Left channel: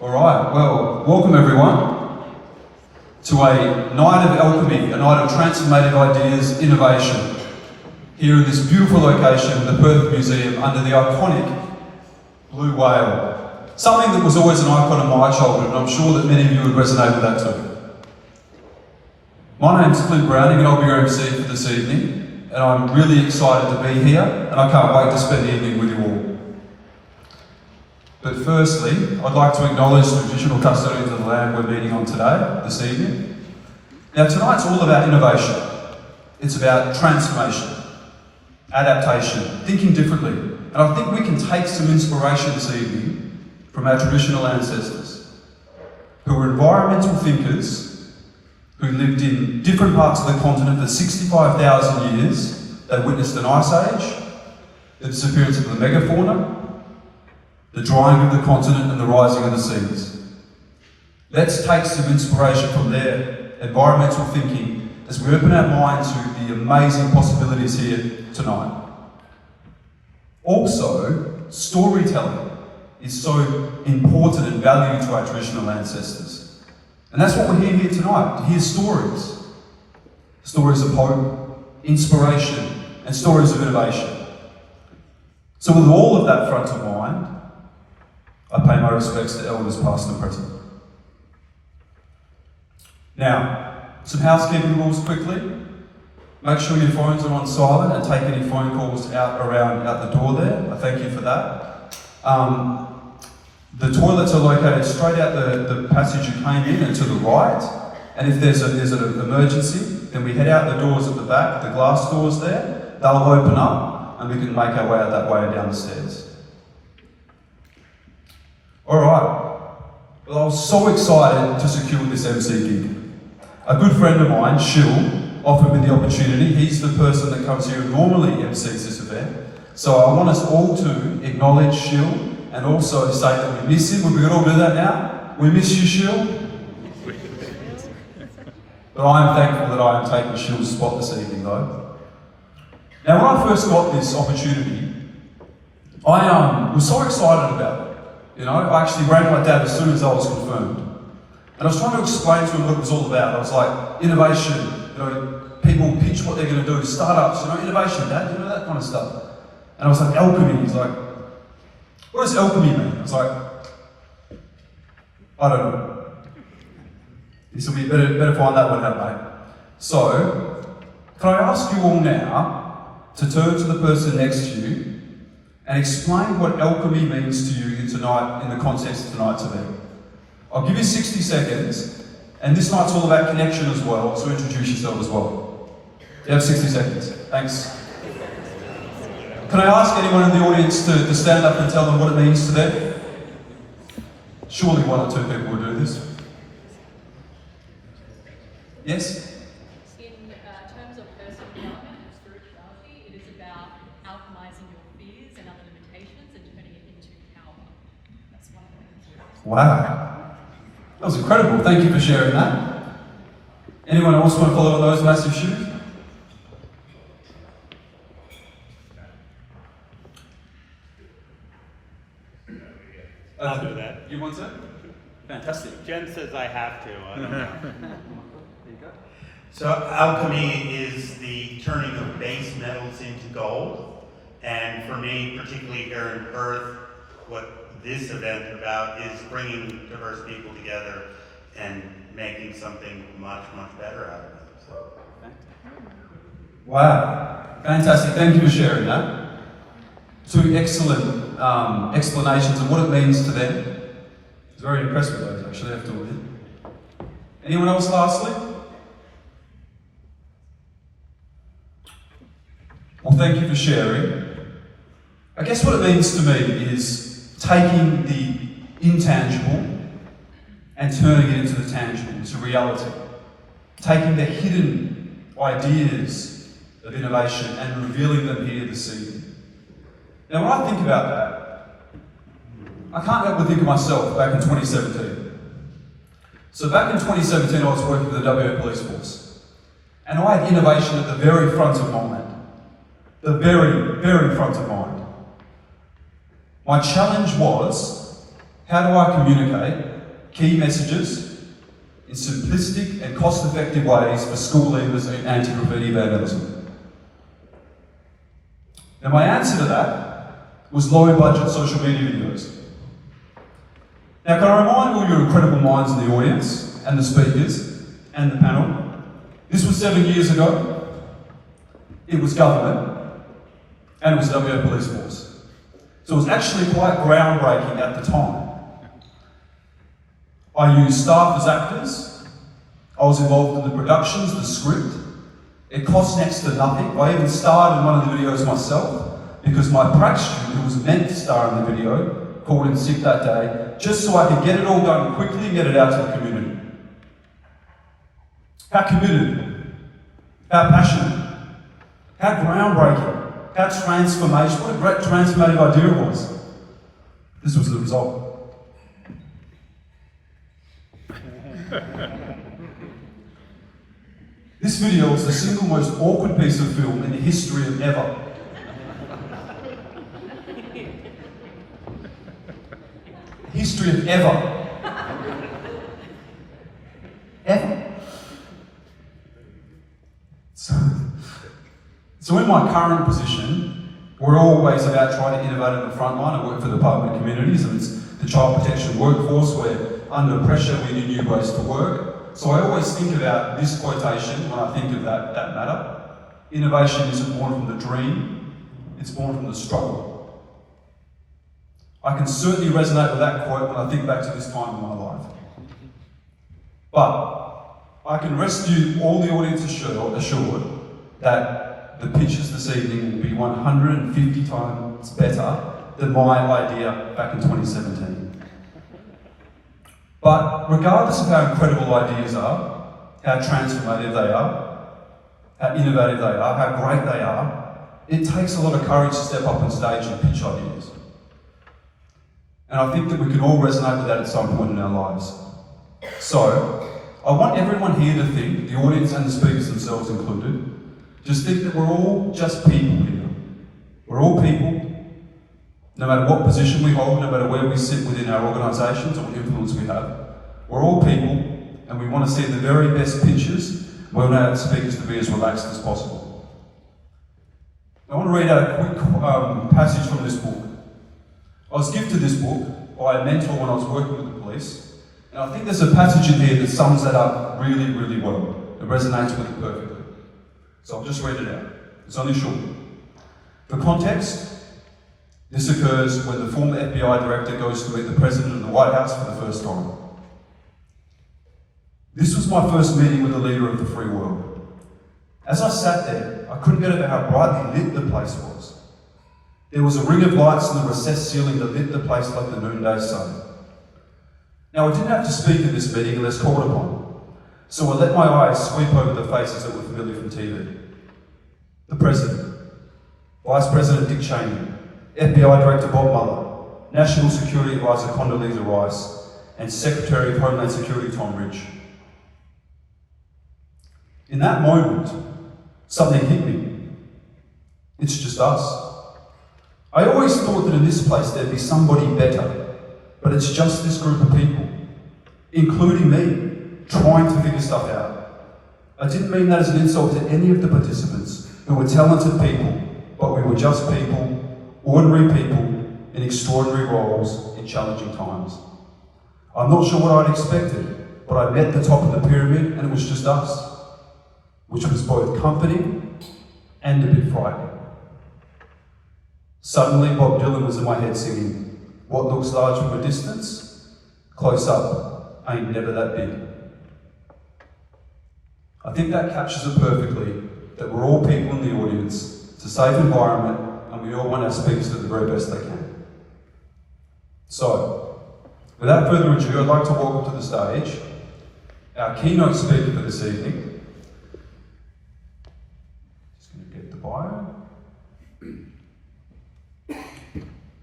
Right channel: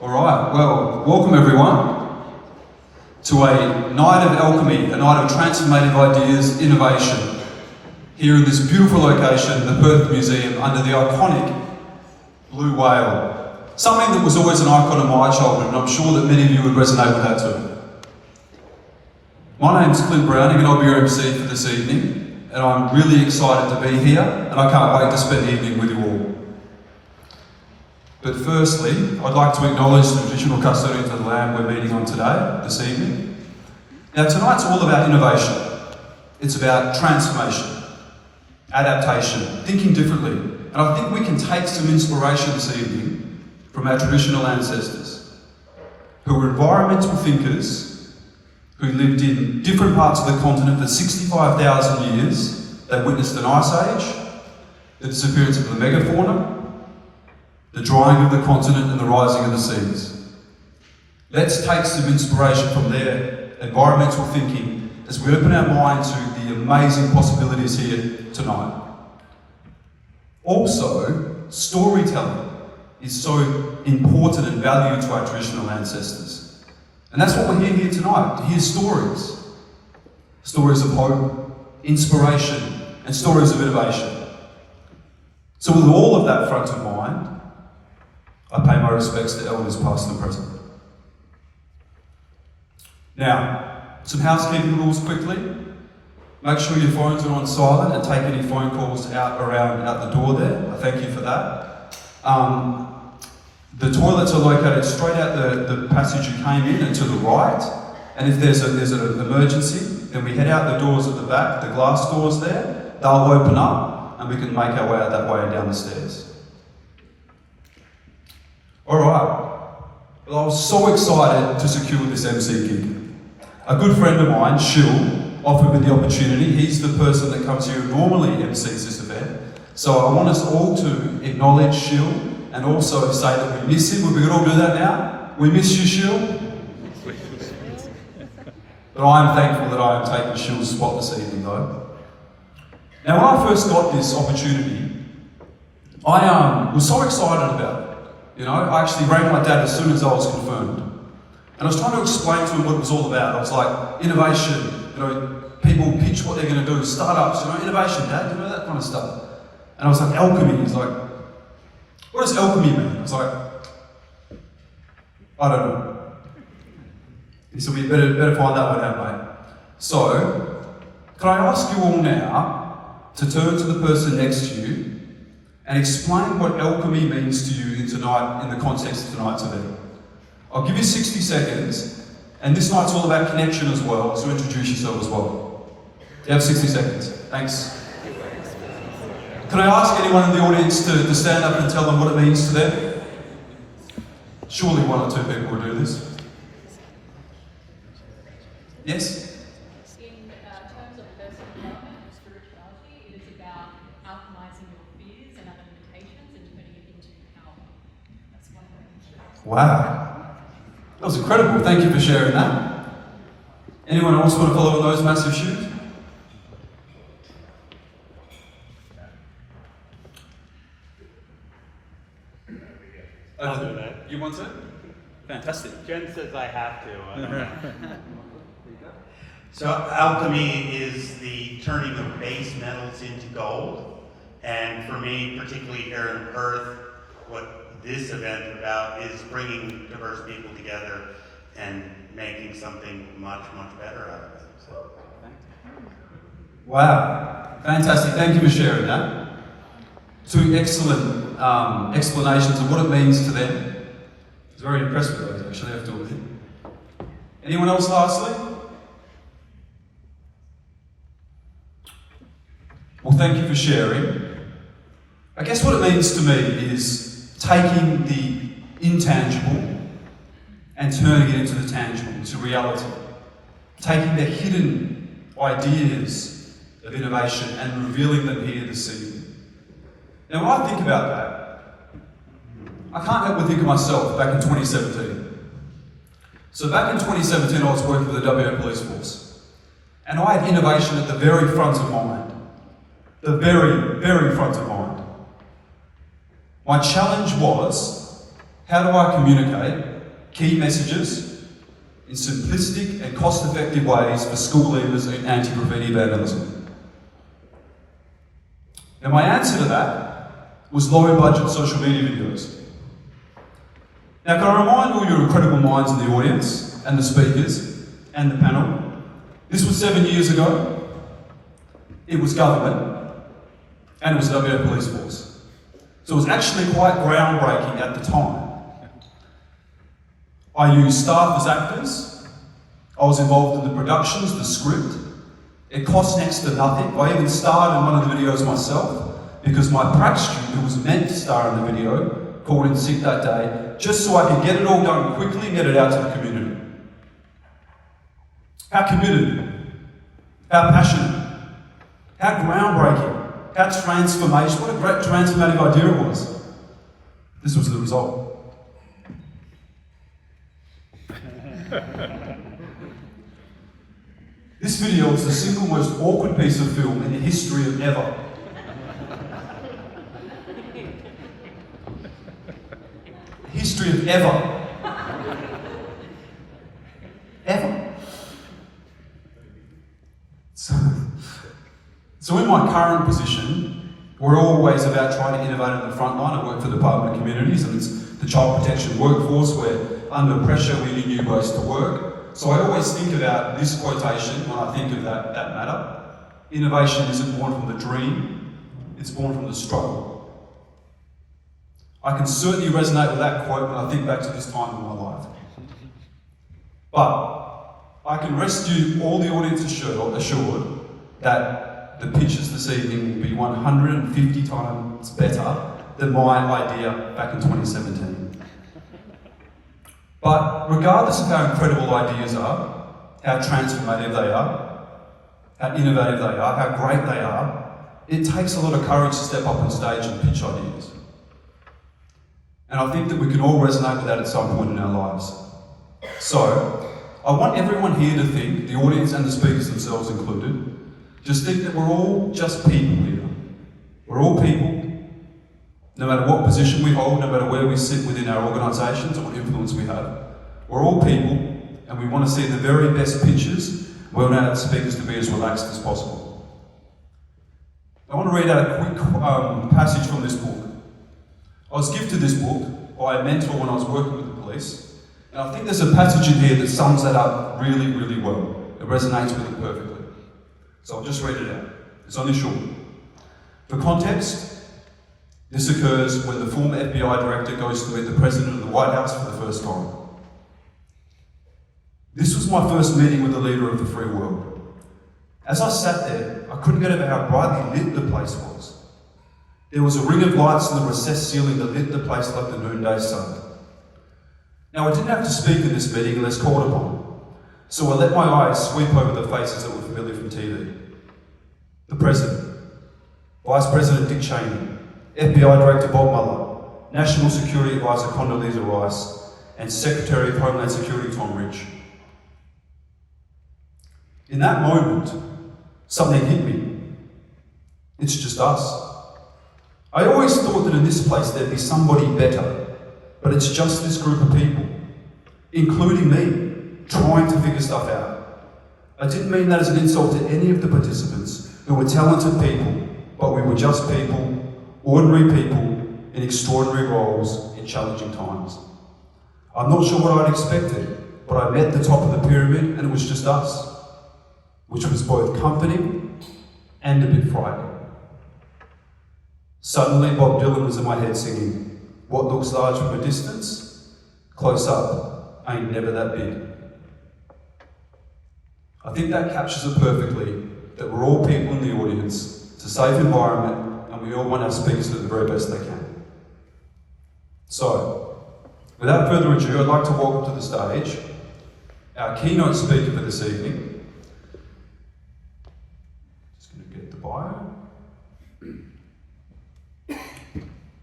All right, well, welcome everyone to a night of alchemy, a night of transformative ideas, innovation, here in this beautiful location, the Perth Museum, under the iconic blue whale. Something that was always an icon of my childhood, and I'm sure that many of you would resonate with that too. My name's Clint Browning, and I'll be your MC for this evening, and I'm really excited to be here, and I can't wait to spend the evening with you all. But firstly, I'd like to acknowledge the traditional custodians of the land we're meeting on today, this evening. Now tonight's all about innovation. It's about transformation, adaptation, thinking differently. And I think we can take some inspiration this evening from our traditional ancestors, who were environmental thinkers, who lived in different parts of the continent for 65,000 years. They witnessed an ice age, the disappearance of the megafauna, the drying of the continent and the rising of the seas. Let's take some inspiration from their environmental thinking as we open our mind to the amazing possibilities here tonight. Also, storytelling is so important and valued to our traditional ancestors. And that's what we're here tonight, to hear stories. Stories of hope, inspiration, and stories of innovation. So with all of that front of mind, I pay my respects to elders past and present. Now, some housekeeping rules quickly. Make sure your phones are on silent and take any phone calls out the door there. I thank you for that. The toilets are located straight out the passage you came in and to the right. And if there's an emergency, then we head out the doors at the back, the glass doors there. They'll open up and we can make our way out that way and down the stairs. All right, well, I was so excited to secure this MC gig. A good friend of mine, Shill, offered me the opportunity. He's the person that comes here and normally MCs this event. So I want us all to acknowledge Shill and also say that we miss him. We could all do that now. We miss you, Shill. But I am thankful that I am taking Shill's spot this evening, though. Now, when I first got this opportunity, I was so excited about it. You know, I actually rang my dad as soon as I was confirmed. And I was trying to explain to him what it was all about. I was like, innovation, you know, people pitch what they're going to do, startups, you know, innovation, Dad, you know, that kind of stuff. And I was like, alchemy. He's like, what does alchemy mean? I was like, I don't know. He said, we better find that one out, mate. So, can I ask you all now to turn to the person next to you and explain what alchemy means to you tonight, in the context of tonight's event. I'll give you 60 seconds, and this night's all about connection as well, so introduce yourself as well. You have 60 seconds. Thanks. Can I ask anyone in the audience to stand up and tell them what it means to them? Surely one or two people will do this. Yes? Wow, that was incredible. Thank you for sharing that. Anyone else want to follow those massive shoes? I'll do that. You want to? Fantastic. Jen says I have to. There you go. So alchemy is the turning of base metals into gold. And for me, particularly here in Perth, what this event about is bringing diverse people together and making something much, much better out of it. So. Wow, fantastic. Thank you for sharing that. Two excellent explanations of what it means to them. It's very impressive, those actually, I have to admit. Anyone else lastly? Well, thank you for sharing. I guess what it means to me is taking the intangible and turning it into the tangible, into reality. Taking the hidden ideas of innovation and revealing them here this evening. Now when I think about that, I can't help but think of myself back in 2017. So back in 2017 I was working for the WA Police Force. And I had innovation at the very front of mind. The very, very front of mind. My challenge was, how do I communicate key messages in simplistic and cost-effective ways for school leavers and anti-graffiti vandalism. Now my answer to that was low-budget social media videos. Now, can I remind all your incredible minds in the audience, and the speakers, and the panel, this was 7 years ago, it was government, and it was WA Police Force. So it was actually quite groundbreaking at the time. I used staff as actors, I was involved in the productions, the script. It cost next to nothing. I even starred in one of the videos myself, because my prac student who was meant to star in the video called in sick that day, just so I could get it all done quickly and get it out to the community. How committed, how passionate, how groundbreaking, how transformational, what a great transformative idea it was. This was the result. This video is the single most awkward piece of film in the history of ever. History of ever. Ever. So in my current position, we're always about trying to innovate in the front line. I work for the Department of Communities, and it's the child protection workforce where under pressure we need new ways to work. So I always think about this quotation when I think of that matter. Innovation isn't born from the dream, it's born from the struggle. I can certainly resonate with that quote when I think back to this time in my life. But I can rest you, all the audience assured that the pictures this evening will be 150 times better than my idea back in 2017. But regardless of how incredible ideas are, how transformative they are, how innovative they are, how great they are, it takes a lot of courage to step up on stage and pitch ideas. And I think that we can all resonate with that at some point in our lives. So, I want everyone here to think, the audience and the speakers themselves included, just think that we're all just people here. We're all people. No matter what position we hold, no matter where we sit within our organisations or what influence we have, we're all people, and we want to see the very best pictures. We want our speakers to be as relaxed as possible. I want to read out a quick passage from this book. I was gifted this book by a mentor when I was working with the police, and I think there's a passage in here that sums that up really, really well. It resonates with it perfectly. So I'll just read it out. It's only short. For context, this occurs when the former FBI director goes to meet the president of the White House for the first time. This was my first meeting with the leader of the free world. As I sat there, I couldn't get over how brightly lit the place was. There was a ring of lights in the recessed ceiling that lit the place like the noonday sun. Now I didn't have to speak at this meeting unless called upon, so I let my eyes sweep over the faces that were familiar from TV. The President, Vice President Dick Cheney, FBI Director Bob Mueller, National Security Advisor Condoleezza Rice, and Secretary of Homeland Security Tom Ridge. In that moment, something hit me. It's just us. I always thought that in this place there'd be somebody better, but it's just this group of people, including me, trying to figure stuff out. I didn't mean that as an insult to any of the participants who were talented people, but we were just people, ordinary people in extraordinary roles in challenging times. I'm not sure what I'd expected, but I met the top of the pyramid and it was just us, which was both comforting and a bit frightening. Suddenly Bob Dylan was in my head singing, "What looks large from a distance, close up, ain't never that big." I think that captures it perfectly, that we're all people in the audience, it's a safe environment, and we all want our speakers to do the very best they can. So, without further ado, I'd like to welcome to the stage our keynote speaker for this evening. Just going to get the bio.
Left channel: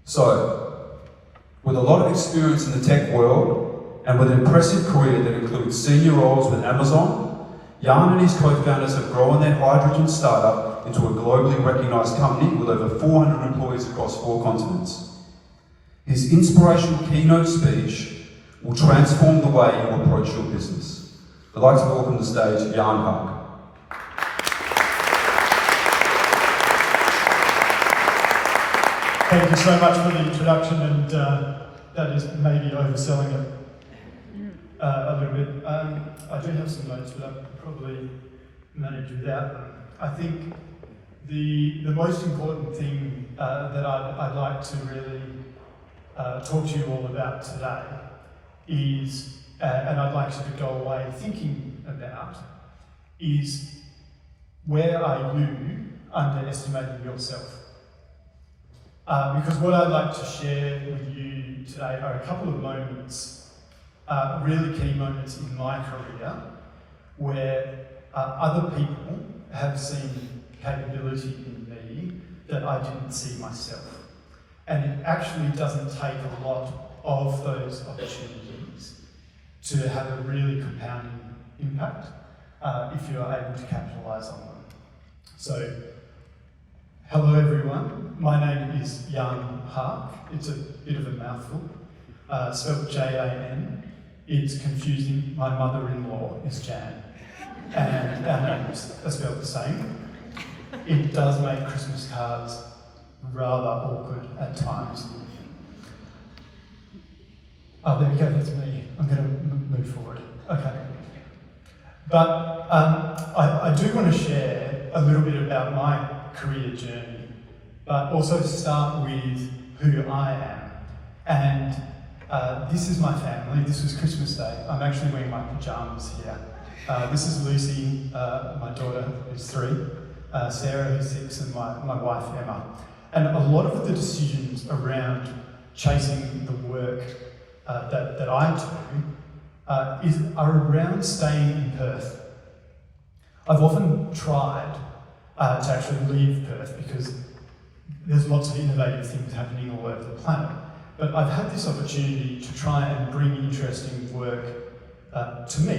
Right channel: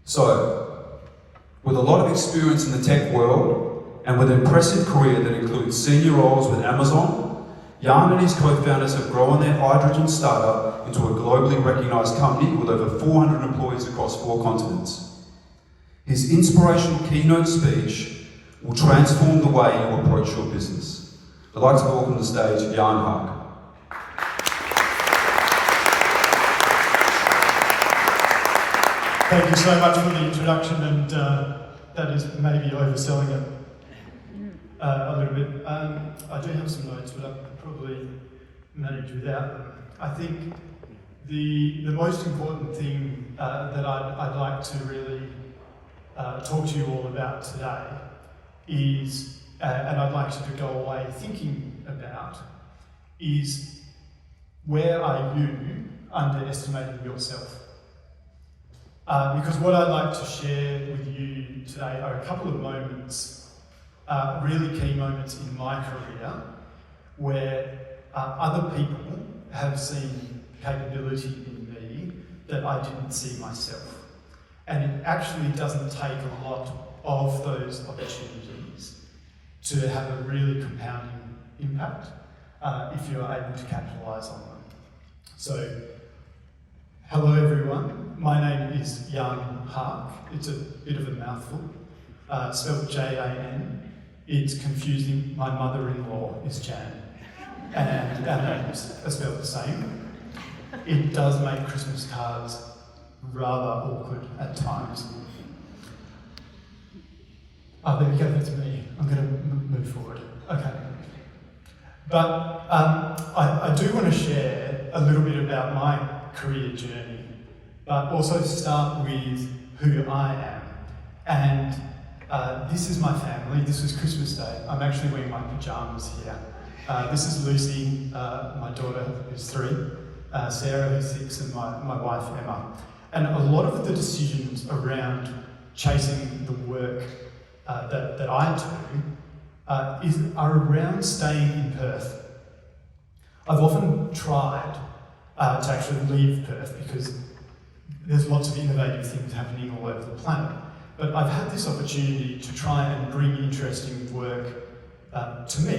So, with a lot of experience in the tech world and with an impressive career that includes senior roles with Amazon, Jan and his co-founders have grown their hydrogen startup into a globally recognised company with over 400 employees across 4 continents. His inspirational keynote speech will transform the way you approach your business. I'd like to welcome to the stage Jan Haak. Thank you so much for the introduction, and that is maybe overselling it a little bit. I do have some notes, but I'll probably manage without them. I think the most important thing that I'd like to really talk to you all about today is, and I'd like you to go away thinking about, is where are you underestimating yourself? Because what I'd like to share with you today are a couple of moments, really key moments in my career, where other people have seen capability in me that I didn't see myself. And it actually doesn't take a lot of those opportunities to have a really compounding impact if you are able to capitalise on them. So, hello everyone, my name is Jan Haak. It's a bit of a mouthful, spelled Jan. It's confusing. My mother-in-law is Jan, and our names are spelled the same. It does make Christmas cards rather awkward at times. Oh, there we go, that's me. I'm going to move forward. Okay. But I do want to share a little bit about my career journey, but also start with who I am. And this is my family. This was Christmas Day. I'm actually wearing my pyjamas here. This is Lucy, my daughter who's 3, Sarah who's 6, and my wife Emma. And a lot of the decisions around chasing the work that I do are around staying in Perth. I've often tried to actually leave Perth because there's lots of innovative things happening all over the planet. But I've had this opportunity to try and bring interesting work to me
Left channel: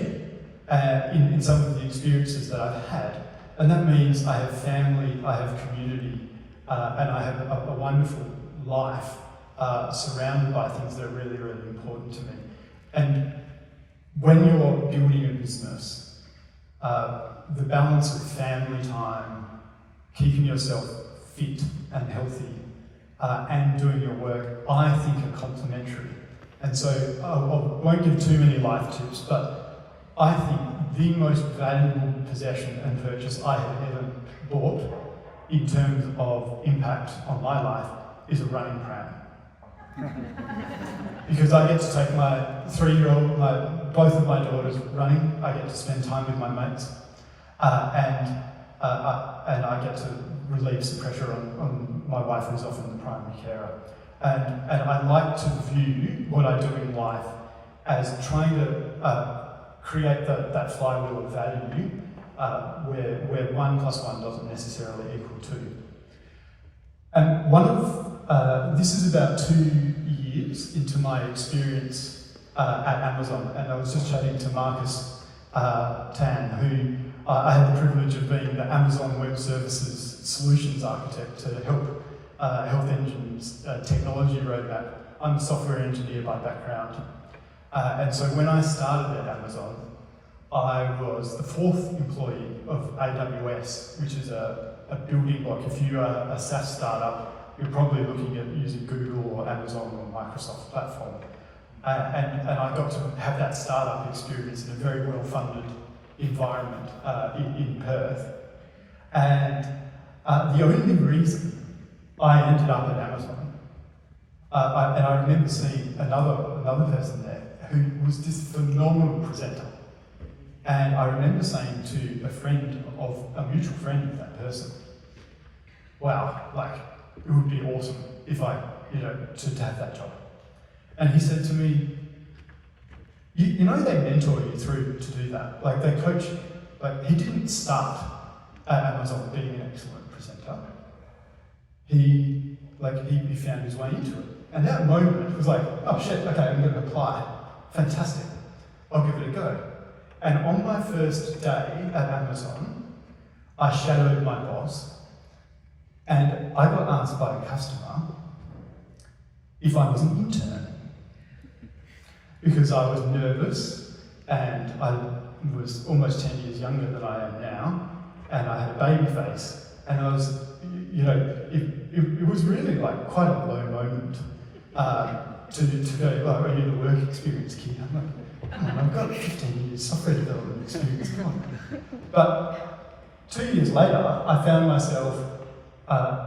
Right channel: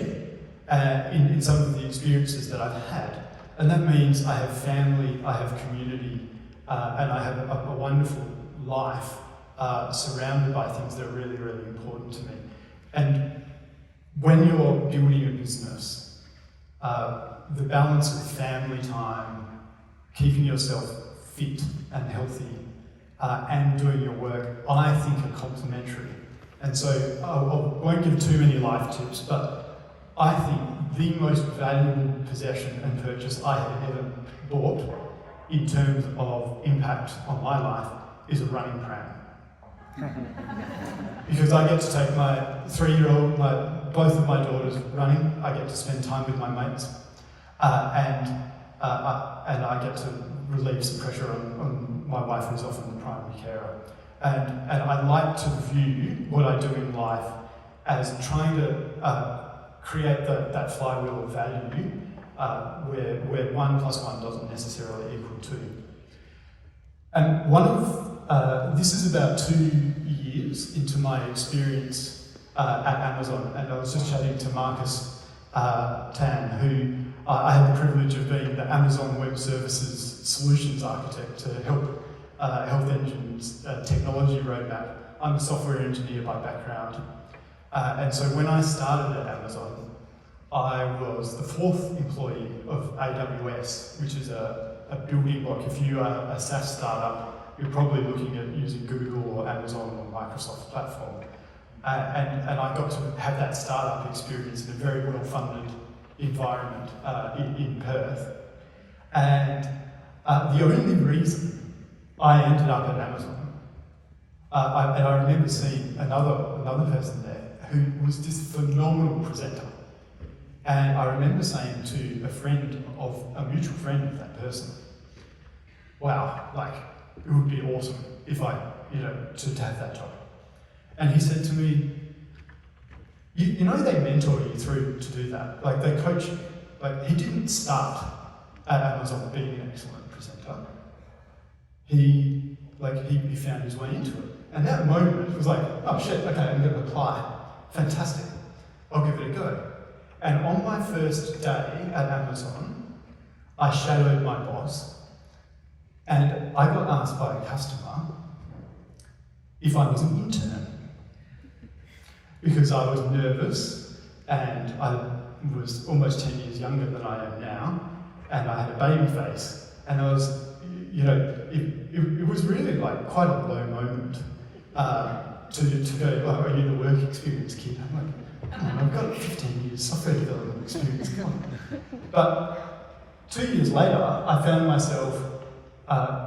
in some of the experiences that I've had. And that means I have family, I have community, and I have a wonderful life surrounded by things that are really, really important to me. And when you're building a business, the balance of family time, keeping yourself fit and healthy, and doing your work, I think are complementary. And so I won't give too many life tips, but I think the most valuable possession and purchase I have ever bought in terms of impact on my life is a running pram. Because I get to take my 3-year-old, both of my daughters running, I get to spend time with my mates, and I get to relieve some pressure on my wife, who's often the primary carer. And I like to view what I do in life as trying to create that flywheel of value where 1 + 1 doesn't necessarily equal 2. And this is about 2 years into my experience at Amazon, and I was just chatting to Marcus Tan, who I had the privilege of being the Amazon Web Services Solutions Architect to help Health Engine's technology roadmap. I'm a software engineer by background, and so when I started at Amazon, I was the 4th employee of AWS, which is a building block. If you are a SaaS startup, you're probably looking at using Google or Amazon or Microsoft platform. And I got to have that startup experience in a very well-funded environment in Perth. And the only reason I ended up at Amazon, and I remember seeing another person there who was this phenomenal presenter. And I remember saying to a mutual friend of that person, wow, it would be awesome if I, to have that job. And he said to me, you know they mentor you through to do that. They coach you. He didn't start at Amazon being an excellent presenter. He found his way into it. And that moment was oh shit, okay, I'm going to apply. Fantastic. I'll give it a go. And on my first day at Amazon, I shadowed my boss, and I got asked by a customer if I was an intern. because I was nervous and I was almost 10 years younger than I am now, and I had a baby face, and I was, you know, it was really like quite a low moment to go, oh, are you the work experience kid? I'm like, come on, I've got 15 years software development experience, come on. But 2 years later, I found myself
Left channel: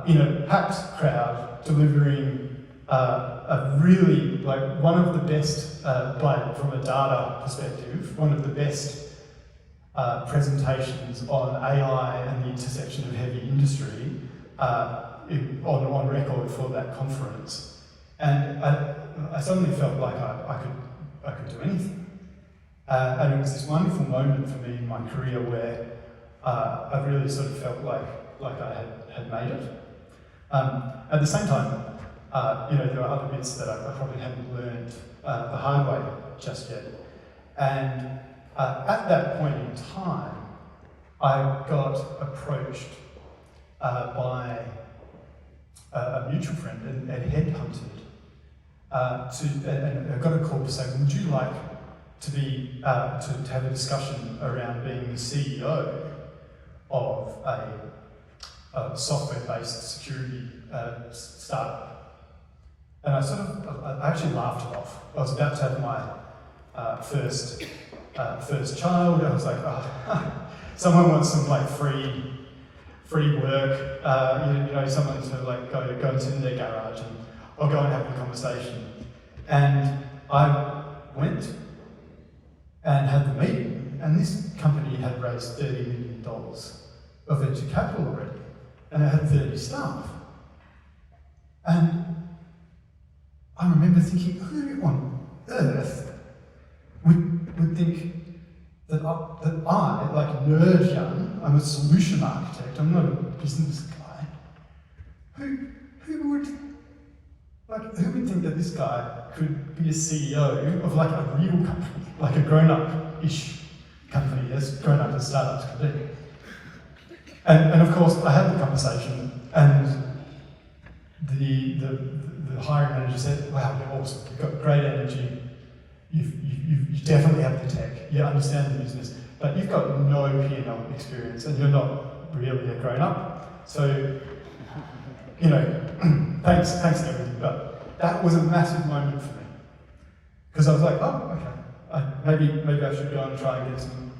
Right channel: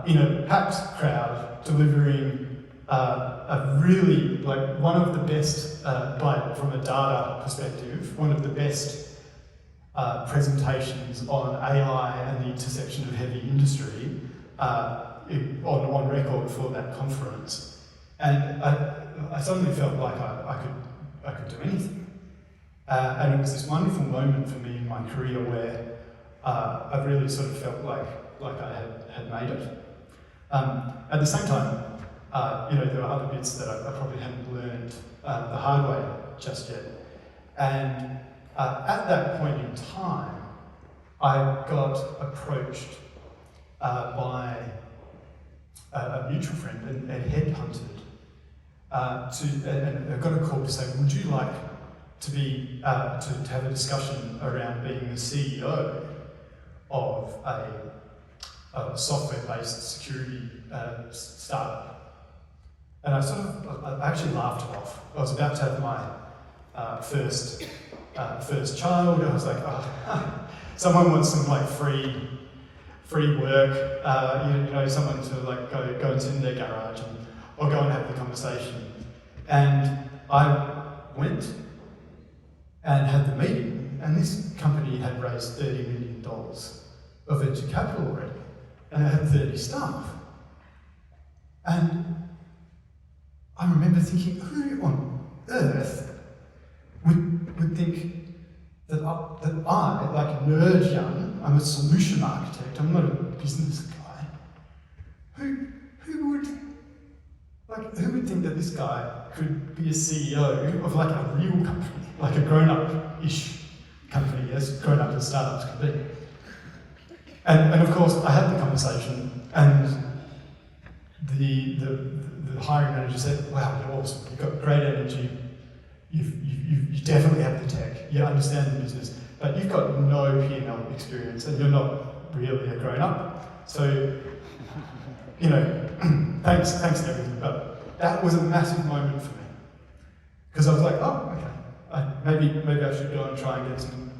in a packed crowd delivering a really, like, one of the best, from a data perspective, one of the best presentations on AI and the intersection of heavy industry on record for that conference. And I suddenly felt like I could do anything. And it was this wonderful moment for me in my career where I really sort of felt like I had made it. At the same time, you know, there are other bits that I probably hadn't learned the hard way just yet. And at that point in time, I got approached by a mutual friend and headhunted and I got a call to say, would you like to be to have a discussion around being the CEO of a software-based security startup? And I actually laughed it off. I was about to have my first child, and I was like, oh, someone wants some like free work, you know, someone to like go and sit in their garage, and I'll go and have the conversation. And I went and had the meeting, and this company had raised $30 million of venture capital already, and it had 30 staff. And I remember thinking, who on earth would think that I, like nerd young, I'm a solution architect, I'm not a business guy. Who would think that this guy could be a CEO of like a real company, like a grown-up-ish company, as grown-up as startups could be? And of course, I had the conversation, and the hiring manager said, wow, you're awesome, you've got great energy, you definitely have the tech, you understand the business, but you've got no P&L experience and you're not really a grown-up. So, you know, thanks and everything, but that was a massive moment for me. Because I was like, oh, okay, maybe I should go and try and get some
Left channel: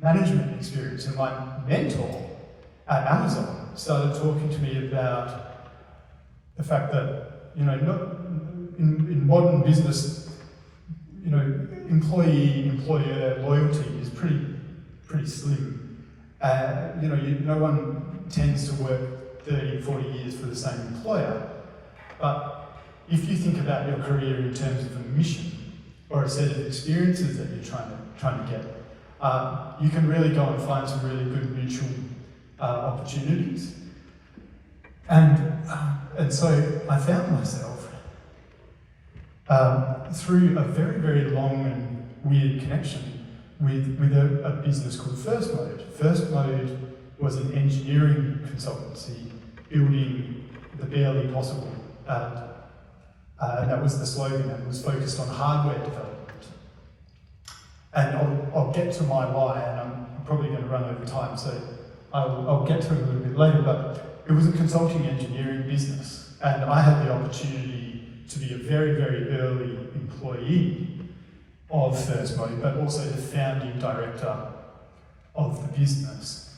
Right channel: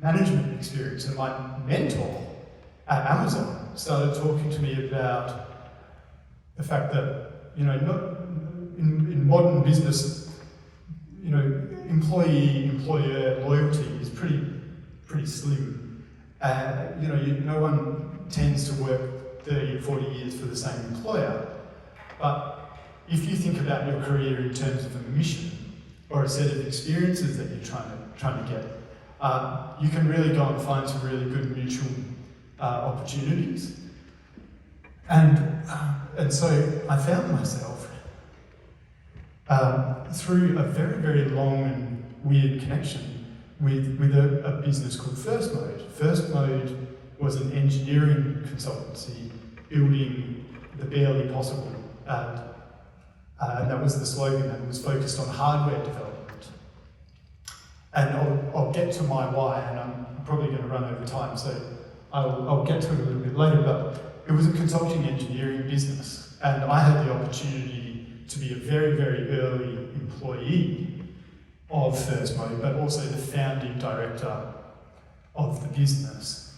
management experience. And my mentor at Amazon started talking to me about the fact that, you know, in modern business, you know, employee-employer loyalty is pretty slim. You know, no one tends to work 30 or 40 years for the same employer. But if you think about your career in terms of a mission or a set of experiences that you're trying to get, you can really go and find some really good mutual opportunities. And so I found myself through a very, very long and weird connection with a business called First Mode. First Mode was an engineering consultancy building the barely possible. And that was the slogan, and it was focused on hardware development. And I'll get to my why, and I'm probably going to run over time, so I'll get to it a little bit later, but it was a consulting engineering business, and I had the opportunity to be a very, very early employee of First Mode, but also the founding director of the business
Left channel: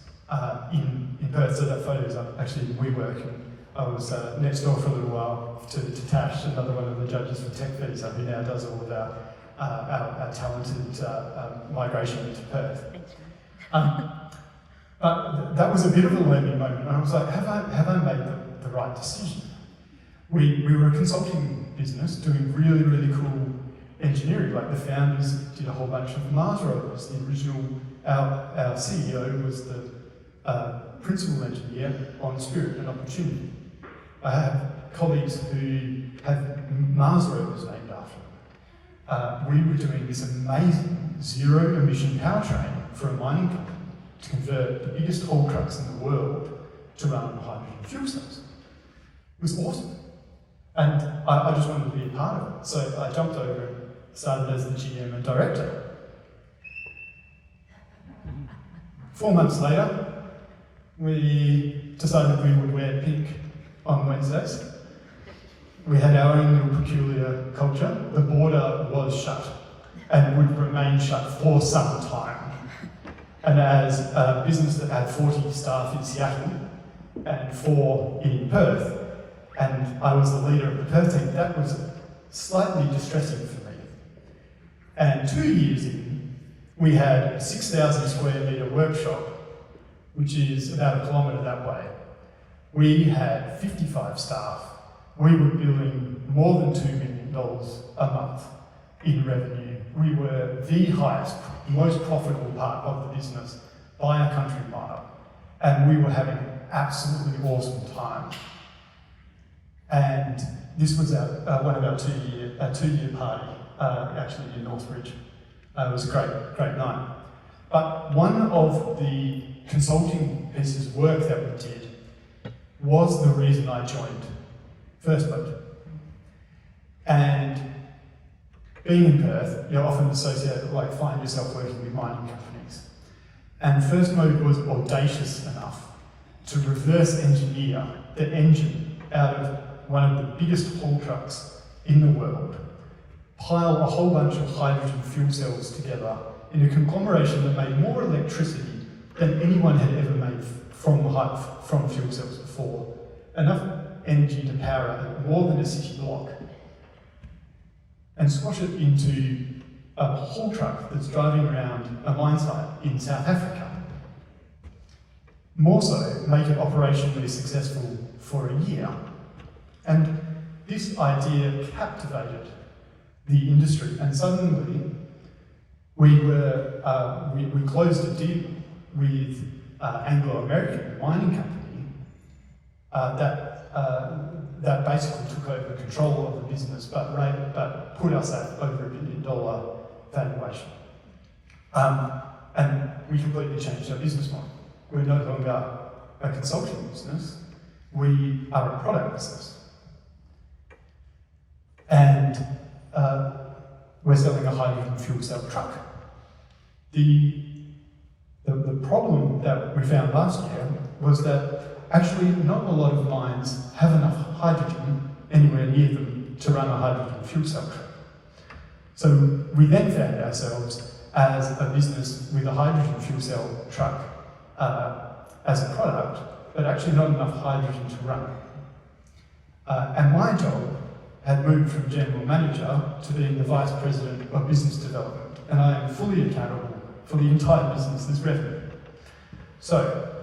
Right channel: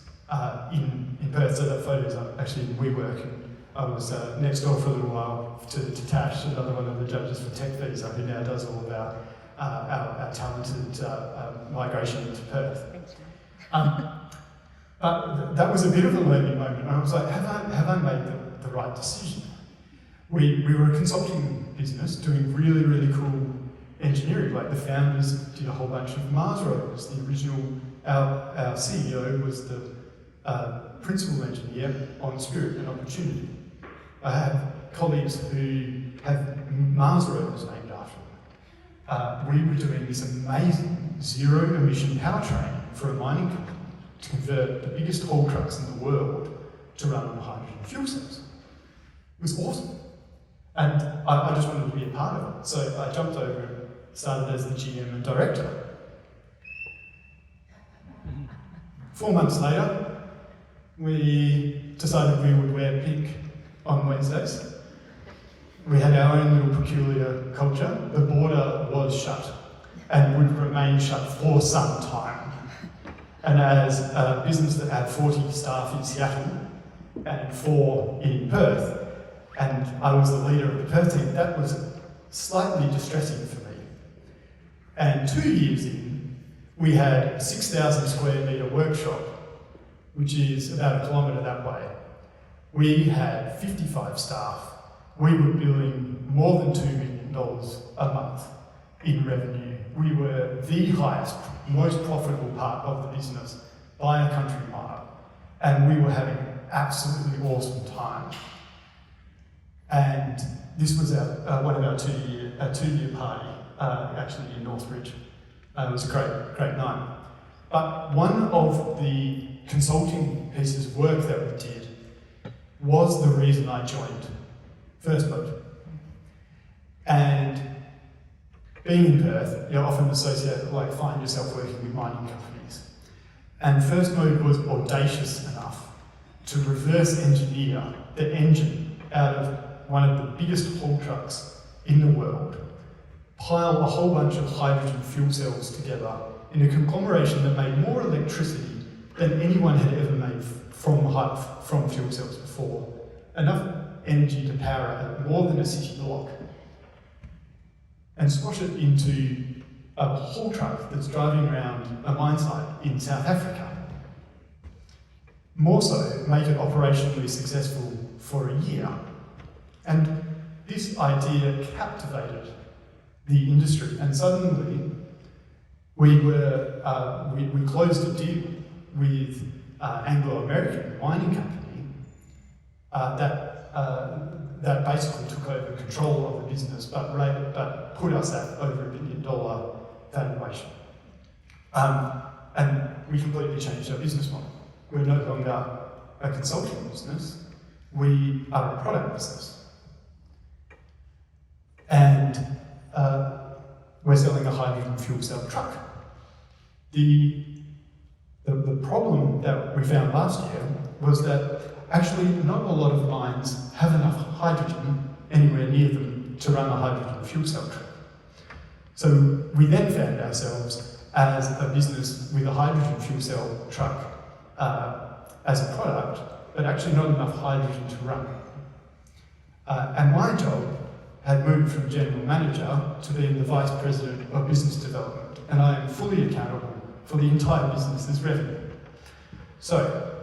in Perth. So that photo is actually in WeWork, and I was next door for a little while to Tash, another one of the judges for TechVisa, who now does all of our talented migration into Perth. But that was a bit of a learning moment, and I was like, have I made the right decision? We were a consulting business doing really, really cool engineering. Like the founders did a whole bunch of Mars rovers. The original, our CEO was the principal engineer on Spirit and Opportunity. I have colleagues who have Mars rovers named after them. We were doing this amazing zero-emission powertrain for a mining company to convert the biggest haul trucks in the world to run on hydrogen fuel cells. It was awesome. And I just wanted to be a part of it. So I jumped over and started as the GM and director. 4 months later, we decided we would wear pink on Wednesdays. We had our own little peculiar culture. The border was shut and would remain shut for some time. And as a business that had 40 staff in Seattle and 4 in Perth, and I was the leader of the Perth team, that was slightly distressing for me. And 2 years in, we had a 6,000 square metre workshop, which is about a kilometre that way. We had 55 staff. We were billing more than $2 million a month in revenue. We were the highest, most profitable part of the business by a country mile. And we were having an absolutely awesome time. And this was one of our two-year party, actually in Northbridge. It was a great night. But one of the consulting pieces of work that we did was the reason I joined First Mode. And being in Perth, you're often associated, find yourself working with mining companies. And First Mode was audacious enough to reverse engineer the engine out of one of the biggest haul trucks in the world, pile a whole bunch of hydrogen fuel cells together in a conglomeration that made more electricity than anyone had ever made from fuel cells before. Enough energy to power more than a city block. And squash it into a haul truck that's driving around a mine site in South Africa. More so, make it operationally successful for a year. And this idea captivated the industry, and suddenly we closed a deal with Anglo American mining company that basically took over control of the business, but put us at over $1 billion valuation. And we completely changed our business model. We're no longer a consulting business, we are a product business. And we're selling a hydrogen fuel cell truck. The problem that we found last year was that actually not a lot of mines have enough hydrogen anywhere near them to run a hydrogen fuel cell truck. So we then found ourselves as a business with a hydrogen fuel cell truck as a product, but actually not enough hydrogen to run. And my job had moved from general manager to being the vice president of business development, and I am fully accountable for the entire business's revenue. So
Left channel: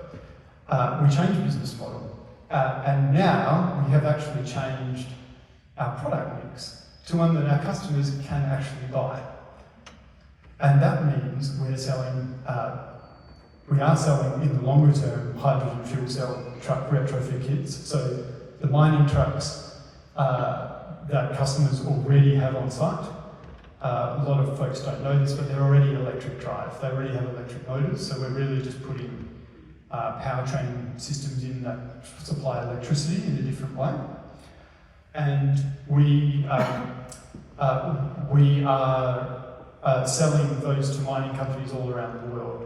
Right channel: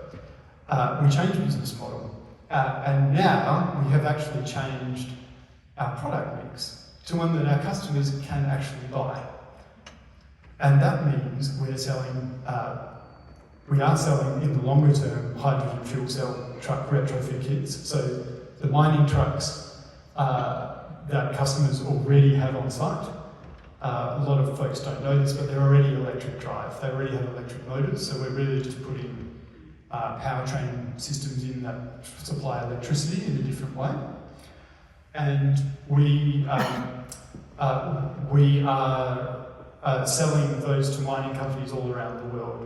we changed the business model, and now we have actually changed our product mix to one that our customers can actually buy. And that means we are selling in the longer term hydrogen fuel cell truck retrofit kits. So the mining trucks that customers already have on site. A lot of folks don't know this, but they're already electric drive. They already have electric motors, so we're really just putting powertrain systems in that supply electricity in a different way. And we are selling those to mining companies all around the world.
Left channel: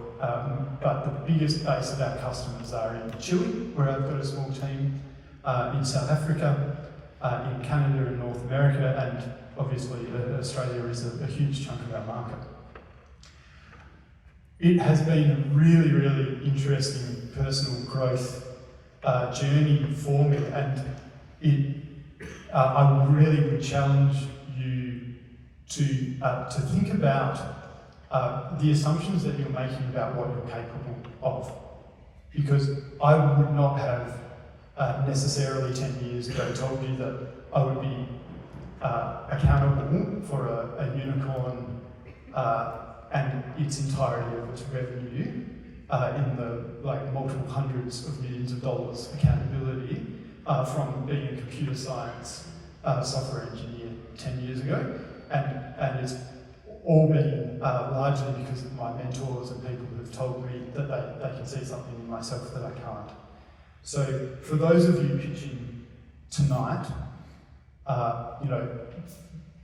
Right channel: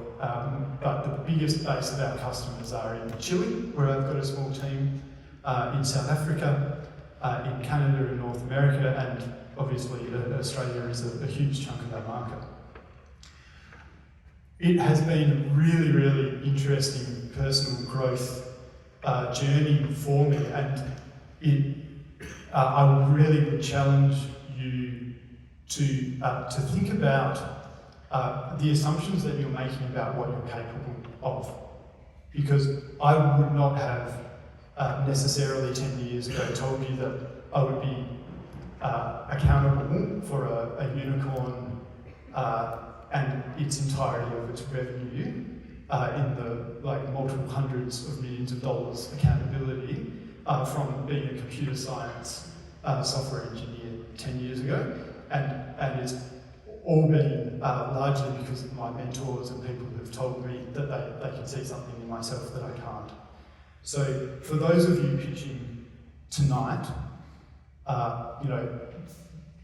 But the biggest base of our customers are in Chile, where I've got a small team, in South Africa, in Canada and North America, and obviously Australia is a huge chunk of our market. It has been a really, really interesting personal growth journey for me, and I really would challenge you to think about the assumptions that you're making about what you're capable of. Because I would not have necessarily 10 years ago told you that I would be accountable for a unicorn and its entirety of its revenue in the multiple hundreds of millions of dollars accountability from being a computer science software engineer 10 years ago, and it's all been largely because of my mentors and people who have told me that they can see something in myself that I can't. So for those of you pitching tonight,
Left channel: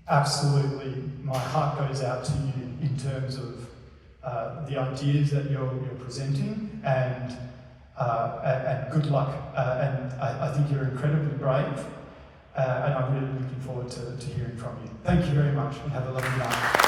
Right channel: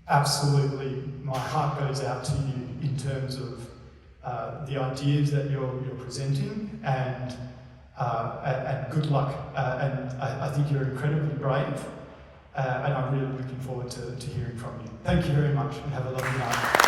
absolutely, my heart goes out to you in terms of the ideas that you're presenting, and good luck. And I think you're incredibly brave, and I'm really looking forward to hearing from you. Thank you very much, and have a lovely night.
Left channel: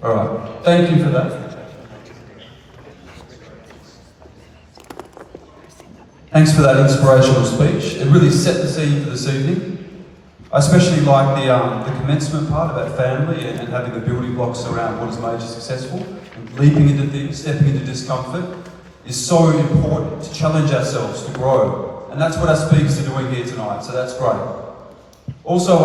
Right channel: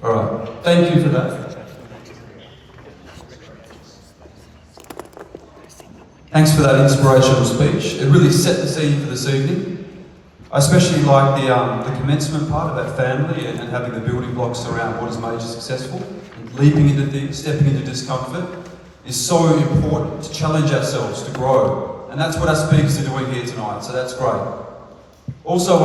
All right, thank you for that. Thanks for that inspirational speech. It really set the scene for this evening. I especially like the commencement part about family and having the building blocks around what has made you successful. And leaping into things, stepping into discomfort is so important to challenge ourselves, to grow. And that's what our speakers are doing here tonight, so that's great. Also,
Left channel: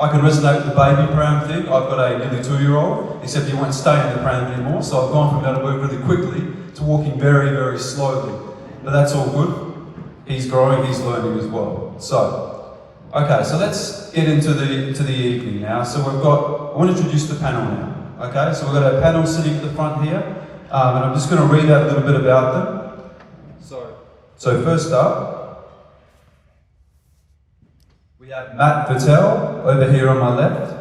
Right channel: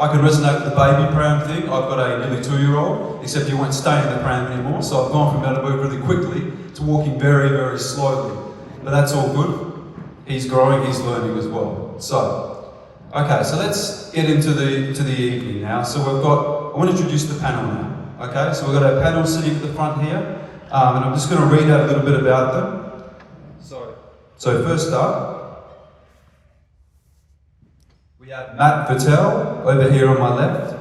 I can resonate with the baby pram thing. I've got a nearly 2-year-old, except he won't stay in the pram anymore, so I've gone from being able to work really quickly to walking very, very slowly. But that's all good. He's growing, he's learning as well. So, okay, so let's get into the evening now. So I want to introduce the panel now. Okay, so we've got our panel sitting at the front here, and I'm just going to read out a little bit about them. So first up, we have Matt Vattel over here on my left.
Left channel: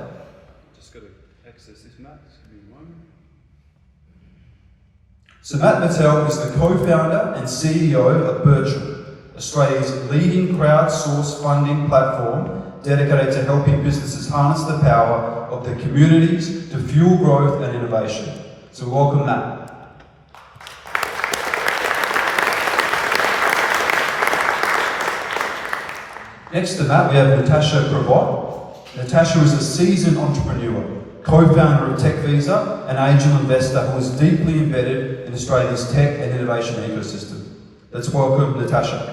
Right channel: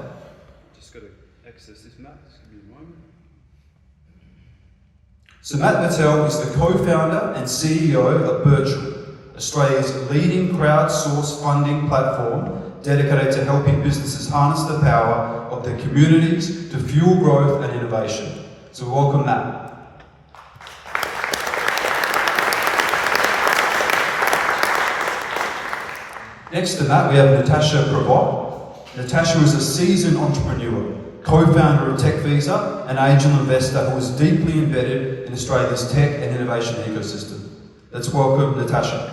Just got to access this, Matt. Just give me a moment. So Matt Vattel is the co-founder and CEO of Bircham, Australia's leading crowdsourced funding platform dedicated to helping businesses harness the power of their communities to fuel growth and innovation. So welcome Matt. Next to Matt, we have Natasha Pravat. Natasha is a seasoned entrepreneur, co-founder of TechVisa, an angel investor who is deeply embedded in Australia's tech and innovation ecosystem. Let's welcome Natasha.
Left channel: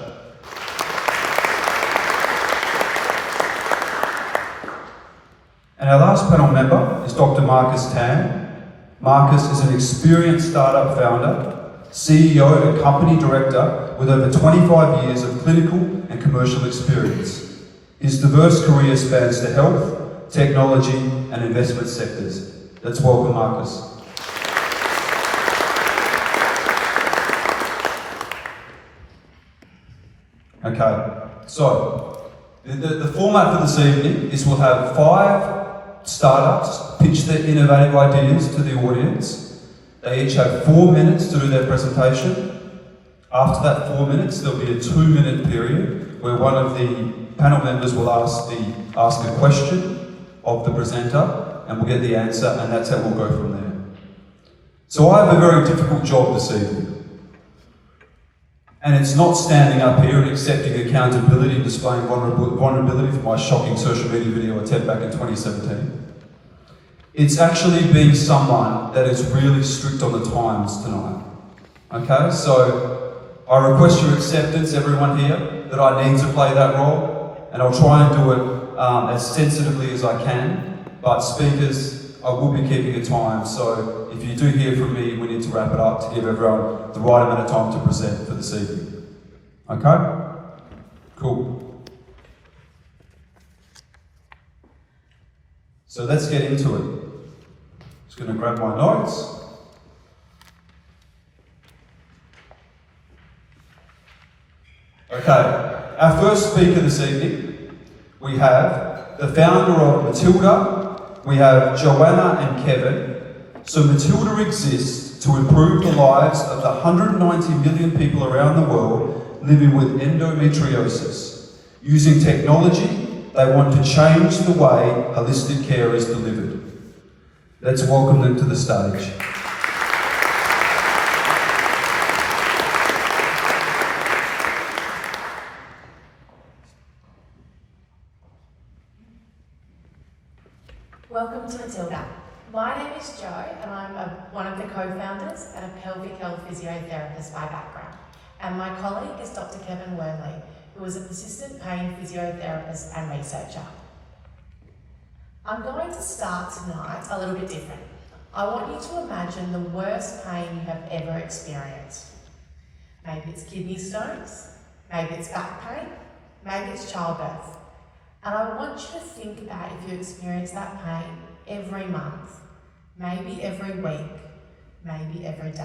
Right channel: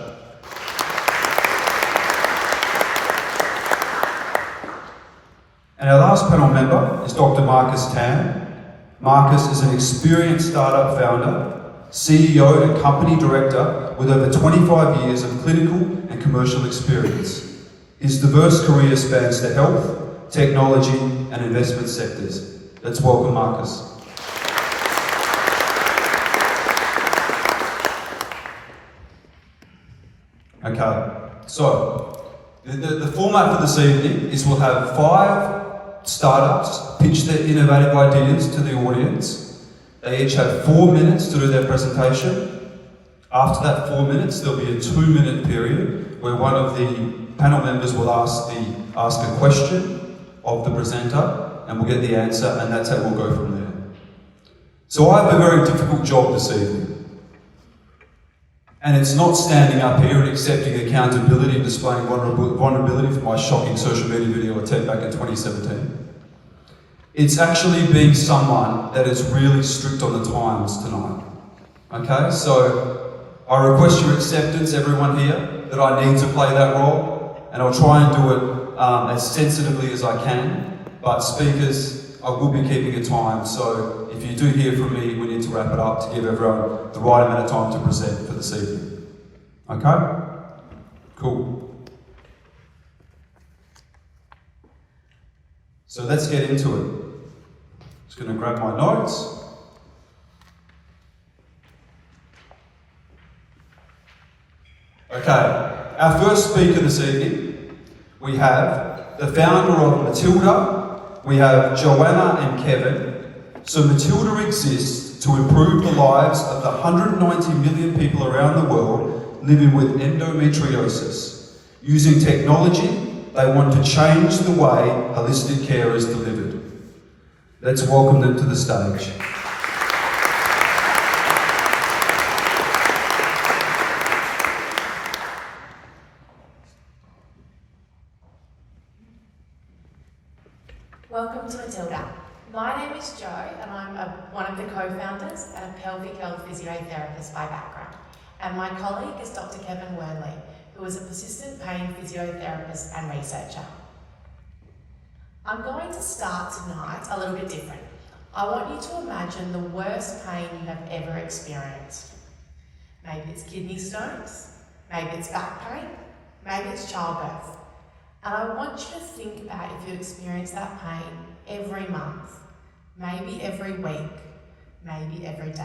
And our last panel member is Dr. Marcus Tan. Marcus is an experienced startup founder, CEO and company director with over 25 years of clinical and commercial experience. His diverse career spans the health, technology and investment sectors. Let's welcome Marcus. Okay, so the format for this evening is we'll have 5 startups pitch their innovative ideas to the audience. They each have 4 minutes to do their presentation. After that 4 minutes, there'll be a 2-minute period where one of the panel members will ask a question of the presenter, and we'll get the answer, and that's how we'll go from there. So I have a very difficult job this evening. And it's not standing up here and accepting accountability and displaying vulnerability for my shocking social media video I did back in 2017. It's actually being someone that is really strict on the times tonight. Okay, so I request your acceptance, everyone here, that I need to play that role, and I'll try and do it as sensitively as I can. But speakers, I will be keeping a time, so if you do hear from me, we need to wrap it up to give everyone the right amount of time to present for this evening. Okay? Cool. So let's get into it. Just going to grab my notes. Okay, our first speaker this evening, we have the founder of Matilda. We have Joanna and Kevin. So Matilda exists to improve the lives of the 190 million people around the world living with endometriosis. Using technology, they want to change the way holistic care is delivered. Let's welcome them to the stage. Welcome to Matilda. My name is Jo, and I'm one of the co-founders and a pelvic health physiotherapist by background. And my colleague is Dr. Kevin Wernley, who is a persistent pain physiotherapist and researcher. I'm going to start tonight a little bit different. I want you to imagine the worst pain you have ever experienced. Maybe it's kidney stones, maybe it's back pain, maybe it's childbirth. And I want you to think about if you experience that pain every month, maybe every week, maybe every day.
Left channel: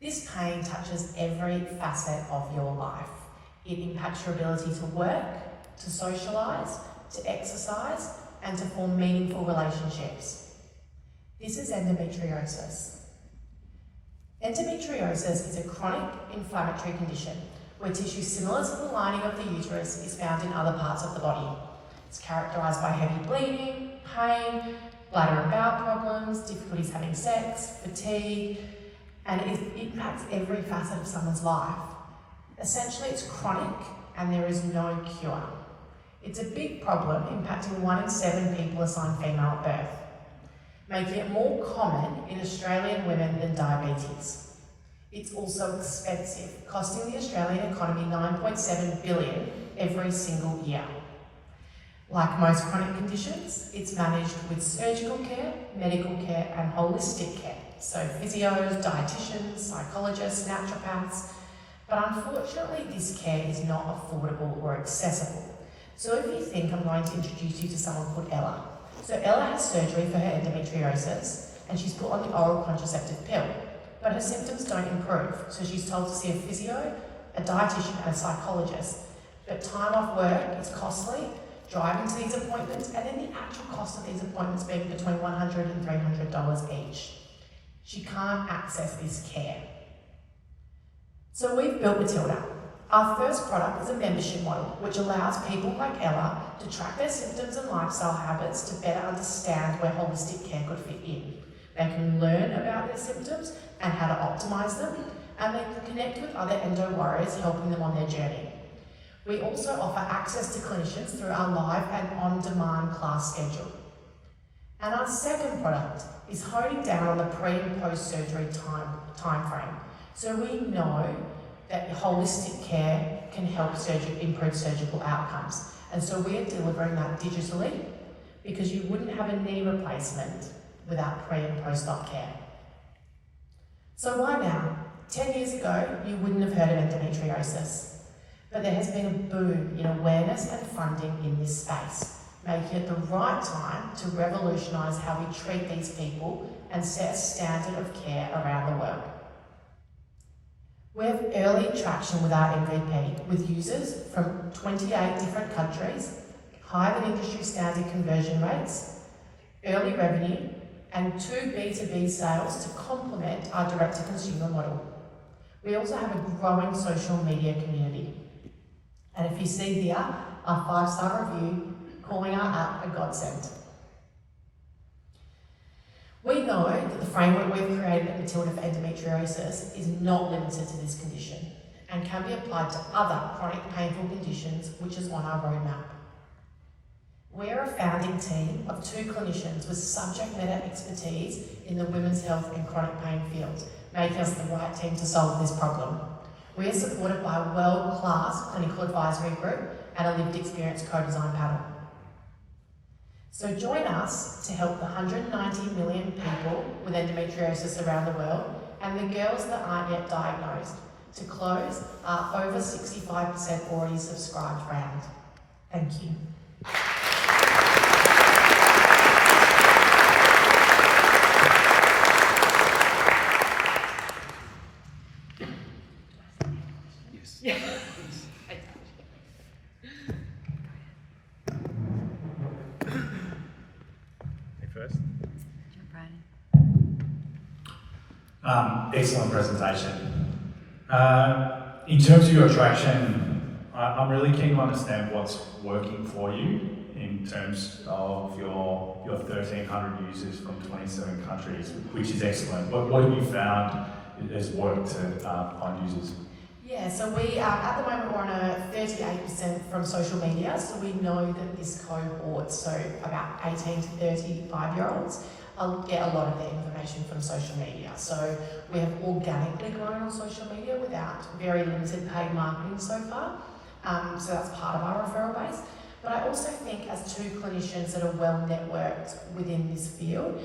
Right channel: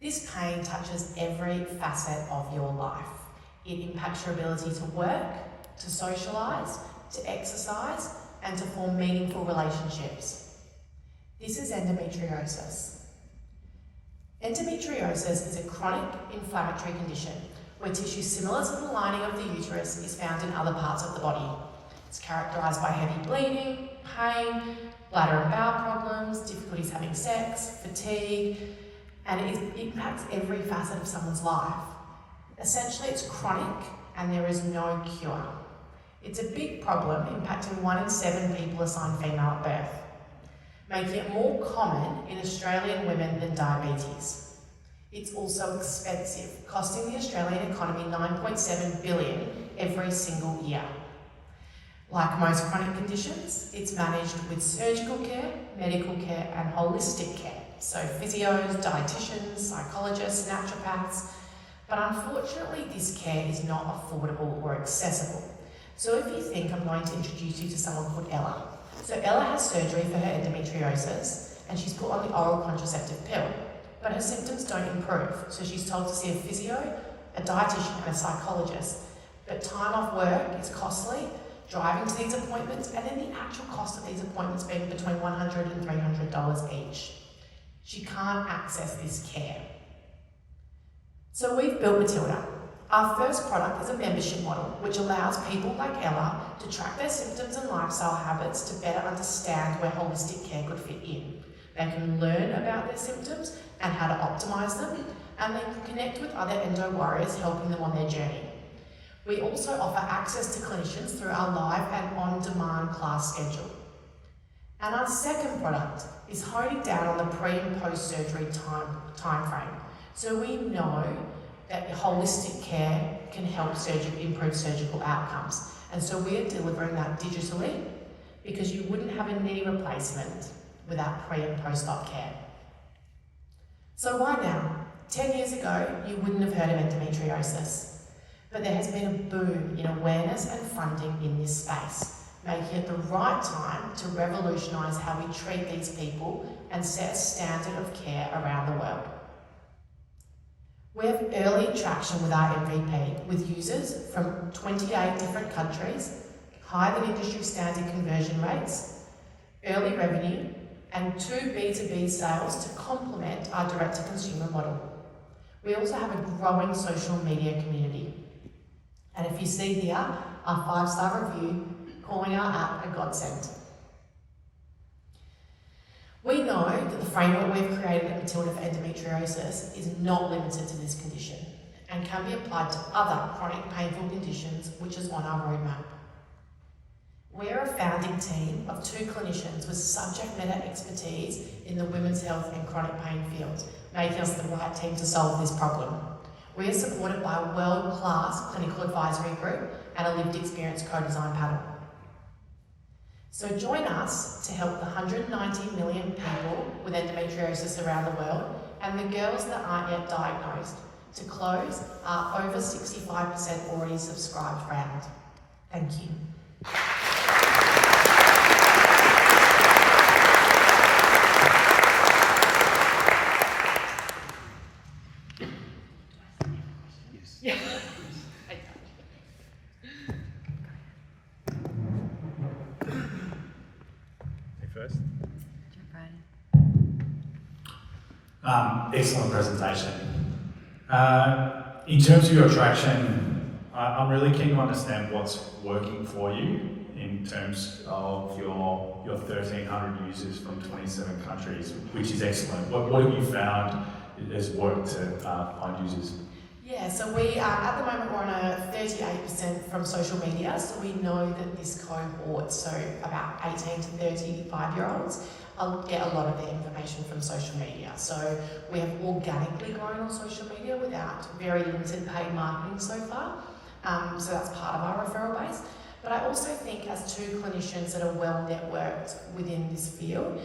This pain touches every facet of your life. It impacts your ability to work, to socialise, to exercise, and to form meaningful relationships. This is endometriosis. Endometriosis is a chronic inflammatory condition where tissue similar to the lining of the uterus is found in other parts of the body. It's characterised by heavy bleeding, pain, bladder and bowel problems, difficulties having sex, fatigue, and it impacts every facet of someone's life. Essentially, it's chronic and there is no cure. It's a big problem, impacting 1 in 7 people assigned female at birth, making it more common in Australian women than diabetes. It's also expensive, costing the Australian economy $9.7 billion every single year. Like most chronic conditions, it's managed with surgical care, medical care, and holistic care. So physios, dietitians, psychologists, naturopaths. But unfortunately, this care is not affordable or accessible. So if you think, I'm going to introduce you to someone called Ella. So Ella has surgery for her endometriosis, and she's put on the oral contraceptive pill. But her symptoms don't improve, so she's told to see a physio, a dietitian, and a psychologist. But time off work is costly, driving to these appointments, and then the actual cost of these appointments being between $100 and $300 each. She can't access this care. So we've built Matilda. Our first product is a membership model, which allows people like Ella to track their symptoms and lifestyle habits to better understand where holistic care could fit in. They can learn about their symptoms and how to optimise them, and they can connect with other endo warriors helping them on their journey. We also offer access to clinicians through our live and on-demand class schedule. And our second product is honing down on the pre and post-surgery time frame. So we know that holistic care can help improve surgical outcomes. And so we are delivering that digitally because you wouldn't have a knee replacement without pre and post-op care. So why now? 10 years ago, you wouldn't have heard of endometriosis. But there has been a boom in awareness and funding in this space, making it the right time to revolutionise how we treat these people and set a standard of care around the world. We have early traction with our MVP, with users from 28 different countries, higher than industry standard conversion rates, early revenue, and 2 B2B sales to complement our direct-to-consumer model. We also have a growing social media community. And if you see here, our 5-star review calling our app a godsend. We know that the framework we've created at Matilda for endometriosis is not limited to this condition and can be applied to other chronic painful conditions, which is on our roadmap. We are a founding team of 2 clinicians with subject matter expertise in the women's health and chronic pain fields, making us the right team to solve this problem. We are supported by a world-class clinical advisory group and a lived experience co-design panel. So join us to help the 190 million people with endometriosis around the world and the girls that aren't yet diagnosed to close our over 65% already subscribed round. Thank you. First. Excellent presentation. In terms of your attraction, I'm really keen to understand what's working for you in terms of your 1,300 users from 27 countries, which is excellent. What have you found has worked to find users? Yeah, so we at the moment we're on a 38% from social media, so we know that this cohort, so about 18 to 35-year-olds, get a lot of their information from social media. So we have organically grown on social media without very limited paid marketing so far. So that's part of our referral base. But I also think as 2 clinicians that are well networked within this field,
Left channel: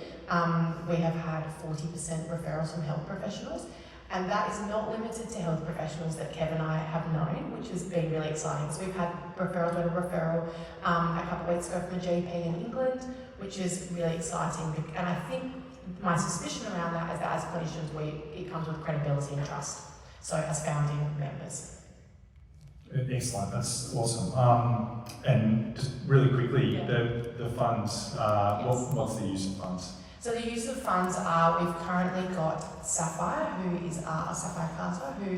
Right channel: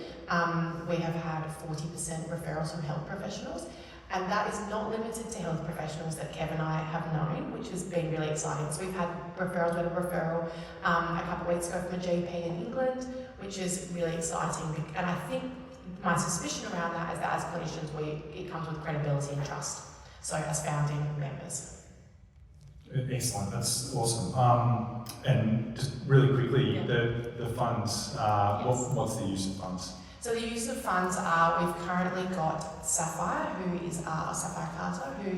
we have had 40% referrals from health professionals. And that is not limited to health professionals that Kev and I have known, which has been really exciting. So we've had referral to a referral a couple of weeks ago from a GP in England, which is really exciting. And I think my suspicion around that is that as clinicians, it comes with credibility and trust. So as founding members. Excellent, that's awesome. And just really quickly, Yeah. the funds, what's the use of funds? So the use of funds are, we've currently got Sapphire, who is Sapphire Carter, who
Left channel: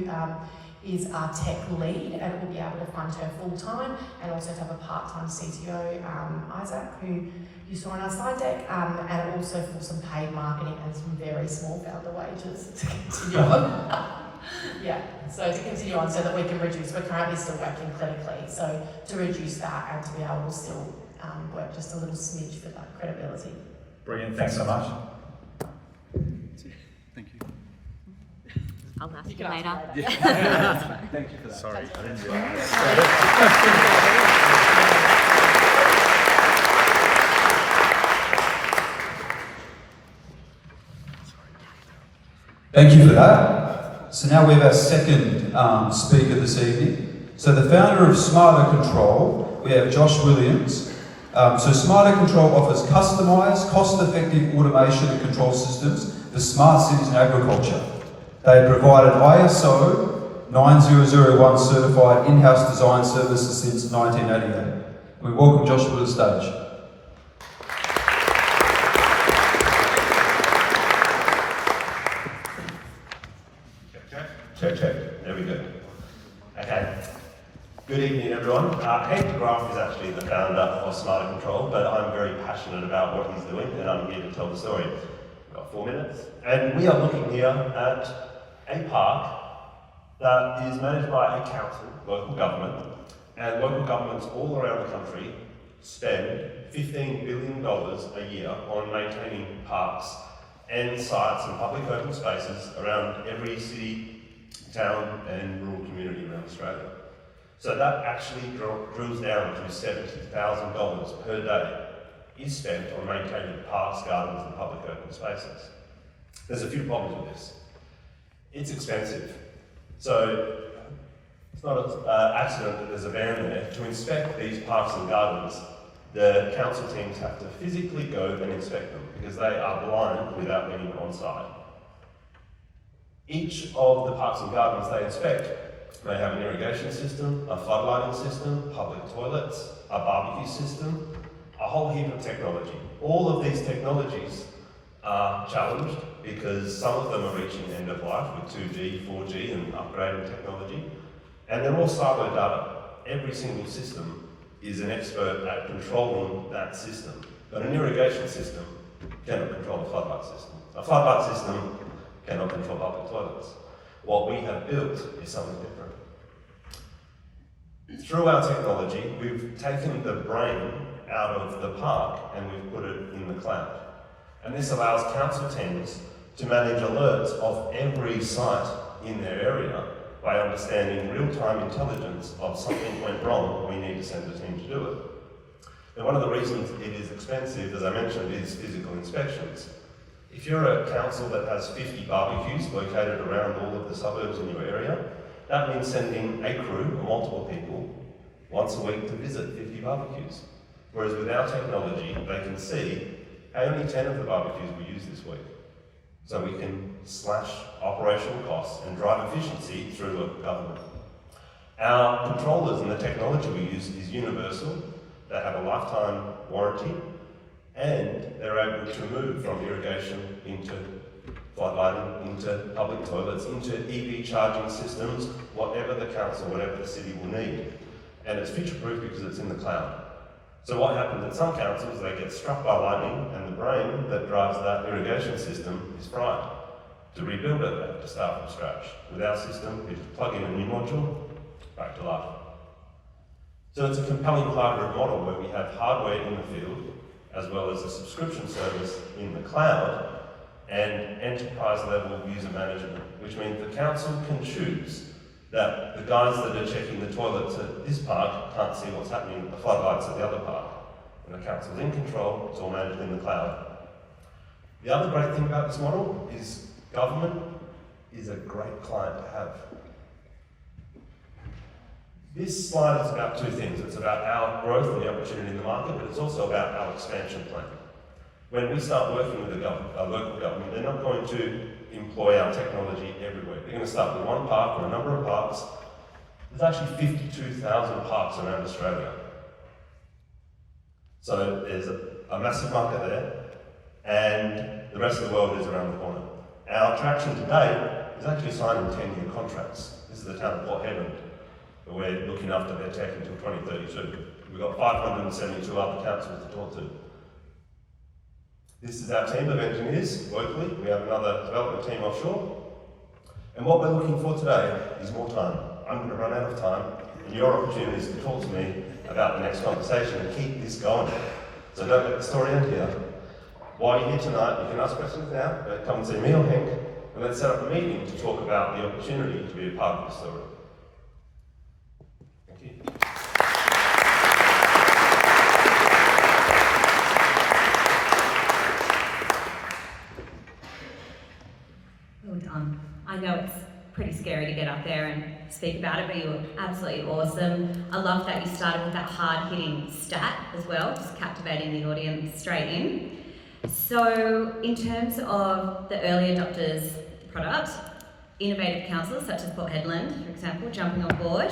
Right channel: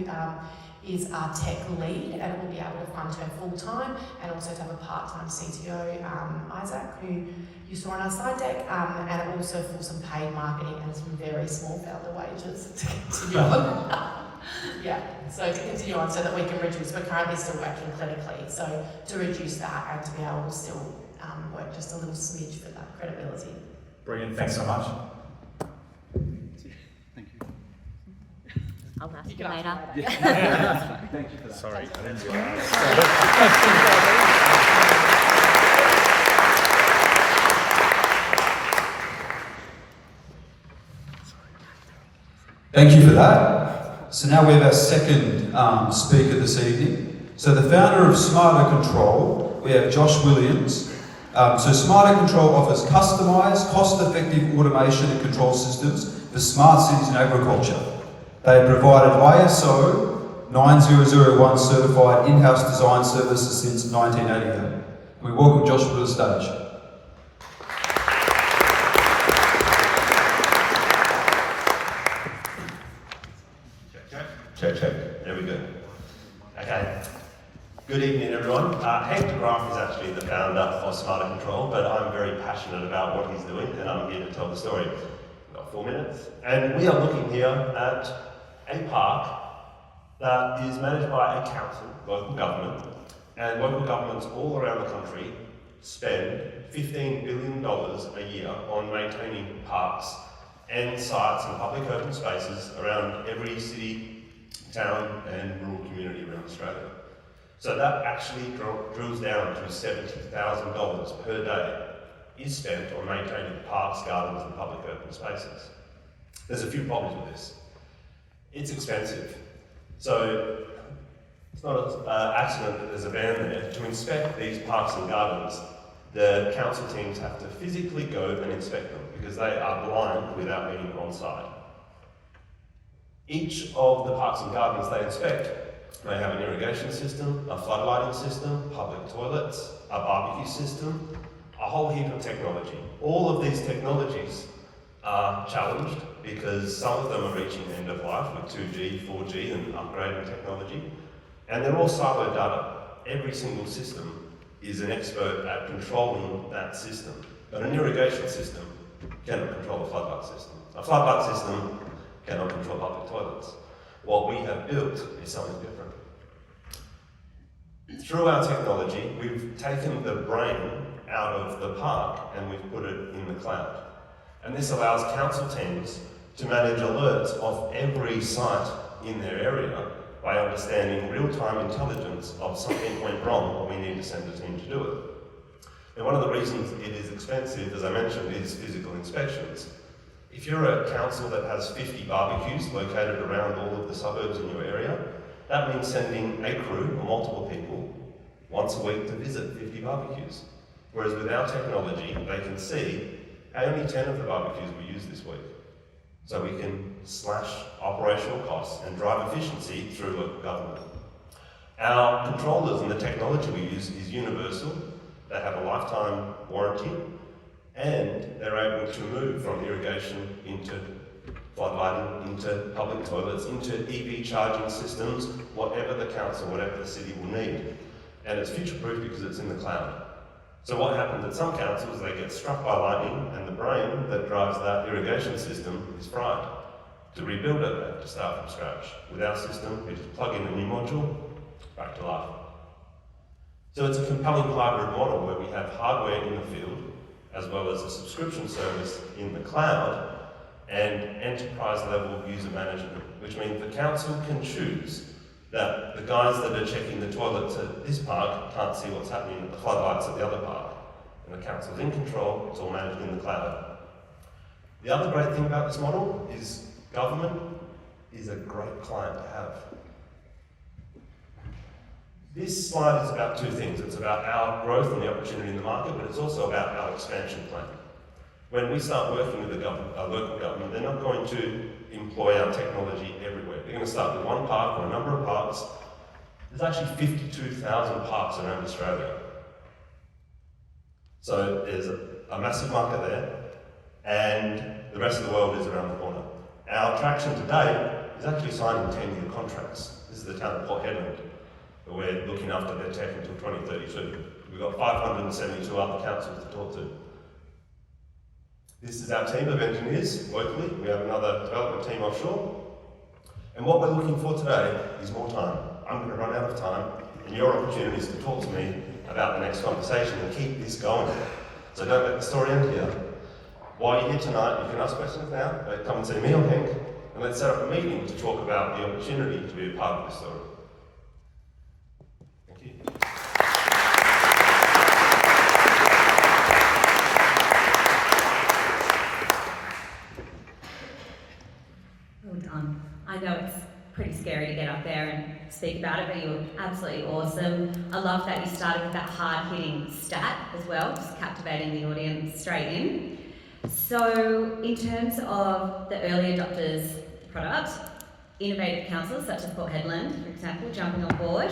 is our tech lead, and we'll be able to fund her full time, and also to have a part-time CTO, Isaac, who you saw on our slide deck, and also for some paid marketing and some very small founder wages to continue on. Yeah, so to continue on so that we can reduce, we're currently still working clinically, so to reduce that and to be able to still work just a little smidge for that credibility. Brilliant, thanks so much. Thank you. I'll ask you later. Thank you for that. Sorry, I didn't realise. Thank you for that. So now we have our second speaker this evening. So the founder of Smarter Control, we have Josh Williams. So Smarter Control offers customised, cost-effective automation and control systems for smart cities and agriculture. They have provided ISO 9001 certified in-house design services since 1988. We welcome Josh to the stage. Check. There we go. Okay. Good evening, everyone. Hank DeGraff is actually the founder of Smarter Control, but I'm very passionate about what he's doing, and I'm here to tell the story. We've got 4 minutes. And we are looking here at a park that is managed by a council, local government, and local governments all around the country spend $15 billion a year on maintaining parks and sites and public open spaces around every city, town and rural community around Australia. So that actually drills down to $70,000 per day is spent on maintaining parks, gardens and public open spaces. There's a few problems with this. It's expensive. So it's not an accident that there's a van there. To inspect these parks and gardens, the council teams have to physically go and inspect them because they are blind without being on site. Each of the parks and gardens they inspect may have an irrigation system, a floodlighting system, public toilets, a barbecue system, a whole heap of technology. All of these technologies are challenged because some of them are reaching end of life with 2G, 4G and upgrading technology, and they're all siloed data. Every single system is an expert at controlling that system, but an irrigation system cannot control a floodlight system. A floodlight system cannot control public toilets. What we have built is something different. Through our technology, we've taken the brain out of the park and we've put it in the cloud. And this allows council teams to manage alerts of every site in their area by understanding real-time intelligence of something went wrong or we need to send a team to do it. And one of the reasons it is expensive, as I mentioned, is physical inspections. If you're a council that has 50 barbecues located around all of the suburbs in your area, that means sending a crew or multiple people once a week to visit 50 barbecues. Whereas with our technology, they can see, hey, only 10 of the barbecues we use this week. So we can slash operational costs and drive efficiency through local government. Our controllers and the technology we use is universal. They have a lifetime warranty, and they're able to move from irrigation into floodlighting, into public toilets, into EV charging systems, whatever the council, whatever the city will need. And it's future-proof because it's in the cloud. So what happens at some councils, they get struck by lightning and the brain that drives that irrigation system is fried. To rebuild it, they have to start from scratch. With our system, we just plug in a new module, back to life. So it's a compelling hybrid model where we have hardware in the field, as well as a subscription service in the cloud, and enterprise level user management, which means the council can choose that the guys that are checking the toilets at this park can't see what's happening at the floodlights at the other park. And the council's in control, it's all managed in the cloud. The other great thing about this model is government is a great client to have. This slide is about two things. It's about our growth and the opportunity in the market, but it's also about our expansion plan. When we start working with a local government, they're not going to employ our technology everywhere. They're going to start with one park or a number of parks. There's actually 52,000 parks around Australia. So there's a massive market there, and the rest of the world is around the corner. Our attraction today is actually signing 10-year contracts. This is the town of Port Hedland. We're looking after their tech until 2032. We've got 572 other councils to talk to. This is our team of engineers locally. We have another development team offshore. And what we're looking for today is more time. I'm going to run out of time, and your opportunity is to talk to me about the next conversation and keep this going. So don't let the story end here. While you're here tonight, you can ask questions now, but come and see me or Hank, and let's set up a meeting to talk about the opportunity to be a part of this story. Thank you. Well done. I know it's pretty scary to get up there and speak about it, but you were absolutely awesome. I love that you started with that hard-hitting stat as well, just captivating the audience straight in. So, in terms of the early adopters product, innovative councils such as Port Hedland, for example, jumping on board,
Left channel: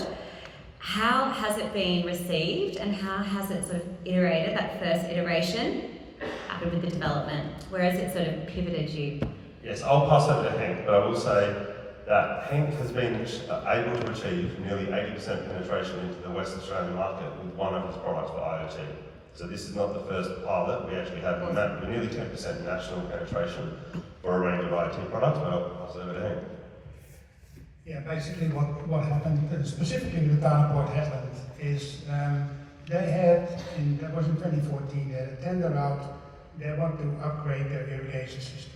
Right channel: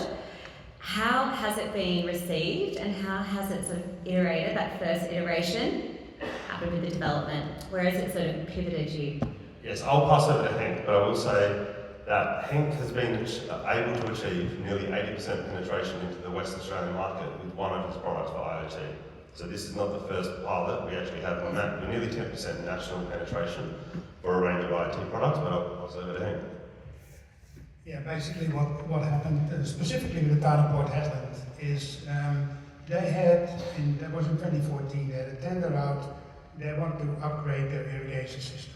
how has it been received and how has it sort of iterated, that first iteration, happened with the development? Where has it sort of pivoted you? Yes, I'll pass over to Hank, but I will say that Hank has been able to achieve nearly 80% penetration into the West Australian market with one of his products for IoT. So this is not the first pilot. We actually have we're nearly 10% national penetration for a range of IoT products, but I'll pass over to Hank. Yeah, basically what happened specifically with the town of Port Hedland is they had, that was in 2014, they had a tender out, they want to upgrade their irrigation system.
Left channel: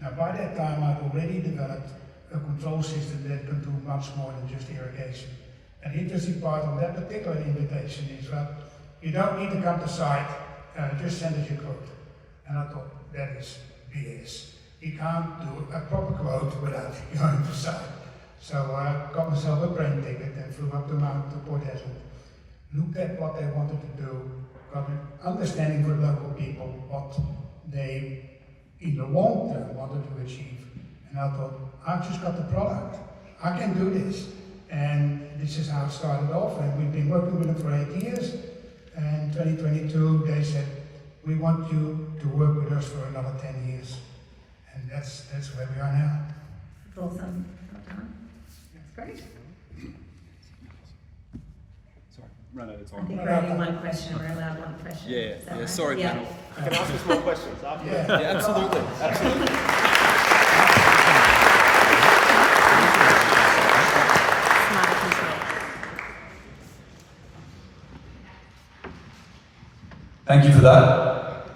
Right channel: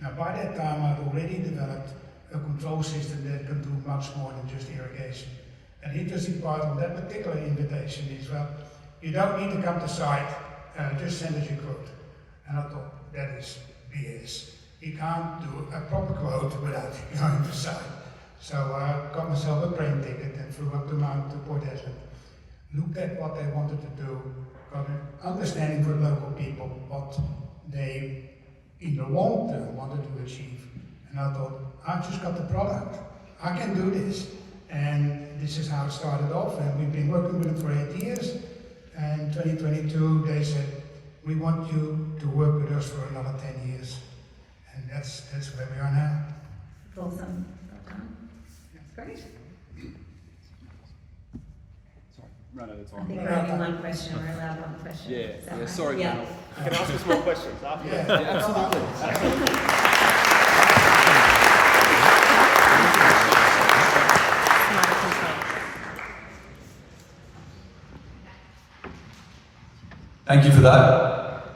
Now by that time I'd already developed a control system that could do much more than just irrigation. And the interesting part of that particular invitation is, well, you don't need to come to site, just send us your quote. And I thought, that is BS. You can't do a proper quote without going to site. So I got myself a train ticket and flew up the mountain to Port Hedland, looked at what they wanted to do, got an understanding for local people what they in the long term wanted to achieve. And I thought, I've just got the product. I can do this. And this is how it started off. And we've been working with them for 8 years. And 2022, they said, we want you to work with us for another 10 years. And that's where we are now. It's awesome. Well done. That's great. Sorry, run out of I time. think we're only one question. We're allowed one question. Yeah, Is that yeah, right? sorry, Yeah. panel. You can ask us more questions after. Yeah. Yeah, absolutely. Absolutely. Smart control. Thank you for that.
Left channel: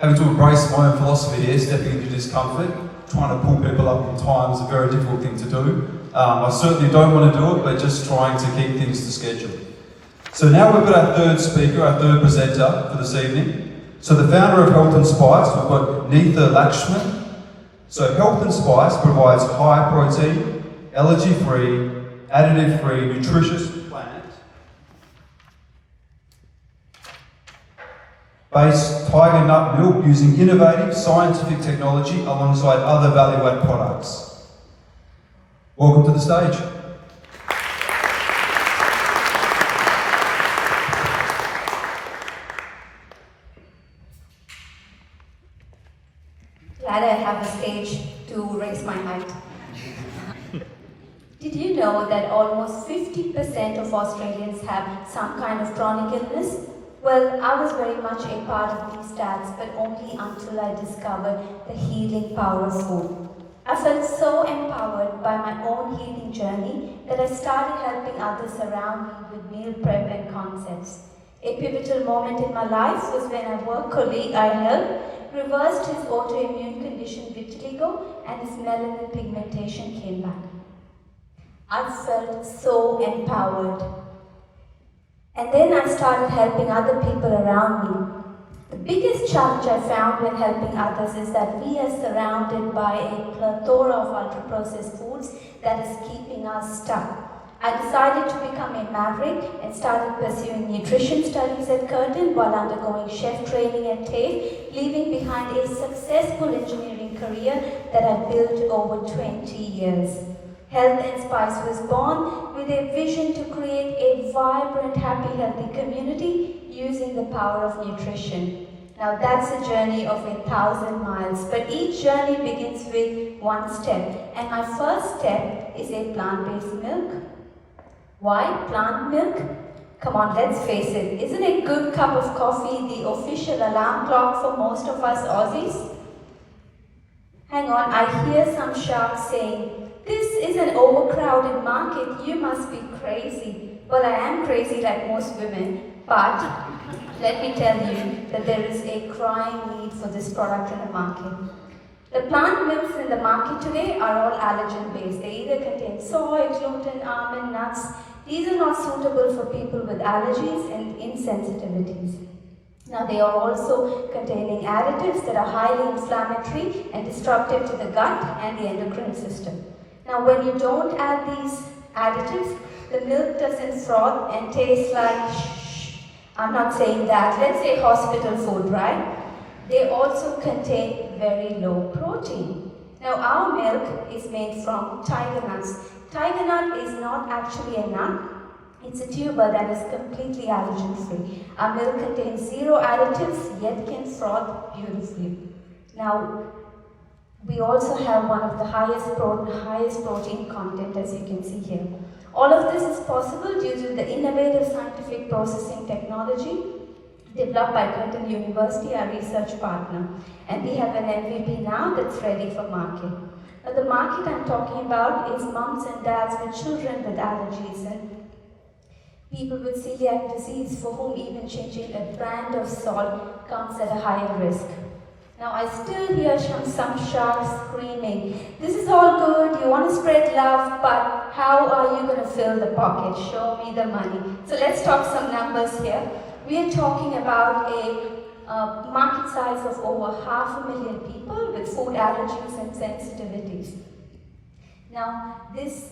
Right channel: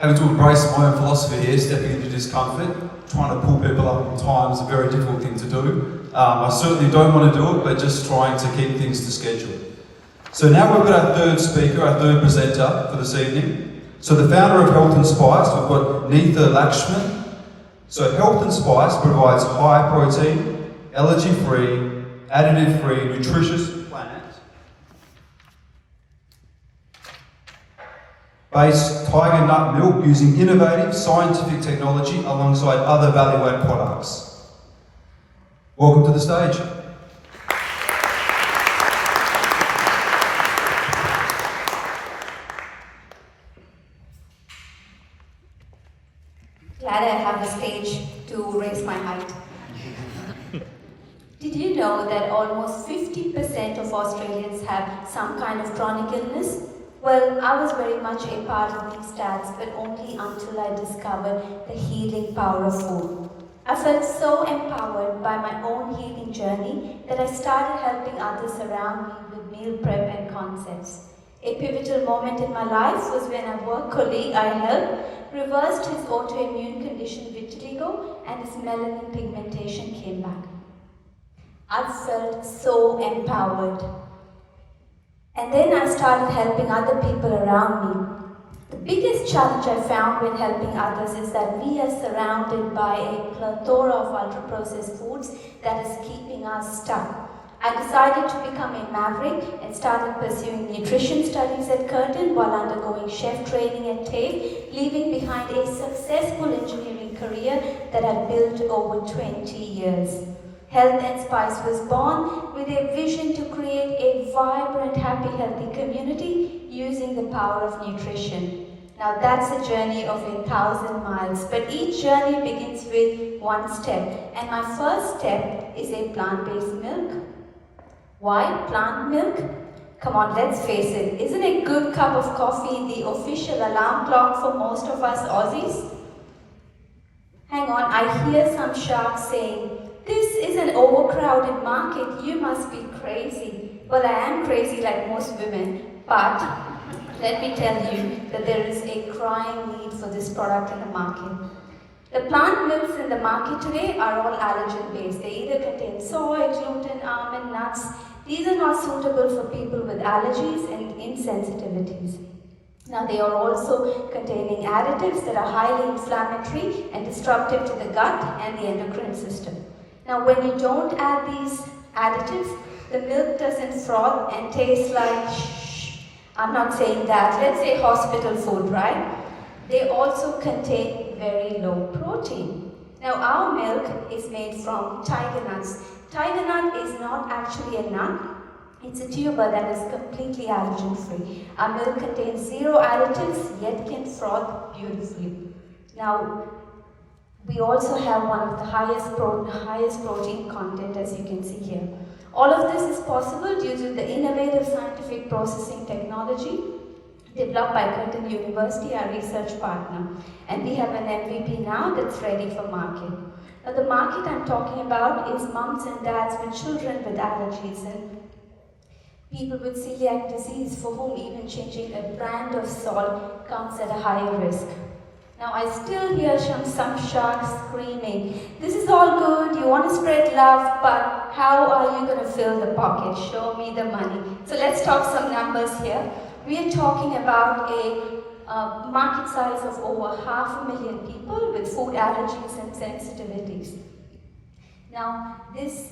Having to embrace my own philosophy here, stepping into discomfort, trying to pull people up in time is a very difficult thing to do. I certainly don't want to do it, but just trying to keep things to schedule. So now we've got our third speaker, our third presenter for this evening. So the founder of Health and Spice, we've got Neetha Lakshman. So Health and Spice provides high protein, allergy-free, additive-free, nutritious based tiger nut milk using innovative scientific technology alongside other value-add products. Welcome to the stage. Glad I have a stage to raise my height. Did you know that almost 50% of Australians have some kind of chronic illness? Well, I was very much a part of these stats, but only until I discovered the healing power of food. I felt so empowered by my own healing journey that I started helping others around me with meal prep and concepts. A pivotal moment in my life was when a work colleague I helped reversed his autoimmune condition vitiligo and his melanin pigmentation came back. I felt so empowered. And then I started helping other people around me. The biggest challenge I found when helping others is that we are surrounded by a plethora of ultra-processed foods that is keeping us stuck. I decided to become a maverick and started pursuing nutrition studies at Curtin while undergoing chef training at TAFE, leaving behind a successful engineering career that I built over 20 years. Health and Spice was born with a vision to create a vibrant, happy, healthy community using the power of nutrition. Now that's a journey of 1,000 miles, but each journey begins with one step. And my first step is a plant-based milk. Why plant milk? Come on, let's face it. Isn't a good cup of coffee the official alarm clock for most of us Aussies? Hang on, I hear some sharks saying, "This is an overcrowded market, you must be crazy." Well, I am crazy like most women, but let me tell you that there is a crying need for this product in the market. The plant milks in the market today are all allergen based. They either contain soy, gluten, almond, nuts. These are not suitable for people with allergies and insensitivities. Now they are also containing additives that are highly inflammatory and disruptive to the gut and the endocrine system. Now when you don't add these additives, the milk doesn't froth and taste like I'm not saying that, let's say hospital food, right? They also contain very low protein. Now our milk is made from tiger nuts. Tiger nut is not actually a nut, it's a tuber that is completely allergen free. Our milk contains 0 additives yet can froth beautifully. Now we also have one of the highest protein content, as you can see here. All of this is possible due to the innovative scientific processing technology developed by Curtin University, our research partner. And we have an MVP now that's ready for market. Now the market I'm talking about is mums and dads with children with allergies and people with celiac disease for whom even changing a brand of salt comes at a higher risk. Now I still hear some sharks screaming, "This is all good, you want to spread love, but how are you going to fill the pocket? Show me the money." So let's talk some numbers here. We are talking about a market size of over 500,000 people with food allergies and sensitivities. Now this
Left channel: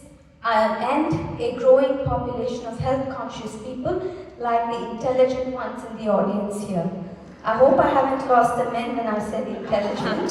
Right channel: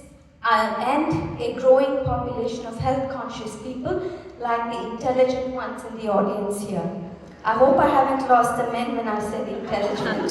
and a growing population of health conscious people like the intelligent ones in the audience here. I hope I haven't lost the men when I said intelligent.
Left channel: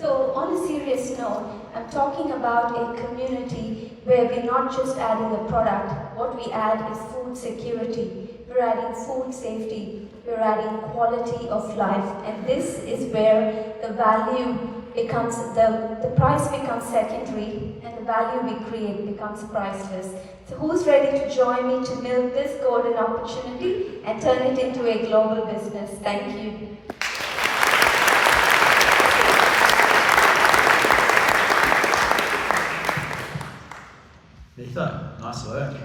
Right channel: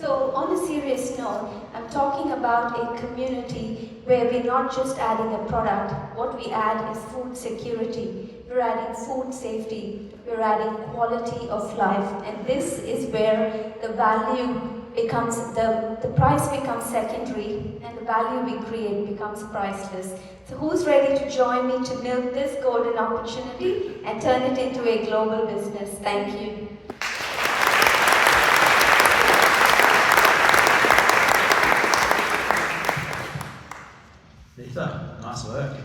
So on a serious note, I'm talking about a community where we're not just adding a product, what we add is food security, we're adding food safety, we're adding quality of life, and this is where the value becomes, the price becomes secondary and the value we create becomes priceless. So who's ready to join me to milk this golden opportunity and turn it into a global business? Thank you. Neetha, nice work.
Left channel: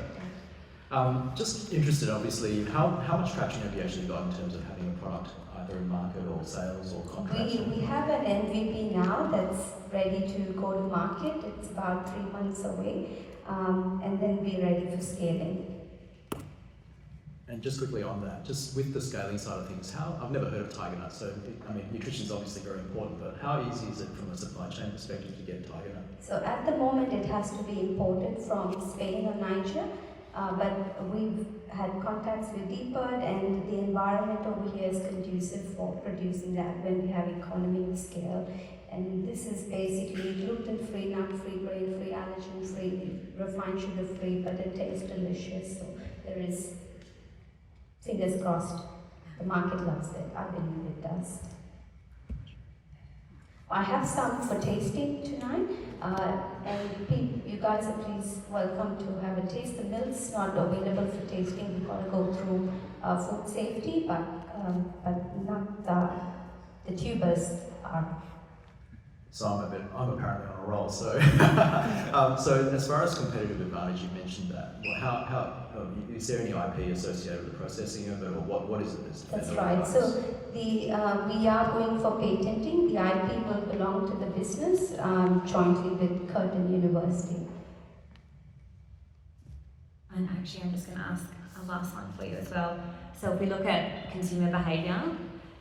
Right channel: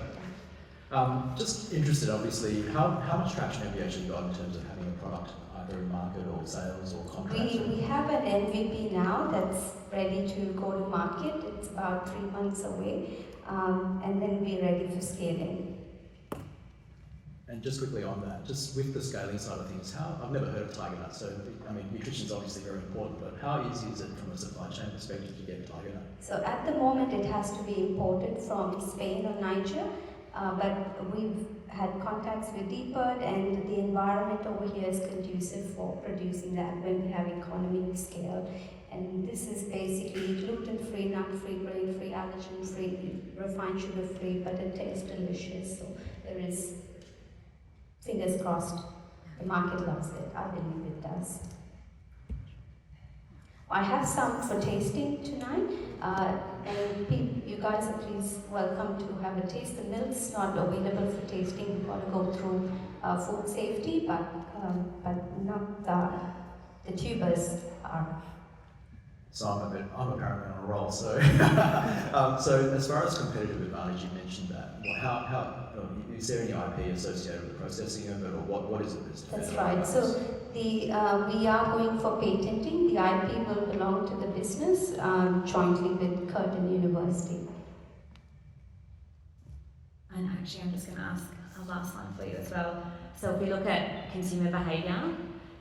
Just interested, obviously, how much traction have you actually got in terms of having a product either in market or sales or contracts? We have an MVP now that's ready to go to market. It's about 3 months away, and then we're ready for scaling. And just quickly on that, just with the scaling side of things, I've never heard of Tiger Nut, so I mean, nutrition is obviously very important, but how easy is it from a supply chain perspective to get Tiger Nut? So at the moment it has to be imported from Spain or Niger, but we've had contacts with DPERD and the environment over here is conducive for producing that when we have economy of scale. And this is basically gluten-free, nut-free, grain-free, allergen-free, refined sugar-free, but it tastes delicious. So there is, fingers crossed, the market loves it. I believe it does. I have some for tasting tonight, and you guys are please welcome to have a taste. The milk's not available for tasting. We've got to go through food safety, but not the tubers are. So I'm apparently on a roll. So, so as far as competitive advantage, you mentioned that. Is there any IP associated with processing of it, or what is it? That's right. So we are going for patenting. The IP will belong to the business jointly with Curtin University. And actually, I'm just going to ask a last one for you as well. So if we look at consumer behaviour,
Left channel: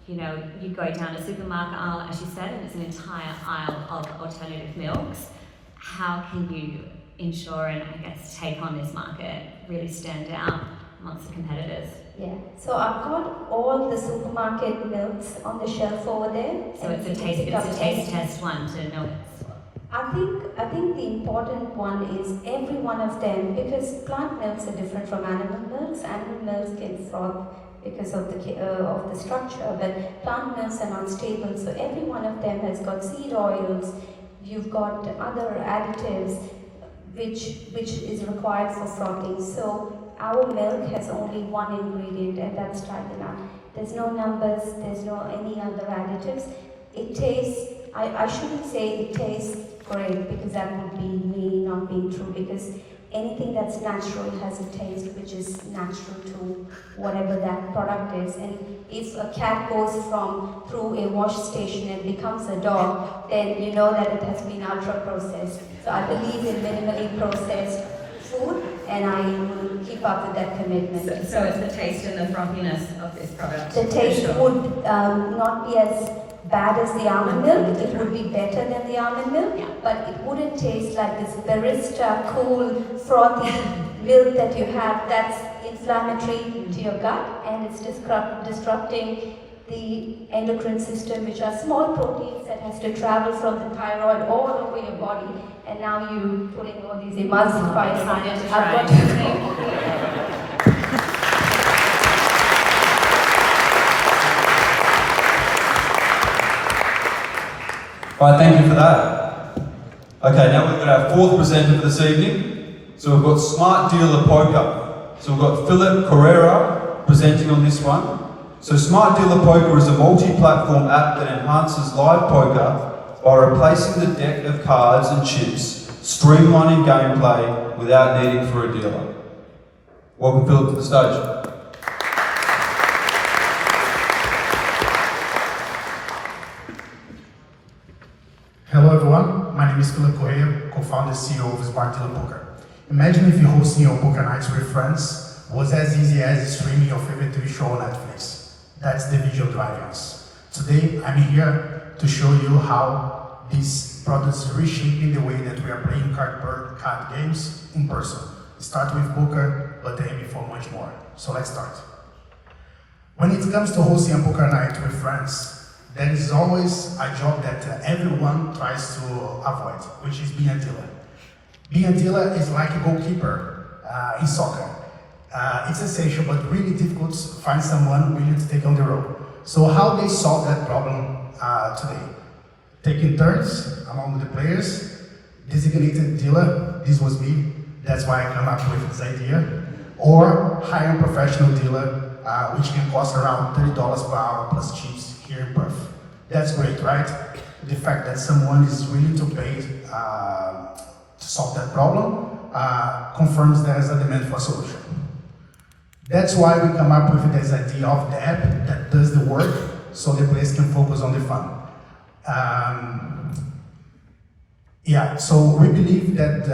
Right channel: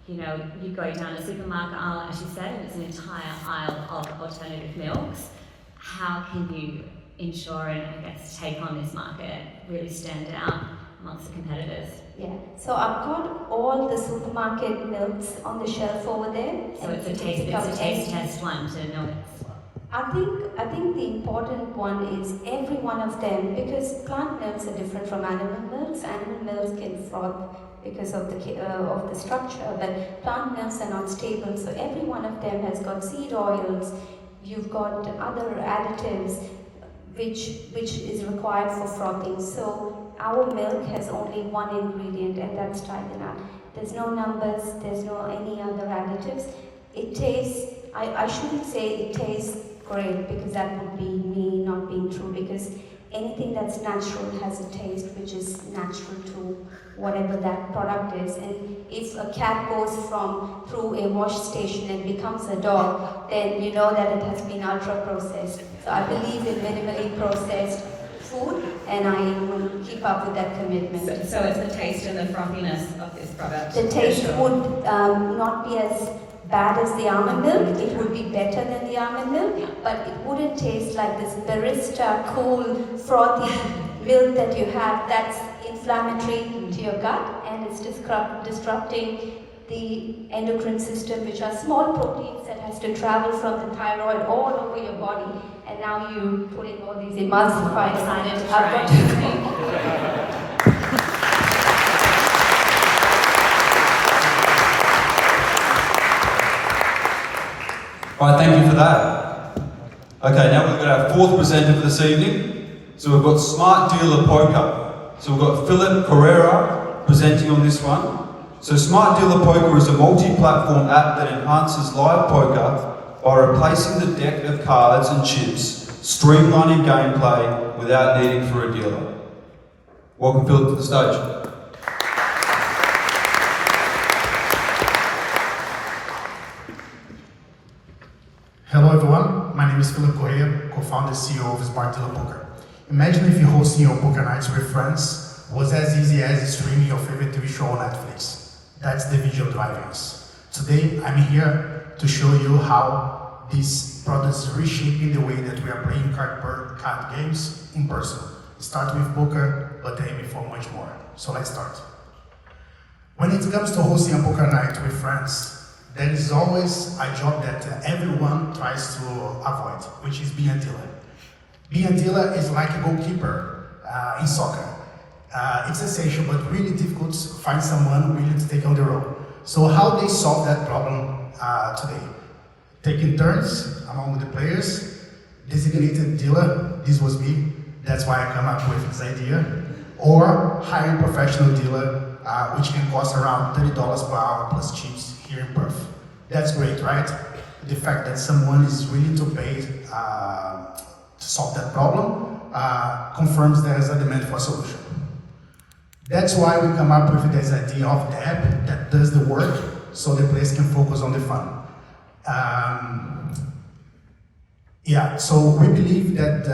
you know, you go down a supermarket aisle, as you said, and it's an entire aisle of alternative milks. How can you ensure and I guess take on this market, really stand out amongst the competitors? Yeah, so I've got all the supermarket milks on the shelf over there. So it's a taste test one to know it's. I think the important one is every one of them, because plant milks are different from animal milks. Animal milks can froth because of the structure, but plant milks are not stable. So every one of them has got seed oils. You've got other additives which is required for frothing. So our milk has only one ingredient, and that's tiger. There's no numbers, there's no any other additives. It tastes, I shouldn't say it tastes great, because that would be me not being true, because anything that's natural has a taste which is natural to whatever that product is. And if a cat goes through a wash station and becomes a dog, then you know that it has been ultra processed. So I believe in minimally processed food, and I will keep up with that commitment. So it's the taste and the frothiness of this product. The taste would not be as bad as the almond milk. It would be better than the almond milk, but it wouldn't taste like this barista, cool, frothy milk that you have that's inflammatory to your gut, and it's disrupting the endocrine system, which are small proteins that has to travel from the thyroid all over your body, and now you putting all these emulsifiers. Excited to try. Right, thank you for that. Okay, now we've got our fourth presenter for this evening. So we've got Smart Dealer Poker. So we've got Philip Pereira presenting on this one. So Smart Dealer Poker is a multi-platform app that enhances live poker by replacing the deck of cards and chips, streamlining gameplay without needing for a dealer. Welcome Philip to the stage. Hello everyone, my name is Philip Correa, co-founder CEO of Smart Dealer Poker. Imagine if hosting your poker nights with friends was as easy as streaming your favorite TV show on Netflix. That's the visual driving us. Today, I'm here to show you how this product is reshaping the way that we are playing card games in person. We start with poker, but aiming for much more. So let's start. When it comes to hosting a poker night with friends, there is always a job that everyone tries to avoid, which is being a dealer. Being a dealer is like a goalkeeper in soccer. It's essential, but really difficult to find someone willing to take on the role. So how they solve that problem today? Taking turns among the players, designated dealer, this was me, that's why I come up with this idea, or hiring professional dealer, which can cost around $30 per hour plus chips here in Perth. That's great, right? The fact that someone is willing to pay to solve that problem confirms there is a demand for a solution. That's why we come up with this idea of the app that does the work so the players can focus on the fun. So we believe that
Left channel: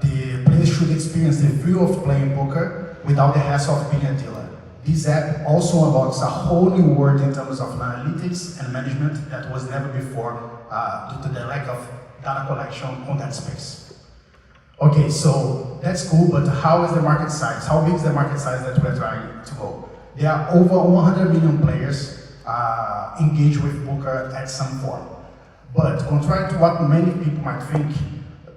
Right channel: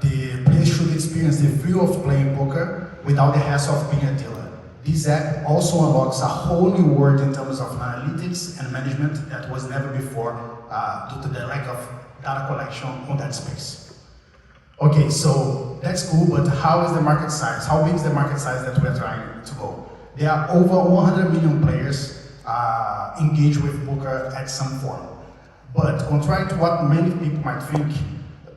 the players should experience the thrill of playing poker without the hassle of being a dealer. This app also unlocks a whole new world in terms of analytics and management that was never before due to the lack of data collection on that space. Okay, so that's cool, but how is the market size? How big is the market size that we're trying to go? There are over 100 million players engaged with poker at some form. But contrary to what many people might think,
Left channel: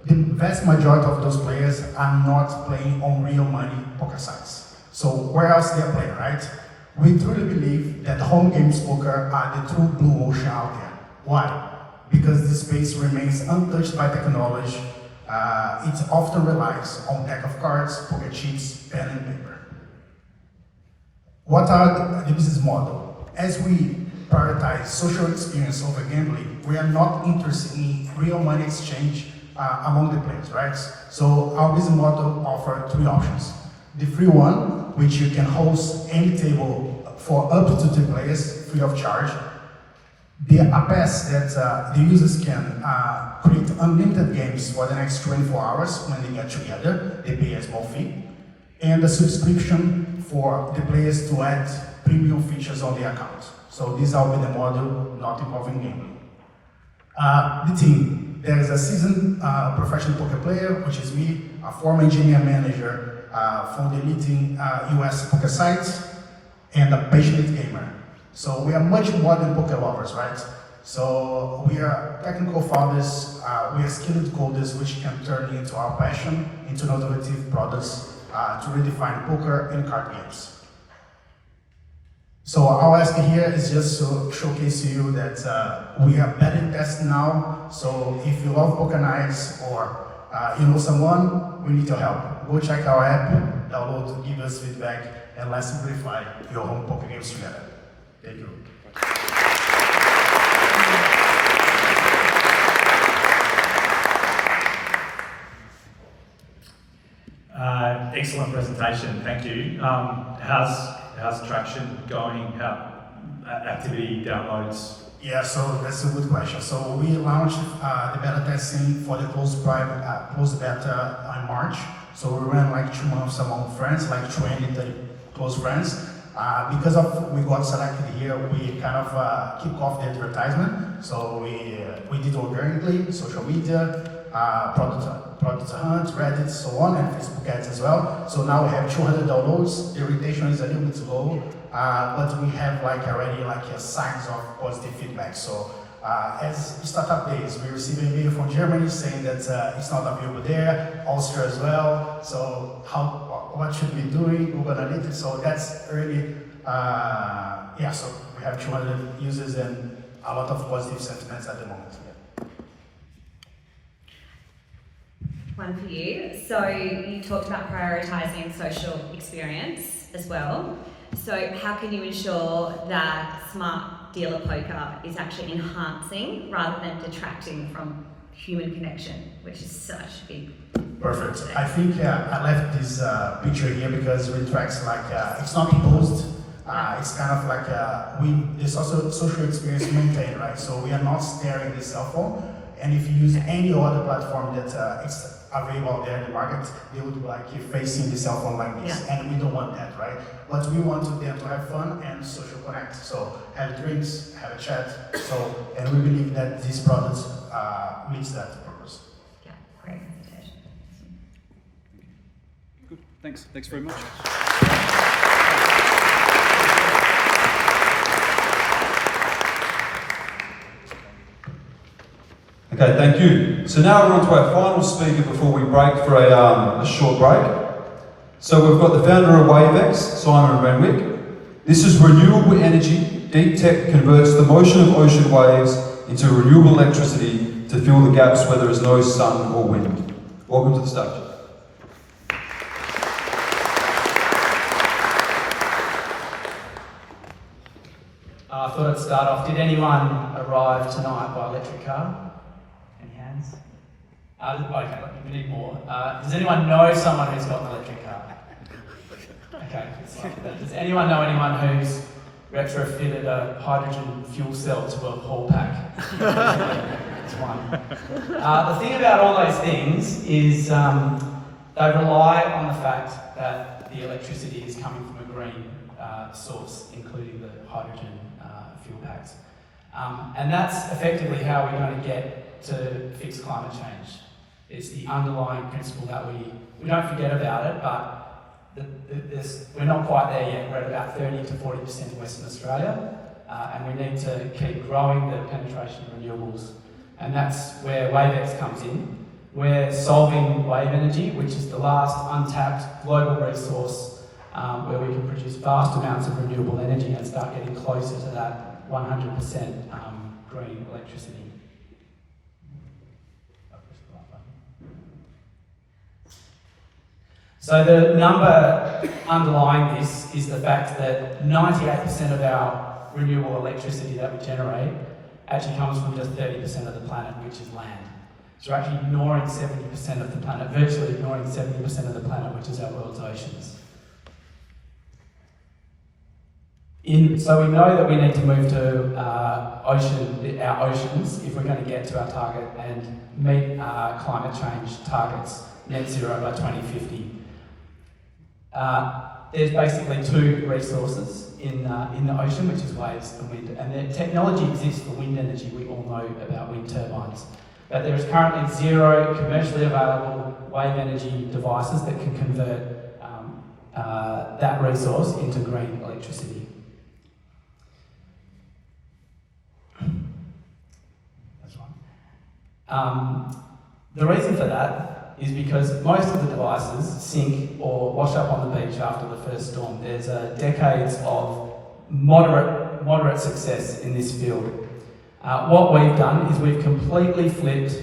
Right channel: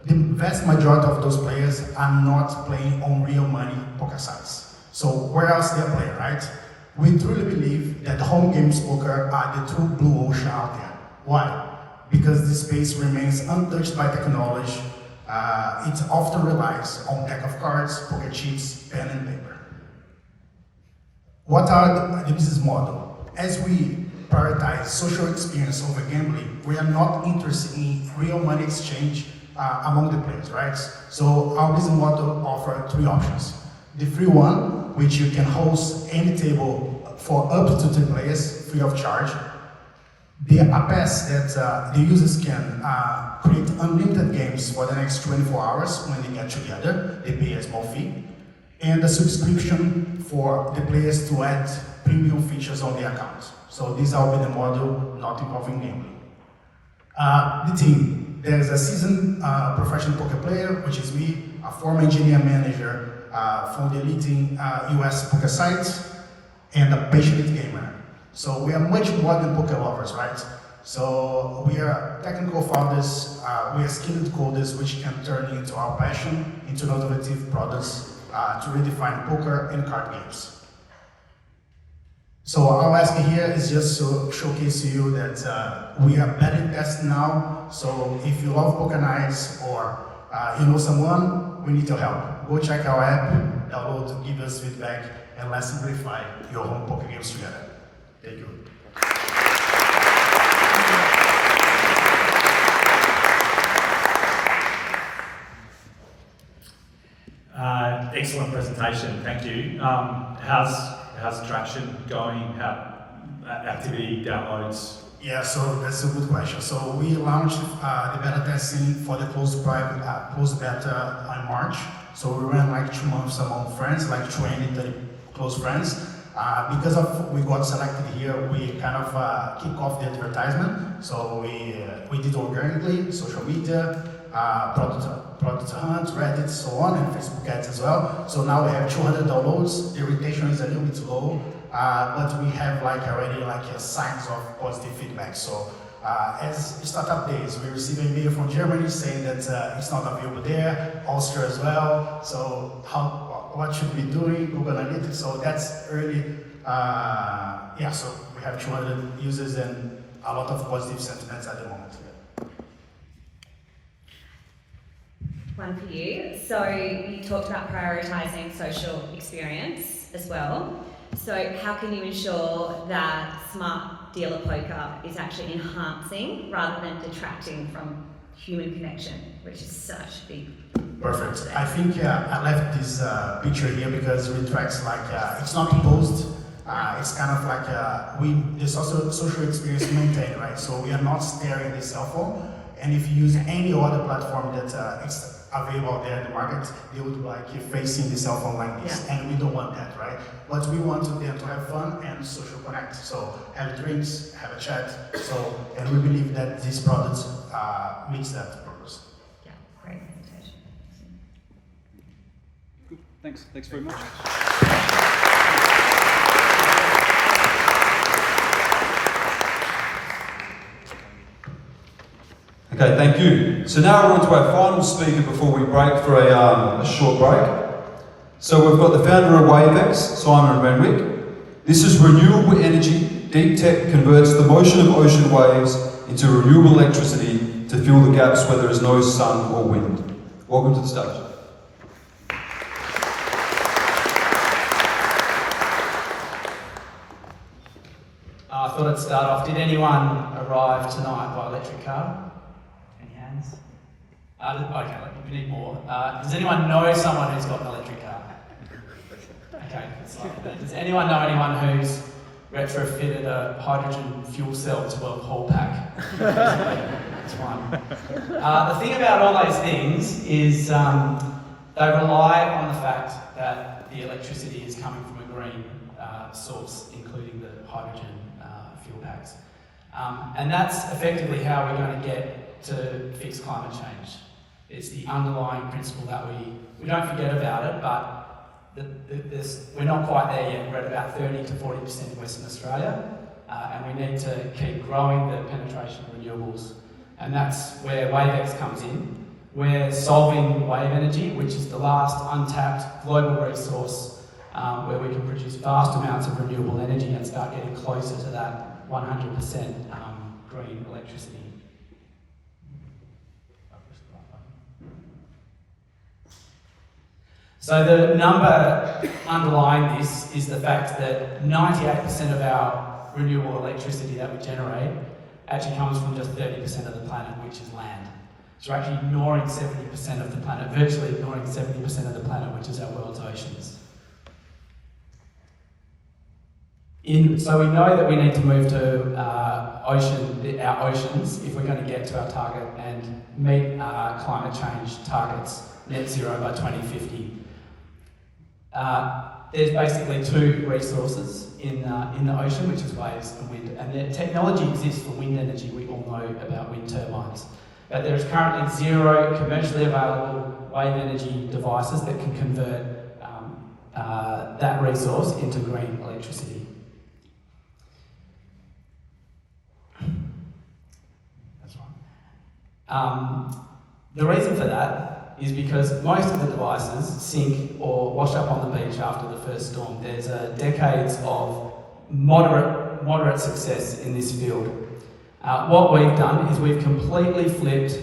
the vast majority of those players are not playing on real money poker sites. So where else they're playing, right? We truly believe that home games poker are the true blue ocean out there. Why? Because this space remains untouched by technology. It often relies on deck of cards, poker chips, pen and paper. What are the business model? As we prioritize social experience over gambling, we are not interested in real money exchange among the players, right? So our business model offers three options. The free one, which you can host any table for up to 2 players free of charge. The pass that the users can create unlimited games for the next 24 hours when they get together, they pay a small fee. And a subscription for the players to add premium features on the account. So this will be the model not involving gambling. The team. There's a seasoned professional poker player, which is me, a former engineer manager from the leading US poker sites, and a passionate gamer. So we are much more than poker lovers, right? So we are technical founders, we are skilled coders, which can turn into our passion into innovative products to redefine poker and card games. So our ask here is just to showcase to you that we are better tests now. So if you love poker nights or you know someone, we need your help. Go check our app, download, give us feedback, and let's simplify your home poker games together. Thank you. Excellent presentation, thank you. How's traction going? How activity, downloads? Yeah, so that's a good question. So we launched the beta testing for the closed beta in March. So we ran like 2 months among friends, like 20, 30 close friends. Because of we got selected here, we kind of kick off the advertisement. So we did organically, social media, product hunt, Reddit, so on, and Facebook ads as well. So now we have 200 downloads. The retention is a little bit low, but we have like already like signs of positive feedback. So as startup days, we received an email from Germany saying that it's not available there, Austria as well. So what should we do? Google Analytics. So that's early. Yeah, so we have 200 users and a lot of positive sentiments at the moment. One for you. So you talked about prioritising social experience as well. So how can you ensure that Smart Dealer Poker is actually enhancing rather than detracting from human connection, which is such a big Perfect. I think I left this picture here because it tracks like it's not imposed. It's kind of like there's also social experience maintained, right? So we are not staring the cell phone. And if you use any other platform that it's available there in the market, they would like you facing the cell phone like this. Yeah. And we don't want that, right? But we want them to have fun and social connect. So have drinks, have a chat. So, and we believe that these products meets that purpose. Yeah, great presentation. Good. Thanks very much. Okay, thank you. So now we're on to our final speaker before we break for a short break. So we've got the founder of WaveX, Simon Renwick. This is renewable energy. Deep tech converts the motion of ocean waves into renewable electricity to fill the gaps where there is no sun or wind. Welcome to the stage. I thought I'd start off. Did anyone arrive tonight by electric car? Any hands? Okay, we need more. Does anyone know someone who's got an electric car? Okay, does anyone know anyone who's retrofitted a hydrogen fuel cell to a whole pack? That's one. The thing about all those things is they rely on the fact that the electricity is coming from a green source, including the hydrogen fuel packs. And that's effectively how we're going to get to fix climate change. It's the underlying principle that we don't forget about it, but we're not quite there yet. We're at about 30 to 40% in Western Australia, and we need to keep growing the penetration of renewables. And that's where WaveX comes in. We're solving wave energy, which is the last untapped global resource where we can produce vast amounts of renewable energy and start getting closer to that 100% green electricity. So the number underlying this is the fact that 98% of our renewable electricity that we generate actually comes from just 30% of the planet, which is land. So we're actually ignoring 70% of the planet, virtually ignoring 70% of the planet, which is our world's oceans. So we know that we need to move to our oceans if we're going to get to our target and meet climate change targets, net zero by 2050. There's basically two resources in the ocean, which is waves and wind. And the technology exists for wind energy. We all know about wind turbines. but there is currently 0 commercially available wave energy devices that can convert that resource into green electricity. That's right. The reason for that is because most of the devices sink or wash up on the beach after the first storm. There's decades of moderate success in this field. What we've done is we've completely flipped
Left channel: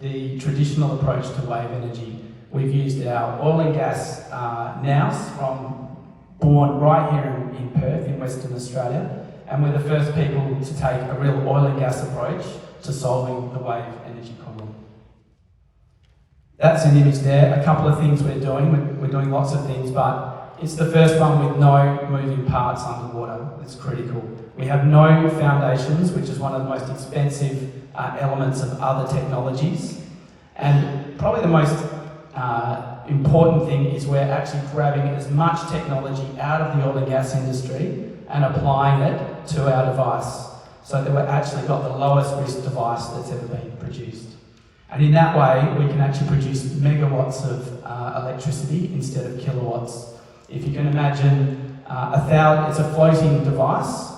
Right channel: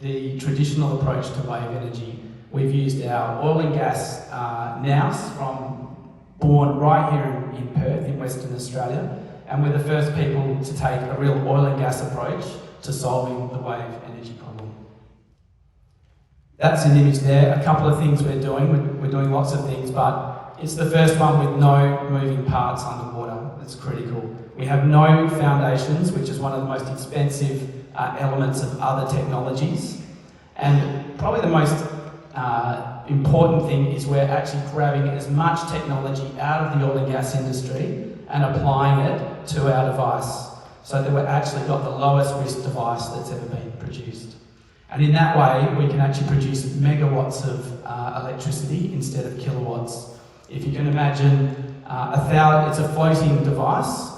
the traditional approach to wave energy. We've used our oil and gas nous born right here in Perth, in Western Australia, and we're the first people to take a real oil and gas approach to solving the wave energy problem. That's an image there. A couple of things we're doing. We're doing lots of things, but it's the first one with no moving parts underwater. It's critical. We have no foundations, which is one of the most expensive elements of other technologies. And probably the most important thing is we're actually grabbing as much technology out of the oil and gas industry and applying it to our device, so that we've actually got the lowest risk device that's ever been produced. And in that way, we can actually produce megawatts of electricity instead of kilowatts. If you can imagine, it's a floating device.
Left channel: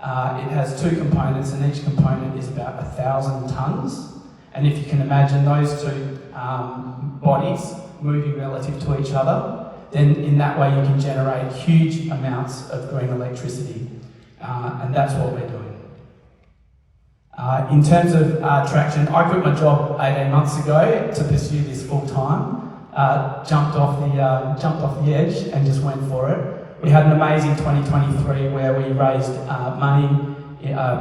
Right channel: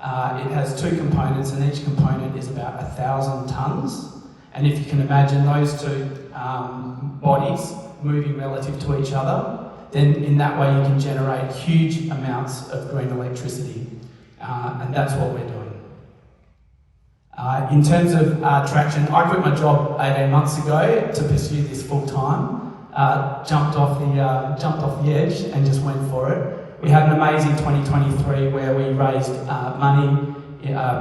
It has 2 components, and each component is about 1,000 tonnes. And if you can imagine those 2 bodies moving relative to each other, then in that way you can generate huge amounts of green electricity. And that's what we're doing. In terms of traction, I quit my job 18 months ago to pursue this full time. Jumped off the edge and just went for it. We had an amazing 2023 where we raised money,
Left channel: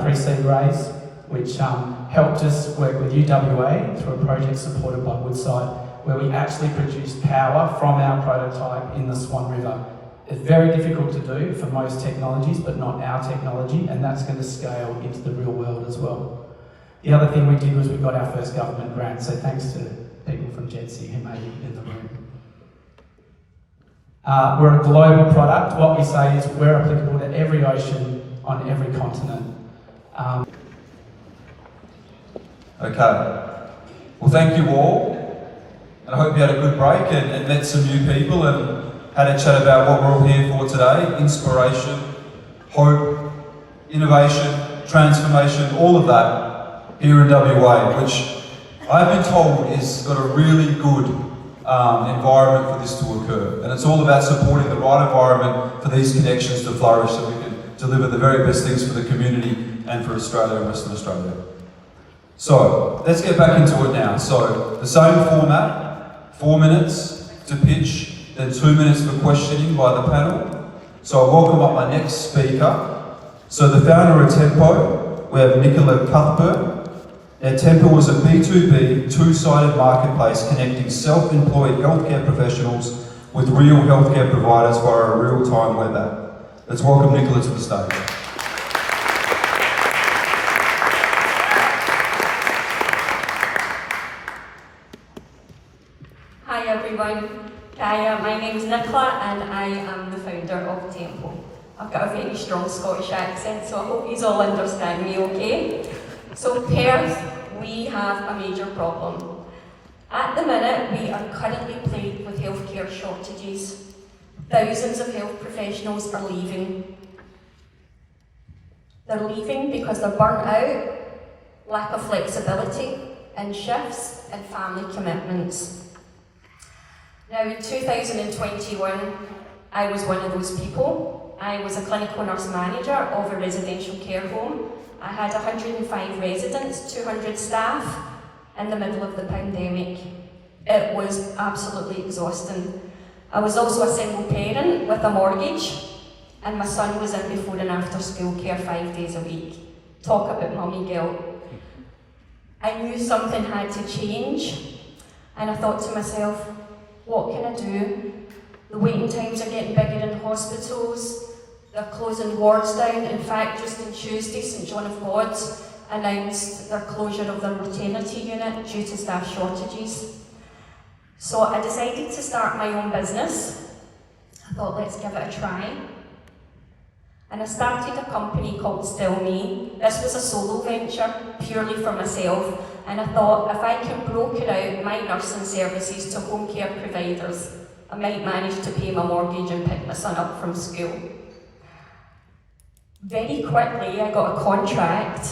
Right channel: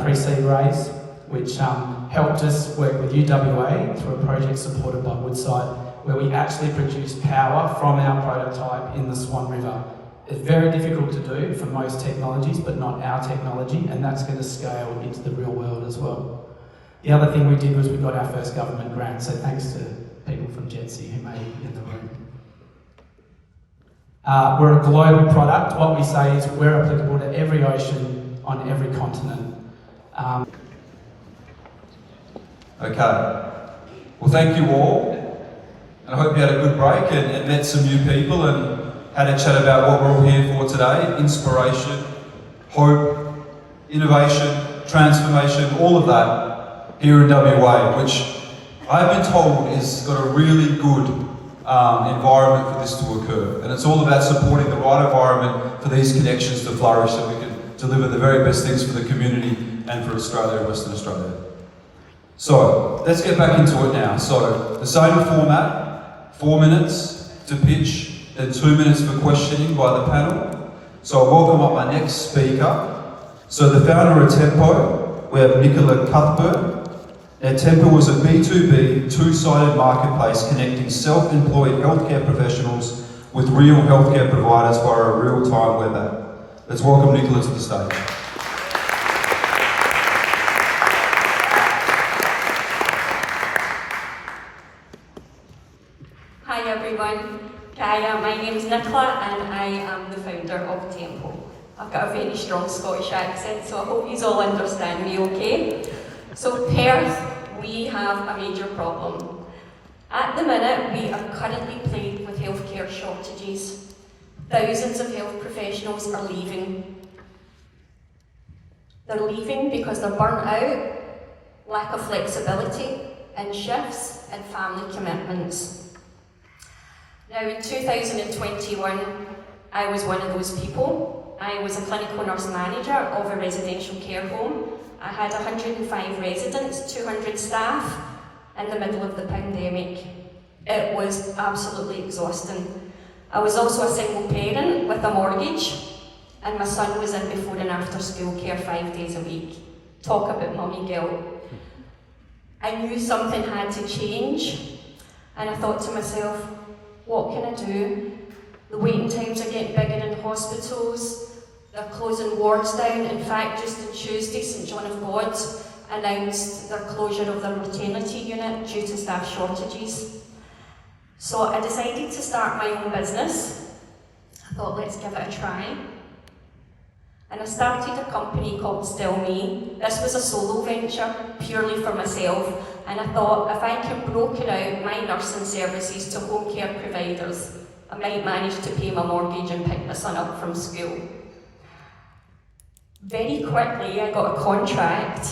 pre-seed raise, which helped us work with UWA through a project supported by Woodside, where we actually produced power from our prototype in the Swan River. It's very difficult to do for most technologies, but not our technology, and that's going to scale into the real world as well. The other thing we did was we got our first government grant, so thanks to people from JETSI who made it in the room. We're a global product. What we say is we're applicable to every ocean on every continent. Okay. Well, thank you all. And I hope you had a good break and met some new people and had a chat about what we're all here for today. Inspiration, hope, innovation, transformation, all of that here in WA, which I've been told has got a really good environment for this to occur. And it's all about supporting the right environment for these connections to flourish, so we can deliver the very best things for the community and for Australia and Western Australia. So, let's get back into it now. So, the same format, 4 minutes to pitch, then 2 minutes for questioning by the panel. So I welcome up my next speaker. So the founder of Tempo, we have Nicola Cuthbert. Now, Tempo was a B2B, two-sided marketplace connecting self-employed healthcare professionals with real healthcare providers via a real-time web app. Let's welcome Nicola to the stage. Hi everyone, my name is Nicola and I am the founder of Tempo. I've got a very strong Scottish accent, so I hope you all understand me okay. So Perth, we have a major problem. At the minute, we are currently plagued with healthcare shortages. Thousands of health professionals are leaving. They're leaving because they're burnt out, lack of flexibility in shifts and family commitments. Now in 2021, I was one of those people. I was a clinical nurse manager of a residential care home. I had 105 residents, 200 staff in the middle of the pandemic. It was absolutely exhausting. I was also a single parent with a mortgage, and my son was in before and after school care 5 days a week. Talk about mummy guilt. I knew something had to change, and I thought to myself, what can I do? The waiting times are getting bigger in hospitals. They're closing wards down. In fact, just on Tuesday, St John of God announced their closure of their maternity unit due to staff shortages. So I decided to start my own business. I thought, let's give it a try. And I started a company called Still Me. This was a solo venture, purely for myself, And I thought, if I can broker out my nursing services to home care providers, I might manage to pay my mortgage and pick my son up from school. Very quickly, I got a contract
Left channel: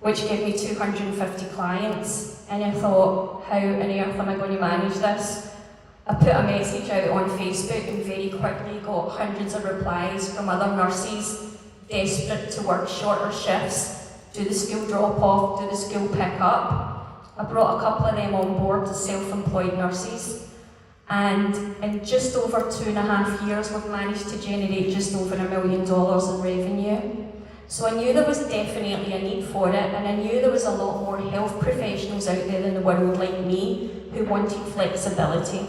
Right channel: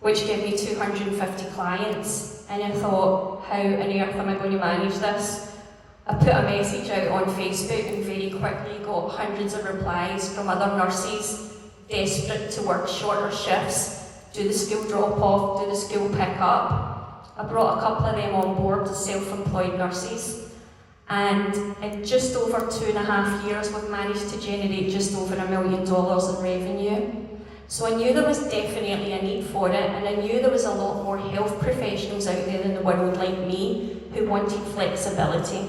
which gave me 250 clients, and I thought, how on earth am I going to manage this? I put a message out on Facebook and very quickly got hundreds of replies from other nurses desperate to work shorter shifts, do the school drop-off, do the school pick-up. I brought a couple of them on board as self-employed nurses, and in just over 2.5 years we've managed to generate just over $1 million in revenue. So I knew there was definitely a need for it, and I knew there was a lot more health professionals out there in the world like me who wanted flexibility.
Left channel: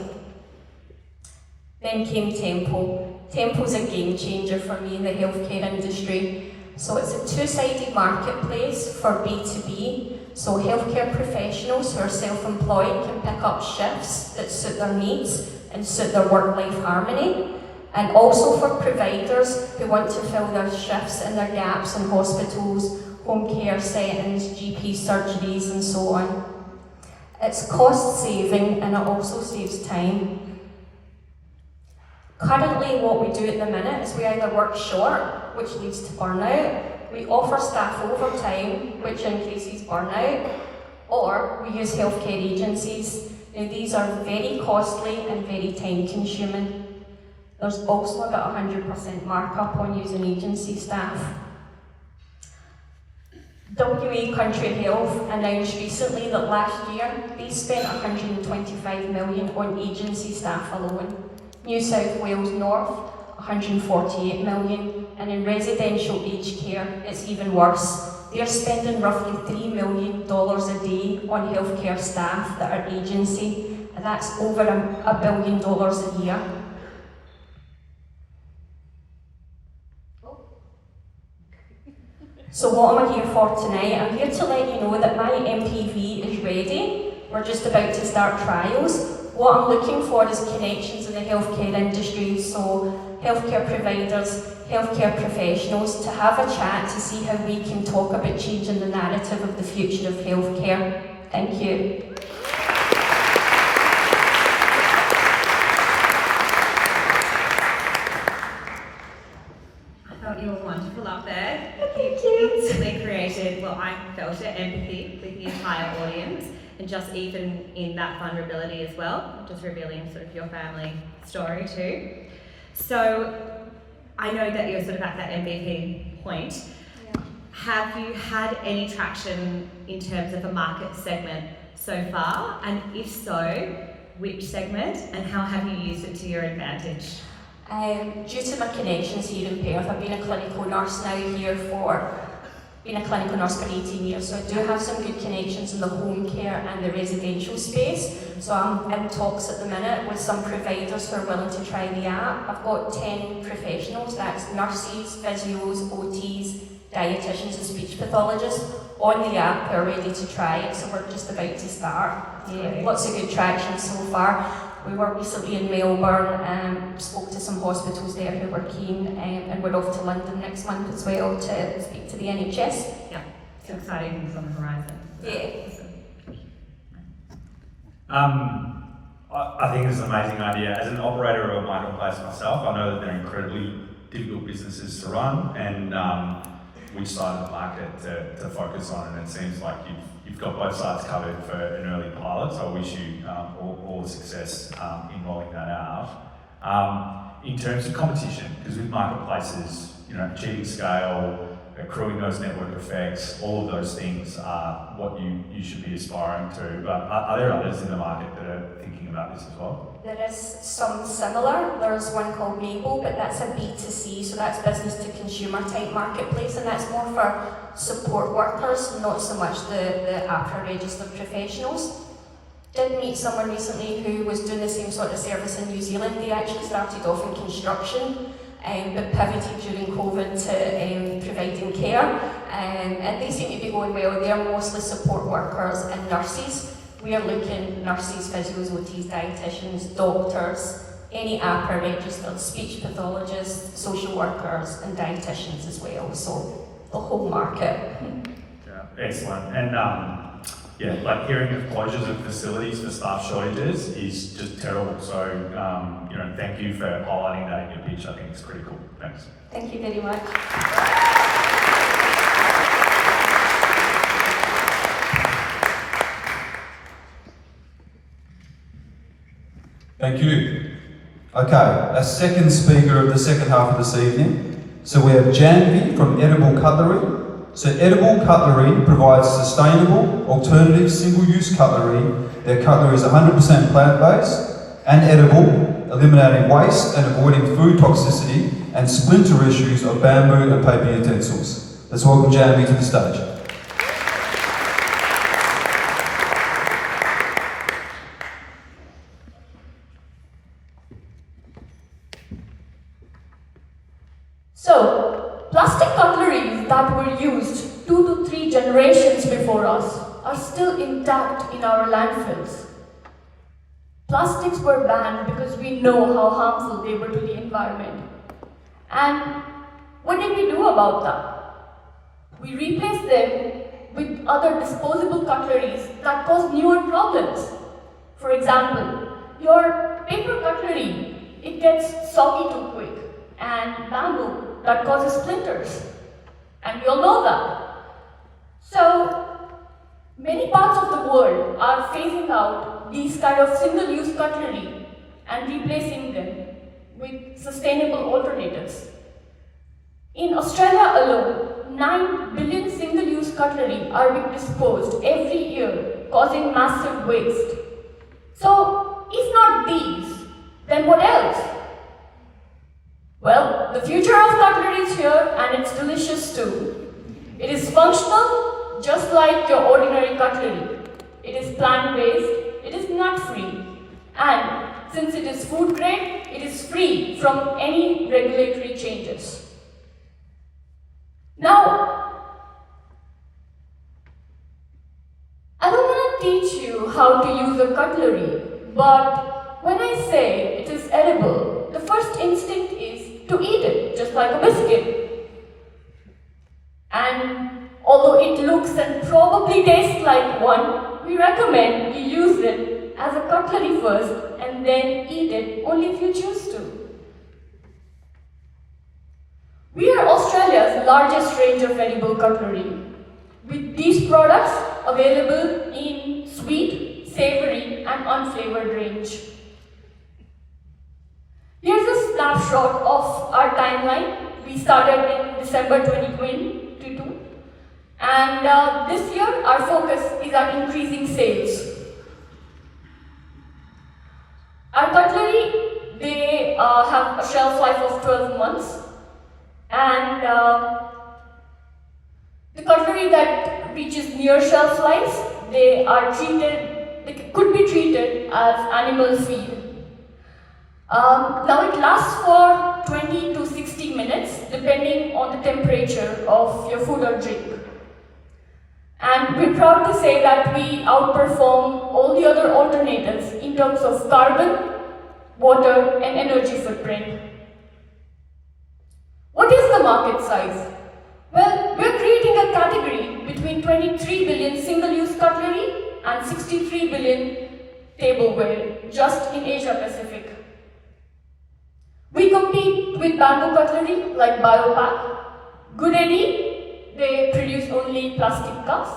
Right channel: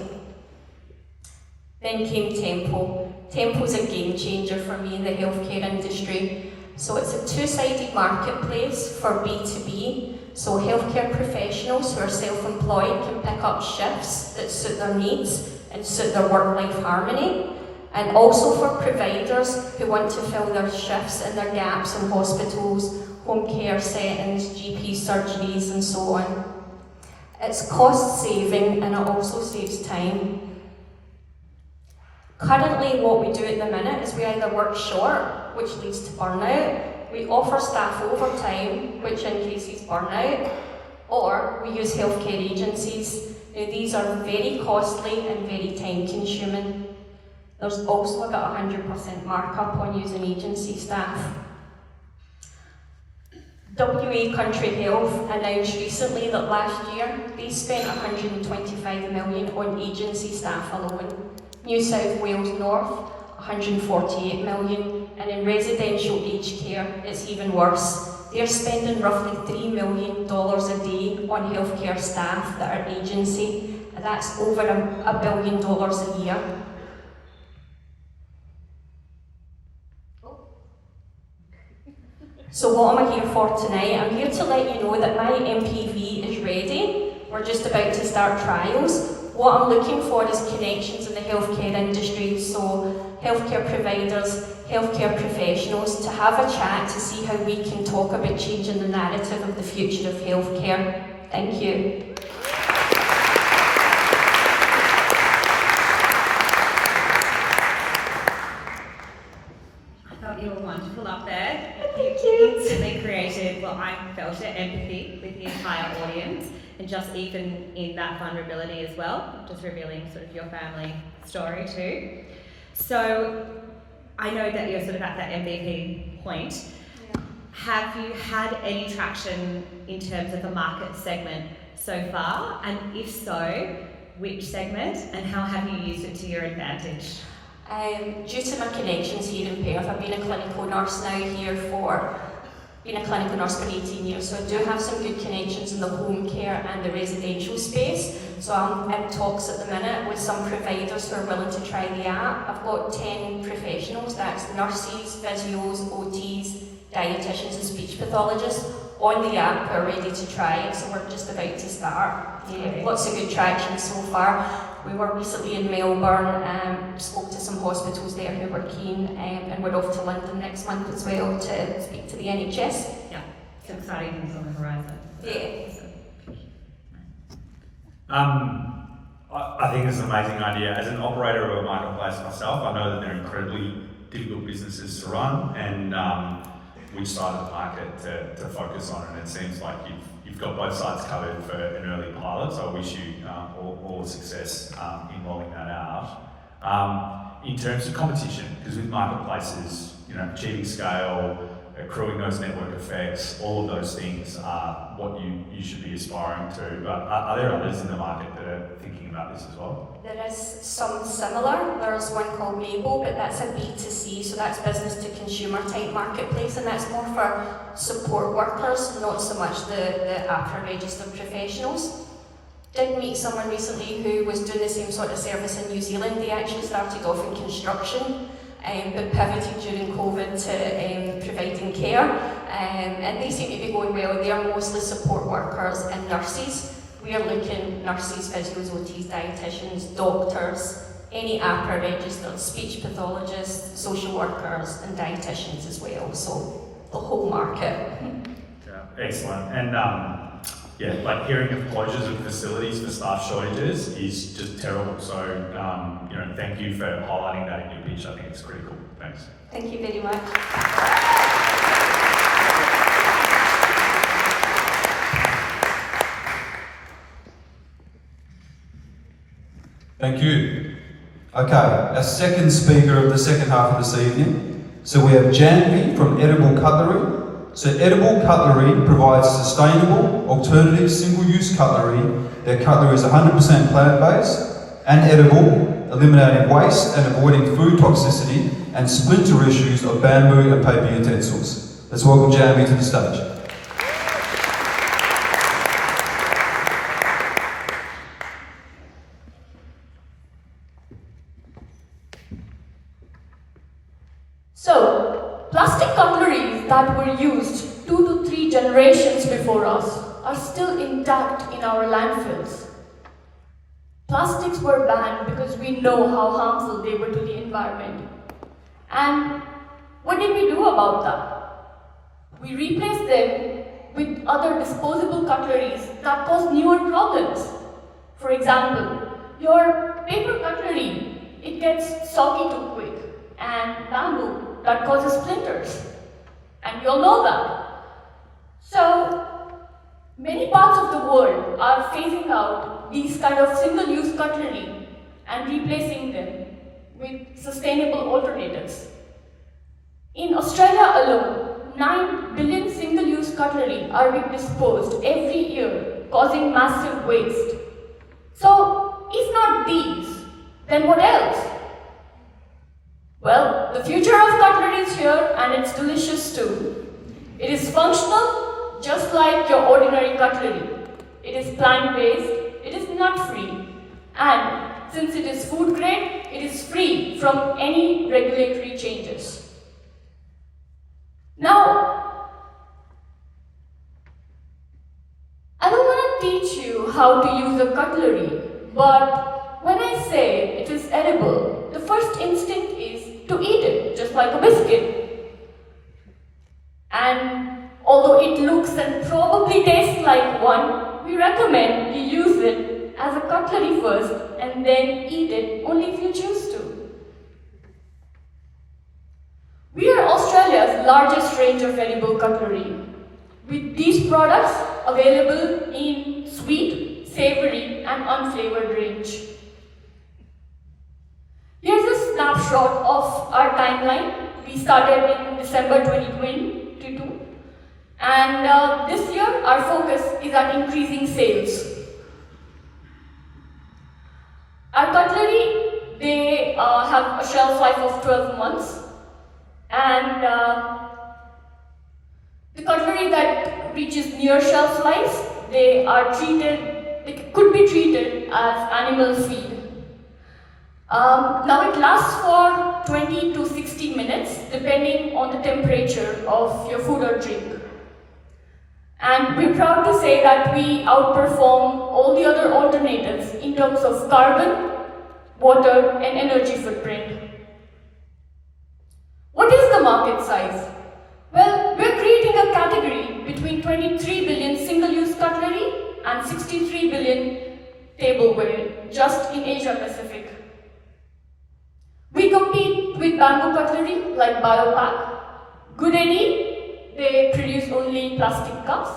Then came Tempo. Tempo's a game changer for me in the healthcare industry. So it's a two-sided marketplace for B2B. So healthcare professionals who are self-employed can pick up shifts that suit their needs and suit their work-life harmony. And also for providers who want to fill their shifts and their gaps in hospitals, home care settings, GP surgeries and so on. It's cost saving and it also saves time. Currently what we do at the minute is we either work short, which leads to burnout, we offer staff overtime, which increases burnout, or we use healthcare agencies. Now these are very costly and very time consuming. There's also about 100% markup on using agency staff. WA Country Health announced recently that last year they spent $125 million on agency staff alone. New South Wales North, $148 million, and in residential aged care, it's even worse. They're spending roughly $3 million a day on healthcare staff that are agency, and that's over $1 billion a year. So what am I here for tonight? I'm here to let you know that my MPV is ready. We're just about to start trials. What I'm looking for is connections in the healthcare industry, so healthcare providers, healthcare professionals, to have a chat to see how we can talk about changing the narrative of the future of healthcare. Thank you. You were wonderful up there. You instantly created, well, I felt it, empathy with the entire audience, and just even in that vulnerability as well, just revealing sort of your family story too. So I know that you're sort of at that MVP point. Yeah. Have you had any traction in terms of a market segment so far? And if so, which segment, and how have you used it to your advantage? Due to my connections here in Perth, I've been a clinical nurse now here for, been a clinical nurse for 18 years, so I do have some good connections in the home care and the residential space. So I'm in talks at the minute with some providers who are willing to try the app. I've got 10 professionals, that's nurses, physios, OTs, dietitians and speech pathologists on the app who are ready to try it, so we're just about to start. Yeah, lots of good traction so far. We were recently in Melbourne, spoke to some hospitals there who were keen, and we're off to London next month as well to speak to the NHS. Yeah, some exciting things on the horizon. Yeah. I think it's an amazing idea. As an operator of a marketplace myself, I know that they're incredibly difficult businesses to run, and we decided the market to focus on, and it seems like you've got both sides covered for an early pilot, so I wish you all success in rolling that out. In terms of competition, because with marketplaces, achieving scale, accruing those network effects, all of those things are what you should be aspiring to. But are there others in the market that are thinking about this as well? There is some similar. There's one called Mabel, but that's a B2C, so that's business to consumer type marketplace, and that's more for support workers, not so much the APRA registered professionals. Did meet someone recently who was doing the same sort of service in New Zealand. They actually started off in construction, but pivoted during COVID to providing care, and they seem to be going well. They're mostly support workers and nurses. We are looking nurses, physios, OTs, dietitians, doctors, any APRA registered, speech pathologists, social workers and dietitians as well, so the whole market. Yeah, excellent. And yeah, like hearing of closures of facilities for staff shortages is just terrible. So, you know, thank you for highlighting that in your pitch. I think it's critical. Thanks. Thank you very much. Thank you. Okay, our second speaker of the second half of this evening. So we have Janvi from Edible Cutlery. So Edible Cutlery provides sustainable, alternative, single-use cutlery. Their cutlery is 100% plant-based and edible, eliminating waste and avoiding food toxicity and splinter issues of bamboo and paper utensils. Let's welcome Janvi to the stage. So, plastic cutleries that were used 2 to 3 generations before us are still intact in our landfills. Plastics were banned because we know how harmful they were to the environment. And what did we do about that? We replaced them with other disposable cutleries that cause newer problems. For example, your paper cutlery, it gets soggy too quick, and bamboo, that causes splinters. And we all know that. So, many parts of the world are phasing out these kind of single-use cutlery and replacing them with sustainable alternatives. In Australia alone, 9 billion single-use cutlery are being disposed every year, causing massive waste. So, if not these, then what else? Well, the future of cutlery is here, and it's delicious too. It is functional, just like your ordinary cutlery. It is plant-based, it is nut-free, and since it is food grade, it is free from any regulatory changes. Now, I don't want to teach you how to use a cutlery, but when I say it is edible, the first instinct is to eat it, just like a biscuit. And although it looks and probably tastes like one, we recommend you use it as a cutlery first and then eat it only if you choose to. We are Australia's largest range of edible cutlery, with these products available in sweet, savoury and unflavoured range. Here's a snapshot of our timeline. We started in December 2022, and this year our focus is on increasing sales. Our cutlery, they have a shelf life of 12 months, and the cutlery that reaches near shelf life, they could be treated as animal feed. Now it lasts for 20 to 60 minutes depending on the temperature of your food or drink. And we're proud to say that we outperform all the other alternatives in terms of carbon, water and energy footprint. What is the market size? Well, we're creating a category between 23 billion single-use cutlery and 63 billion tableware just in Asia Pacific. We compete with bamboo cutlery like Biopack. Good Eddie, they produce only plastic cups.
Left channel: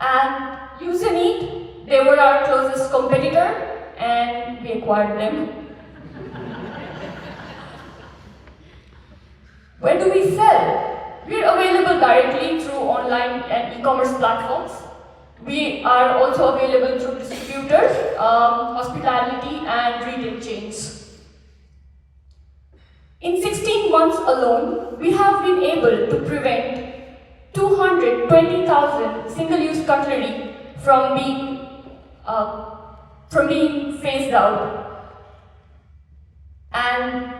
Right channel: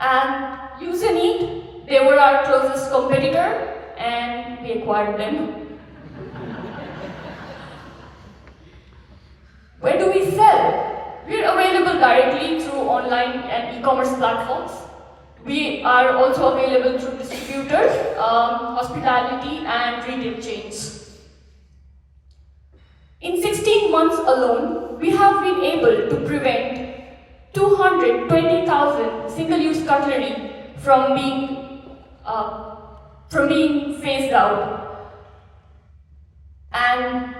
And Use and Eat, they were our closest competitor and we acquired them. Where do we sell? We're available directly through online and e-commerce platforms. We are also available through distributors, hospitality and retail chains. In 16 months alone, we have been able to prevent 220,000 single-use cutlery from being phased out. And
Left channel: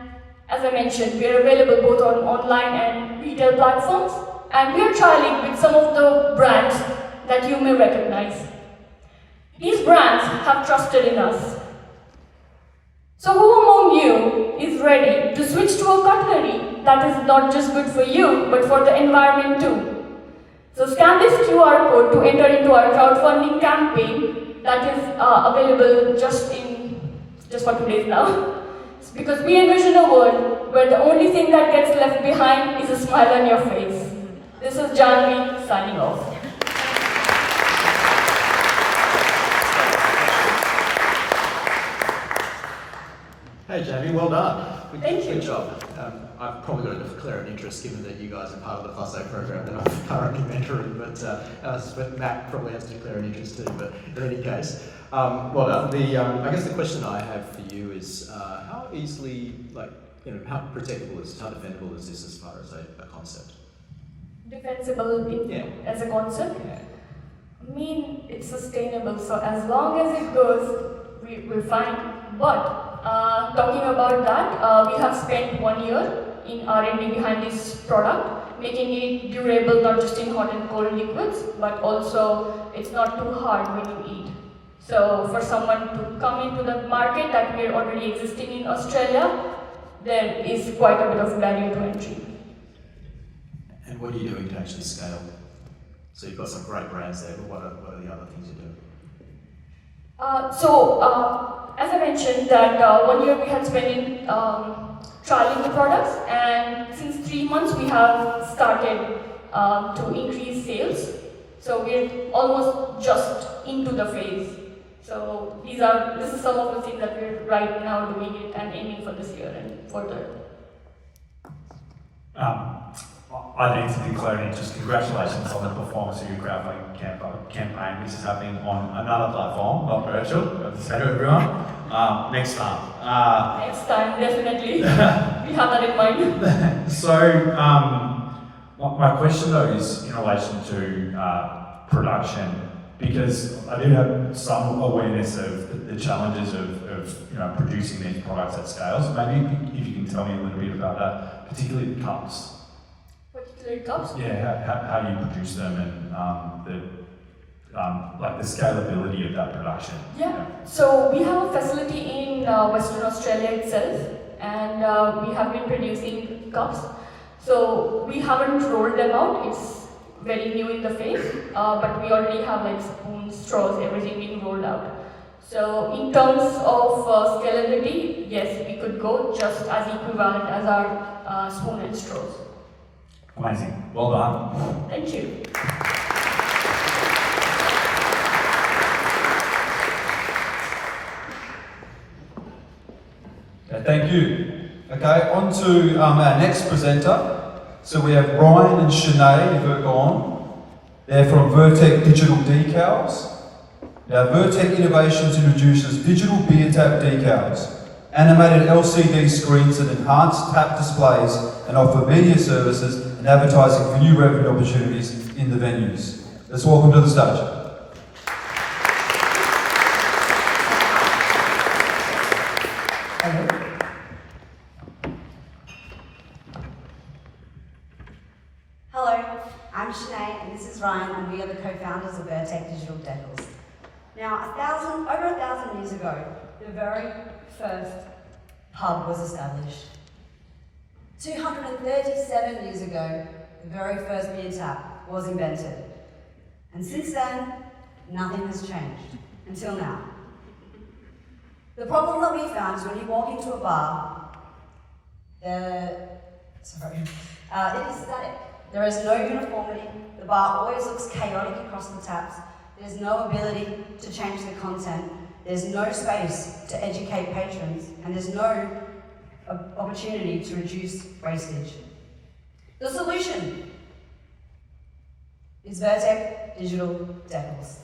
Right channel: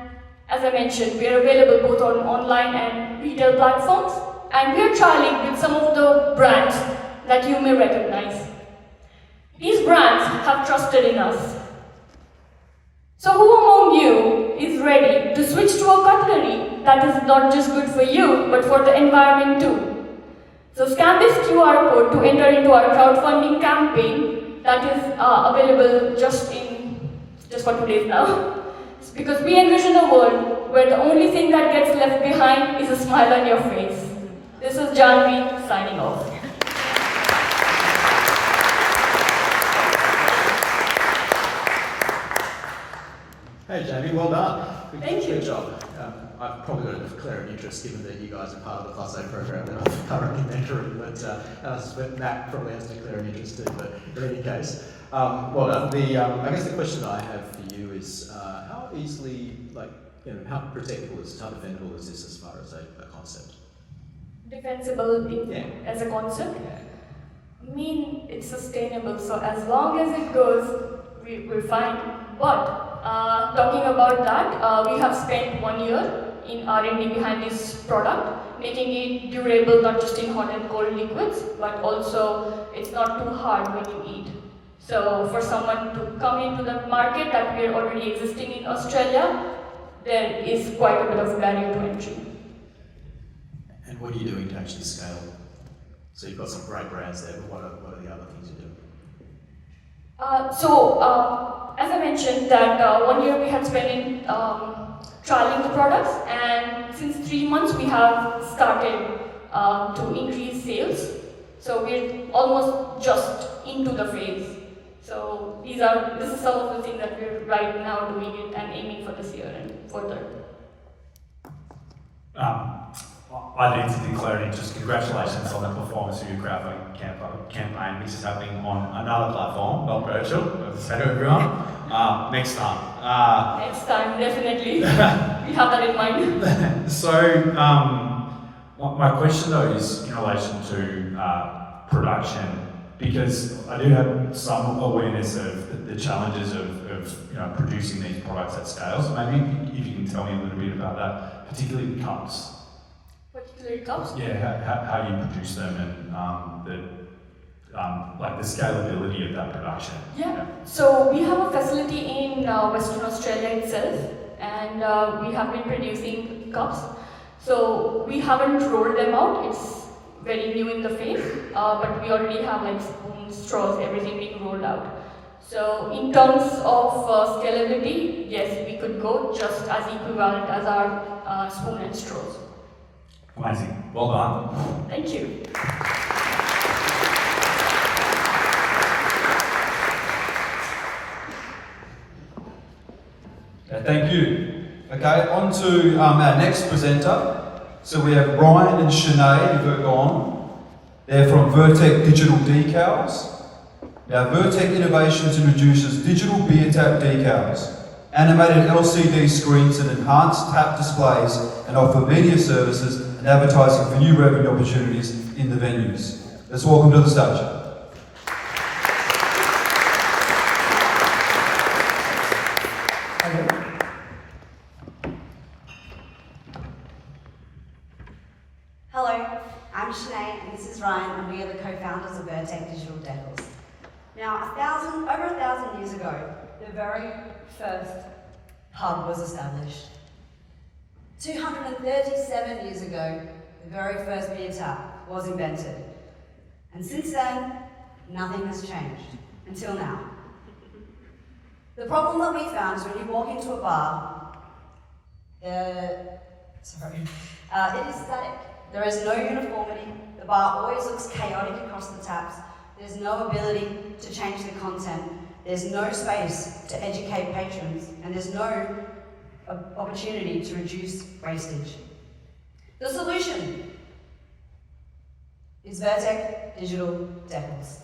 as I mentioned, we are available both on online and retail platforms, and we are trialing with some of the brands that you may recognize. These brands have trusted in us. So who among you is ready to switch to a cutlery that is not just good for you, but for the environment too? So scan this QR code to enter into our crowdfunding campaign that is available just for 2 days now. Because we envision a world where the only thing that gets left behind is a smile on your face. This is Janvi signing off. Hey Jamie, well done. Thank you. Good job. I've probably got to declare an interest given that you guys are part of the FOSSO program that I'm currently mentoring, but Matt probably has to declare an interest too, but in any case, well done. I guess the question I have for you is how easily, how protectable is this, how defendable is this as far as a concept? Defensible as a concept? Yeah. I mean, it's sustainable, so as long as it goes, we're fine. But talking about that, we have spent 1 year in R&D behind this product, making it durable not just in hot and cold liquids, but also it's not too hard when you eat. So for someone to come into the market that we are already existing in Australia, there is quite a bit of barrier to entry. And what are you doing to actually scale? So you've got some great brands there, but what are the other things you're doing? As I mentioned, that 1 year we had spent in trialing the products, and since 3 months we have started to increase sales. So we're almost just into the phase. So this is some of the things that we're right now doing it and aiming for this year and further. I need to declare an interest. Congratulations on the performance of your crowdfunding campaign, which is happening on another platform, not virtual. As I say to everyone, next time. Next time, definitely. We have that in mind. So, my question though is in relation to production, because I do have some awareness of the challenges of producing these products at scale. So maybe if you can tell me a little bit about that, particularly the cups. Particular cups? Yeah, how you produce them and the scalability of that production. Yeah, so we have a facility in Western Australia itself, and we have been producing cups. So we haven't rolled them out, it's very new in the phase, but we already have spoons, straws, everything being rolled out. So in terms of scalability, yes, we could go just as equivalent as our spoon and straws. Amazing, well done. Thank you. Okay, thank you. Okay, on to our next presenter. So we have Ryan and Sinead who go on. They're from Vertec Digital Decals. Now, Vertec Innovations introduces digital beer tap decals, animated LCD screens that enhance tap displays and offer media services and advertising for new revenue opportunities in the venues. Let's welcome to the stage. Hello, I'm Sinead and this is Ryan, and we are the co-founders of Vertec Digital Decals. Now, over 1,000 years ago, the very first pub was established. 237 years ago, the very first beer tap was invented. And since then, nothing has changed, until now. The problem that we found is when you walk into a bar, it is static. There is no uniformity. The bar always looks chaotic across the taps. There's no ability to change the content. There's no space to educate patrons, and there's no opportunity to reduce wastage. The solution is Vertec Digital Decals.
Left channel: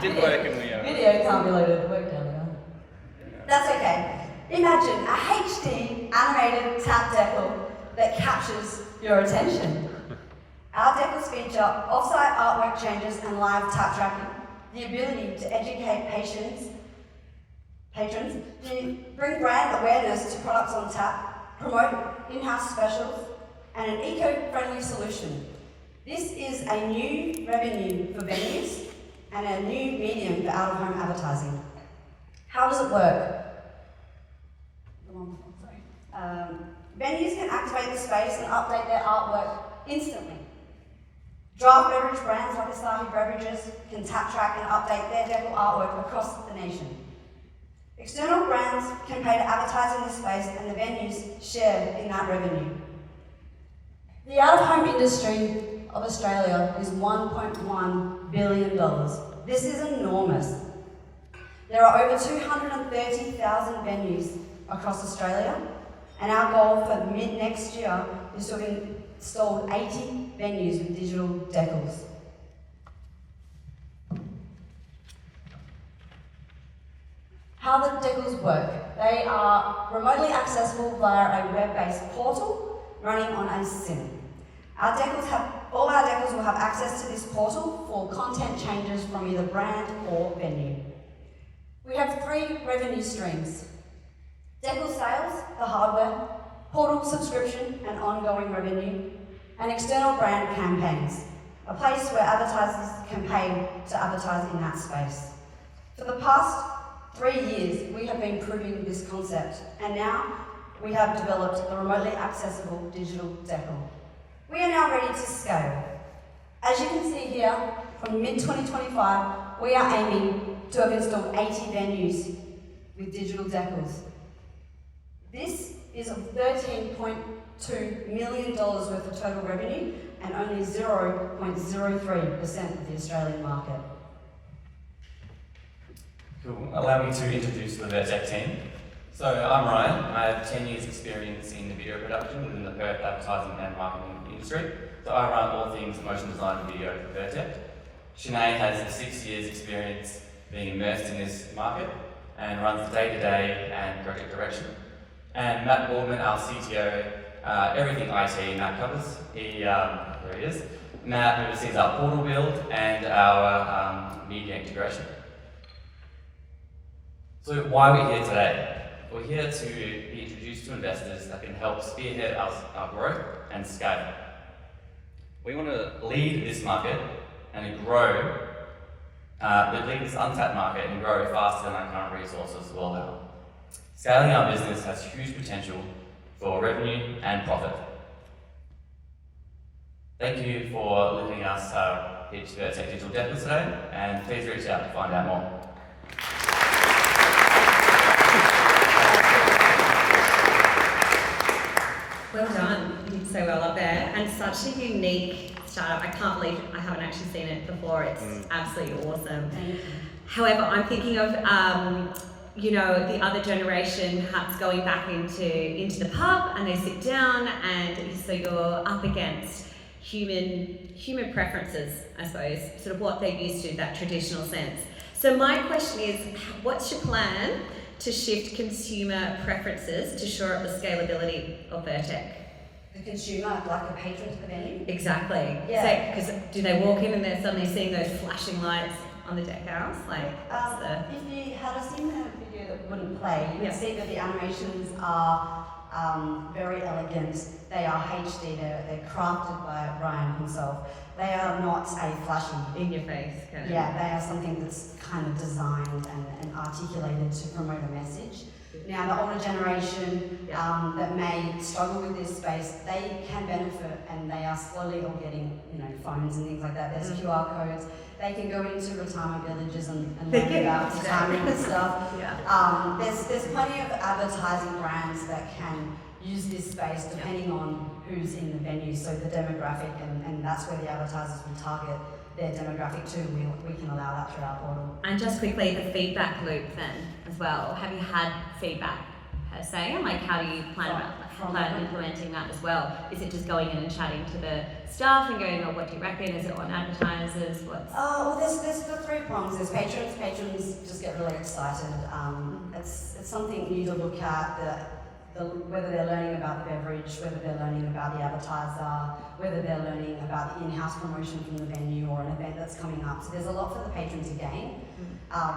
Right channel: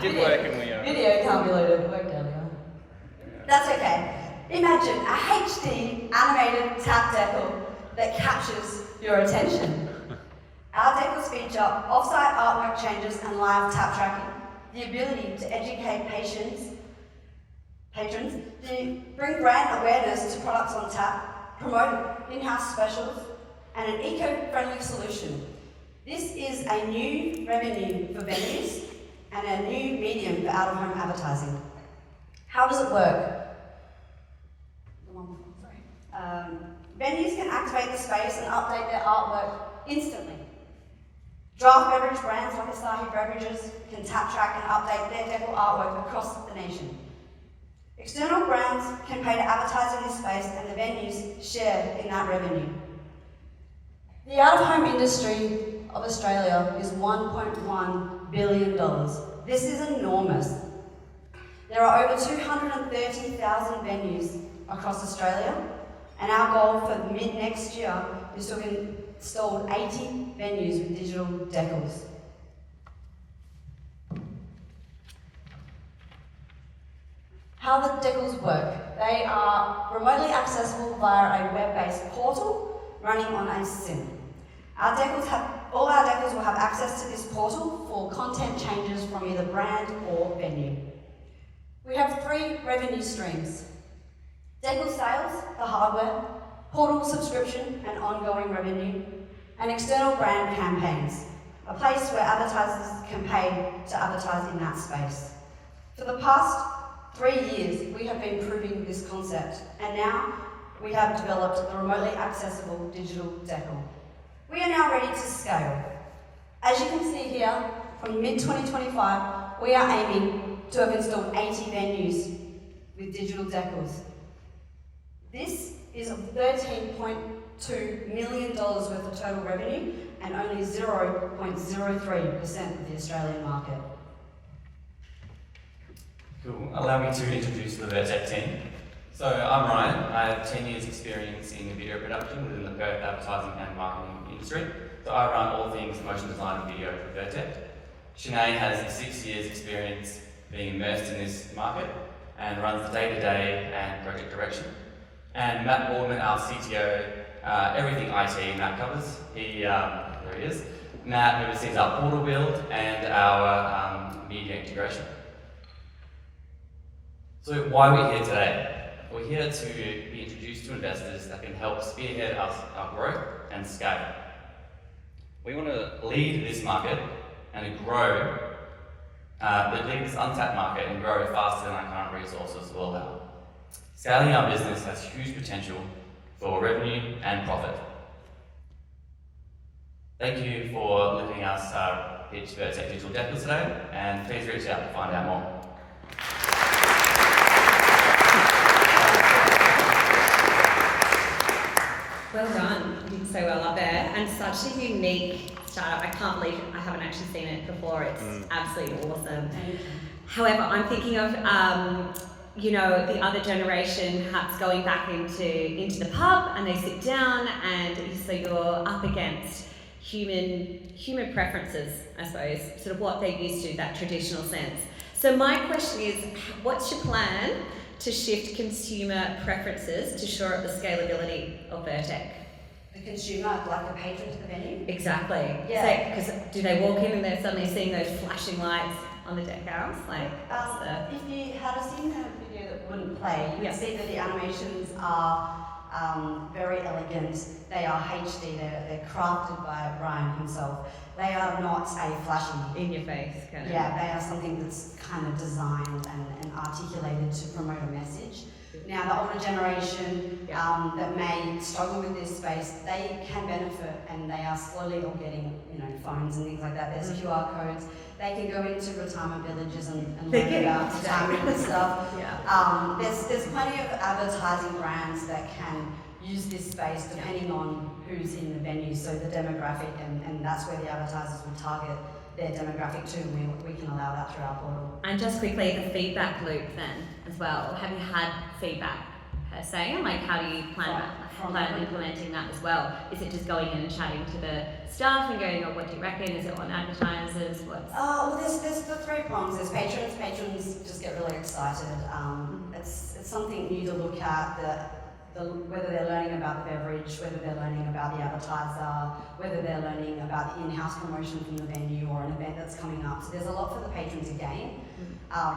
Video can't be loaded, worked earlier. That's okay. Imagine a HD animated tap decal that captures your attention. Our decals feature off-site artwork changes and live tap tracking, the ability to educate patrons, to bring brand awareness to products on tap, promote in-house specials, and an eco-friendly solution. This is a new revenue for venues and a new medium for out-of-home advertising. How does it work? Venues can activate the space and update their artwork instantly. Draft beverage brands like Asahi Beverages can tap track and update their decor artwork across the nation. External brands can pay to advertise in this space and the venues share in that revenue. The out-of-home industry of Australia is $1.1 billion. This is enormous. There are over 230,000 venues across Australia, and our goal for mid-next year is to install 80 venues with digital decals. How the decals work. They are remotely accessible via a web-based portal running on a SIM. All our decals will have access to this portal for content changes from either brand or venue. We have 3 revenue streams: decal sales, the hardware, portal subscription and ongoing revenue, and external brand campaigns, a place where advertisers can pay to advertise in that space. For the past 3 years, we have been proving this concept, and now we have developed the remotely accessible digital decal. We are now ready to scale. As you can see here, from mid-2025, we are aiming to have installed 80 venues with digital decals. This is $13.2 million worth of total revenue and only 0.03% of the Australian market. Cool. Allow me to introduce the Vertec team. So I'm Ryan. I have 10 years experience in video production within the Perth advertising and marketing industry. So I run all things motion design and video for Vertec. Sinead has 6 years experience being immersed in this market and runs the day-to-day and project direction. And Matt Boardman, our CTO, everything IT Matt covers. Here he is. Matt oversees our portal build and our media integration. So why are we here today? We're here to be introduced to investors that can help spearhead our growth and scale. We want to lead this market and grow, lead this untapped market and grow faster than our current resources will allow. Scaling our business has huge potential for revenue and profit. Thank you for letting us pitch Vertec Digital Decals today, and please reach out to find out more. Well done, you did so well up there, and such a unique startup. I can't believe I haven't actually seen it before. It's absolutely awesome. However, I'm thinking of you know, the other generation perhaps going back into the pub and they sit down, and so you're up against human preferences, I suppose, sort of what they're used to, that traditional sense. So my question is, what's your plan to shift consumer preferences to shore up the scalability of Vertec? The consumer, like the patron to the venue? Exactly. Yeah. Because do they walk in and they're suddenly seeing those flashing lights on the decals? Like, if you had seen the video that wouldn't play, you would see that the animations are very elegant. They are HD. They're crafted by Ryan himself. They are not a flashy, in your face kind of. Yeah, they are something that's kind of designed and articulated to promote a message. Now, the older generation that may struggle with this space, they can benefit, and they are slowly all getting, you know, phones and things like that. There's QR codes. They can go into retirement villages and learn about retirement and stuff. There's plenty of advertising brands that can use this space depending on who's in the venue, so the demographic, and that's where the advertisers will target their demographic too, and we can allow that through our portal. And just quickly, the feedback loop then as well. Have you had feedback per se, and like how do you plan implementing that as well? Is it just going in and chatting to the staff and going, oh, what do you reckon? Is it on advertisers? Well, there's the 3 prongs. There's patrons. Patrons just get really excited. It's something new to look at. Whether they're learning about the beverage, whether they're learning about the advertiser, whether they're learning about the in-house promotion from the venue or an event that's coming up. So there's a lot for the patron to gain.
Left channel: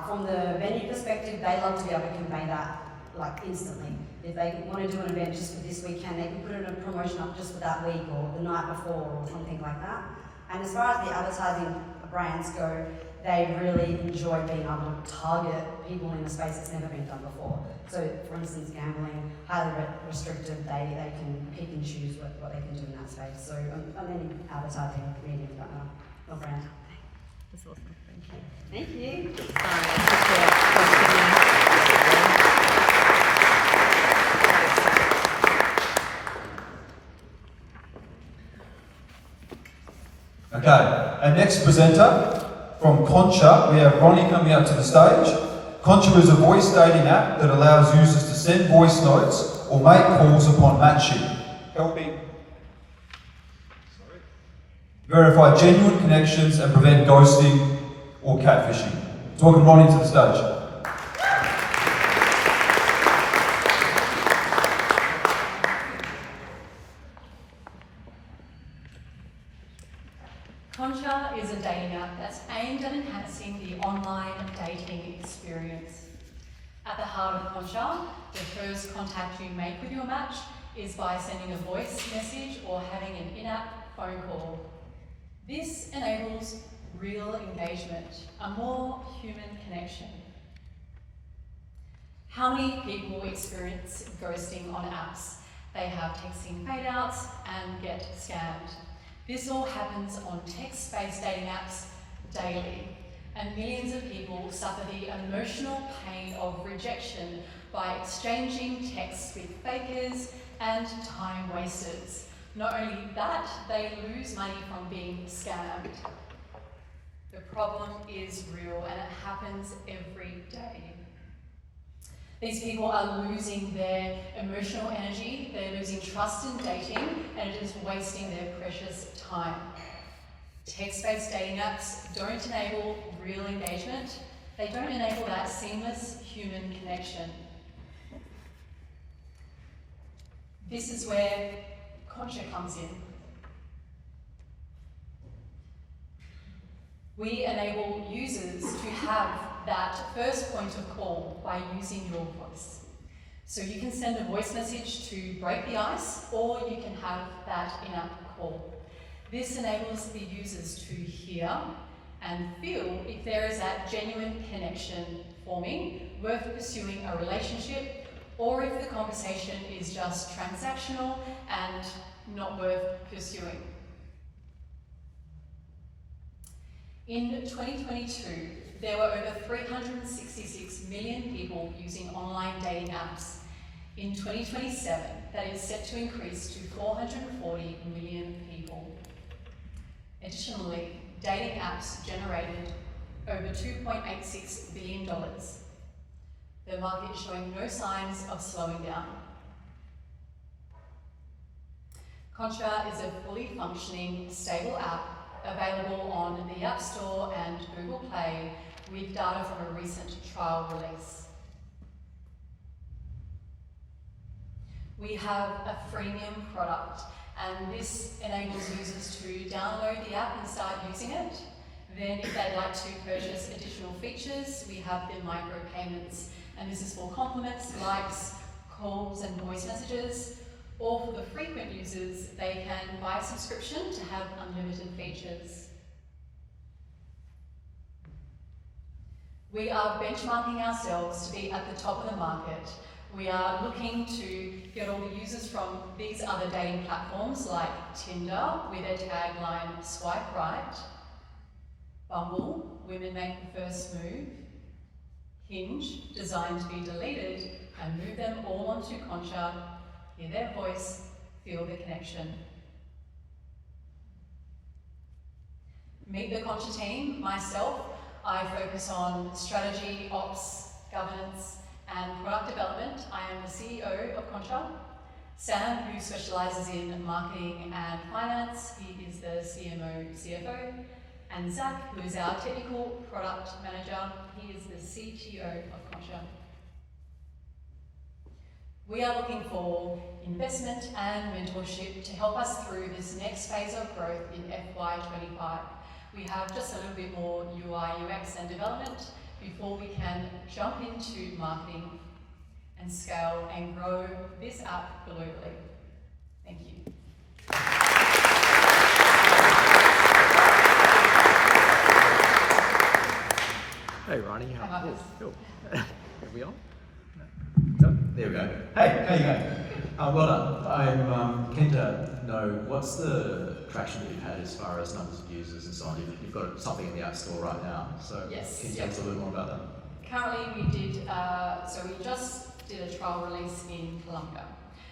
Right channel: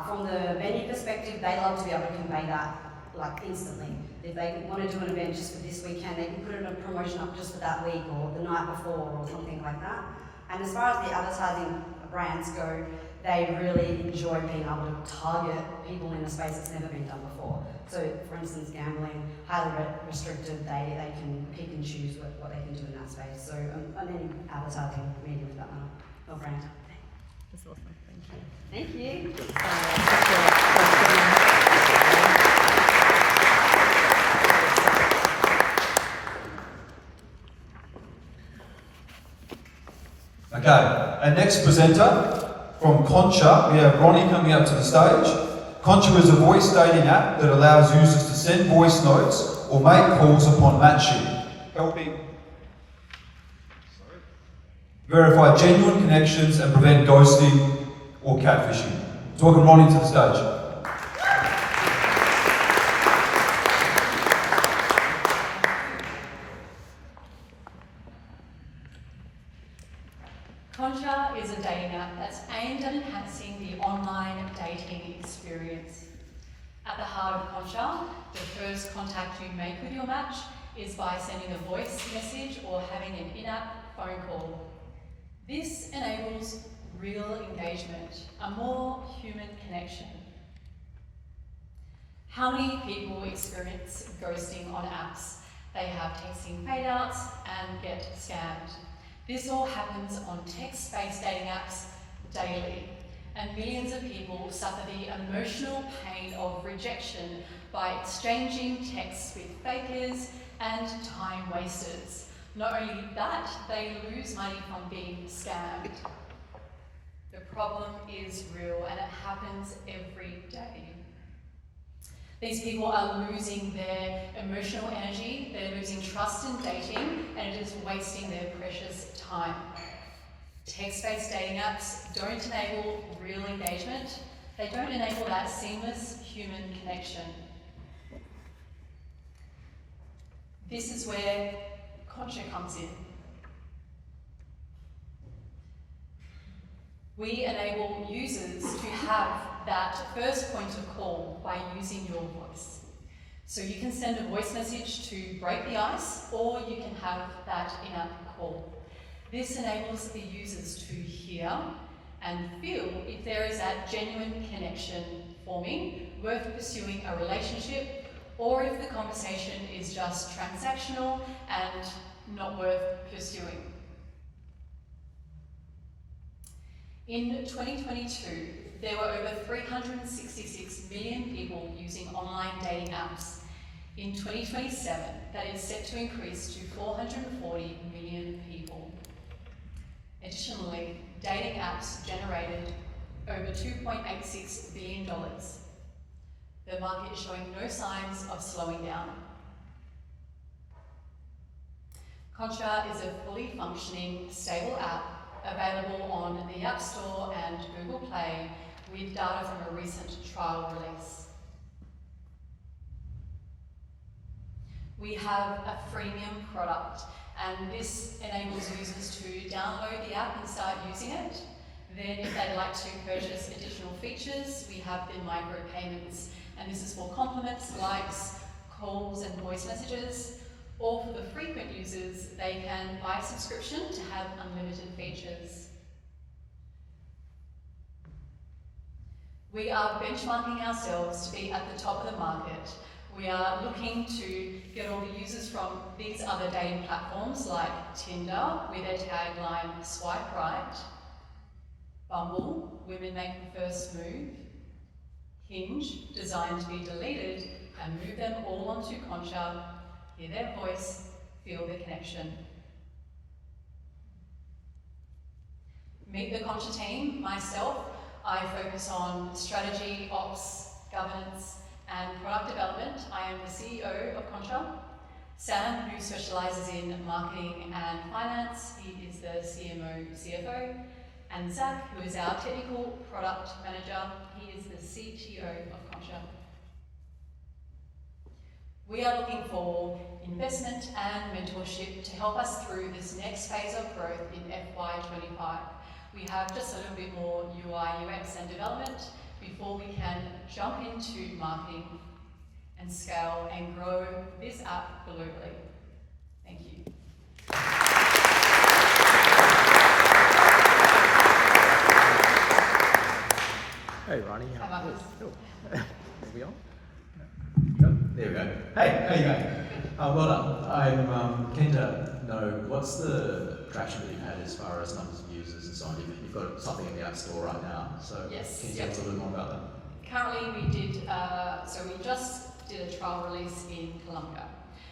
From the venue perspective, they love to be able to convey that like instantly. If they want to do an event just for this weekend, they can put in a promotion up just for that week or the night before or something like that. And as far as the advertising brands go, they really enjoy being able to target people in a space that's never been done before. So, for instance, gambling, highly restricted, they can pick and choose what they can do in that space. So, on any advertising medium, for that matter, or brand. That's awesome. Thank you. Thank you. Sorry, just a Okay, our next presenter from Concha, we have Ronnie coming up to the stage. Concha is a voice dating app that allows users to send voice notes or make calls upon matching, helping verify genuine connections and prevent ghosting or catfishing. Welcome Ronnie to the stage. Concha is a dating app that's aimed at enhancing the online dating experience. At the heart of Concha, the first contact you make with your match is by sending a voice message or having an in-app phone call. This enables real engagement, a more human connection. How many people experience ghosting on apps? They have texting fade-outs and get scammed. This all happens on text-based dating apps daily, and millions of people suffer the emotional pain of rejection by exchanging texts with fakers and time wasters. Not only that, they lose money from being scammed. The problem is real and it happens every day. These people are losing their emotional energy, they're losing trust in dating, and it is wasting their precious time. Text-based dating apps don't enable real engagement, they don't enable that seamless human connection. This is where Concha comes in. We enable users to have that first point of call by using your voice. So you can send a voice message to break the ice, or you can have that in-app call. This enables the users to hear and feel if there is that genuine connection forming, worth pursuing a relationship, or if the conversation is just transactional and not worth pursuing. In 2022, there were over 366 million people using online dating apps. In 2027, that is set to increase to 440 million people. Additionally, dating apps generated over $2.86 billion. The market is showing no signs of slowing down. Concha is a fully functioning, stable app available on the App Store and Google Play with data from a recent trial release. We have a freemium product, and this enables users to download the app and start using it. Then if they'd like to purchase additional features, we have the micropayments, and this is for compliments, likes, calls and voice messages. Or for the frequent users, they can buy a subscription to have unlimited features. We are benchmarking ourselves to be at the top of the market. We are looking to get all the users from these other dating platforms like Tinder with their tagline, swipe right, Bumble, women make the first move, Hinge, designed to be deleted, and move them all onto Concha. Hear their voice, feel the connection. Meet the Concha team. Myself, I focus on strategy, ops, governance, and product development. I am the CEO of Concha. Sam, who specialises in marketing and finance, he is the CMO, CFO. And Zach, who is our technical product manager, he is the CTO of Concha. We are looking for investment and mentorship to help us through this next phase of growth in FY25. We have just a little bit more UI, UX and development before we can jump into marketing and scale and grow this app globally. Thank you. Hey Ronnie, Hi, Marcus. cool. Are we on? No. what's the traction that you've had as far as numbers of users and so on? You've got something in the App Store right now, so Yes, can you tell us a little more about that? Currently, we just did a trial release in Colombia.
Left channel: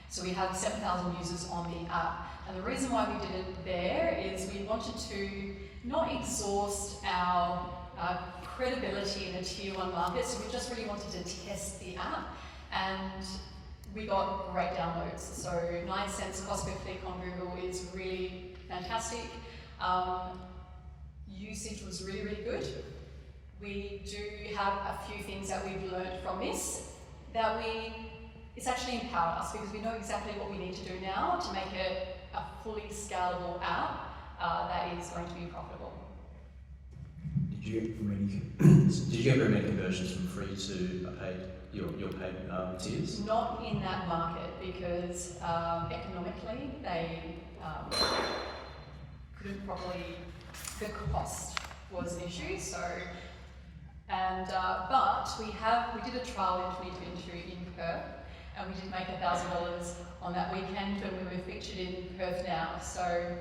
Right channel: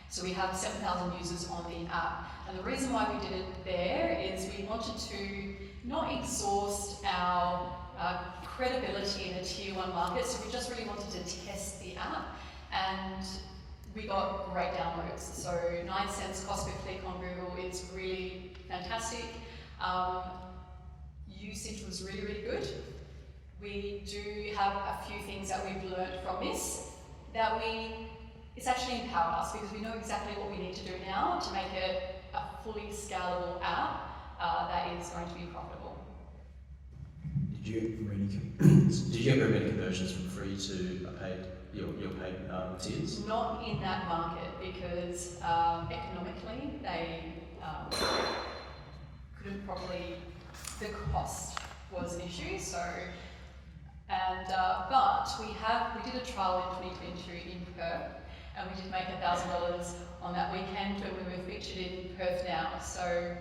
So we have 7,000 users on the app. And the reason why we did it there is we wanted to not exhaust our credibility in the tier 1 market, so we just really wanted to test the app. And we got great downloads. So 9 cents cost per click on Google is really fantastic. Usage was really, really good. We do have a few things that we've learned from this it's actually empowered us because we know exactly what we need to do now to make it a fully scalable app that is going to be profitable. Did you get very many conversions from free to your paid tiers? Not in that market because economically they couldn't properly, the cost was an issue. But we did a trial in 2022 in Perth, and we did make $1,000 on that weekend when we were featured in Perth now. So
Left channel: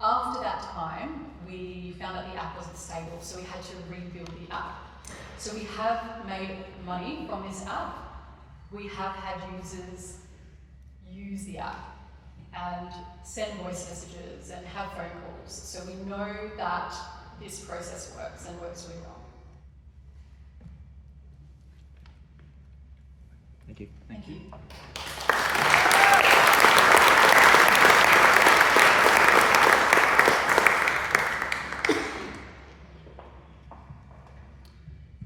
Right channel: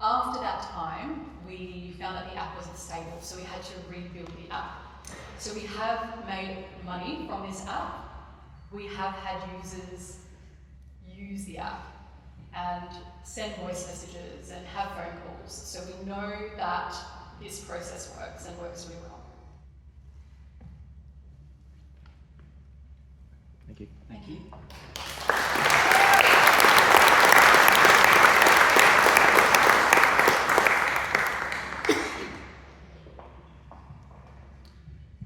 after that time, we found that the app wasn't stable, so we had to rebuild the app. So we have made money from this app. We have had users use the app and send voice messages and have phone calls. So we know that this process works and works really well. Thank you. Thank you.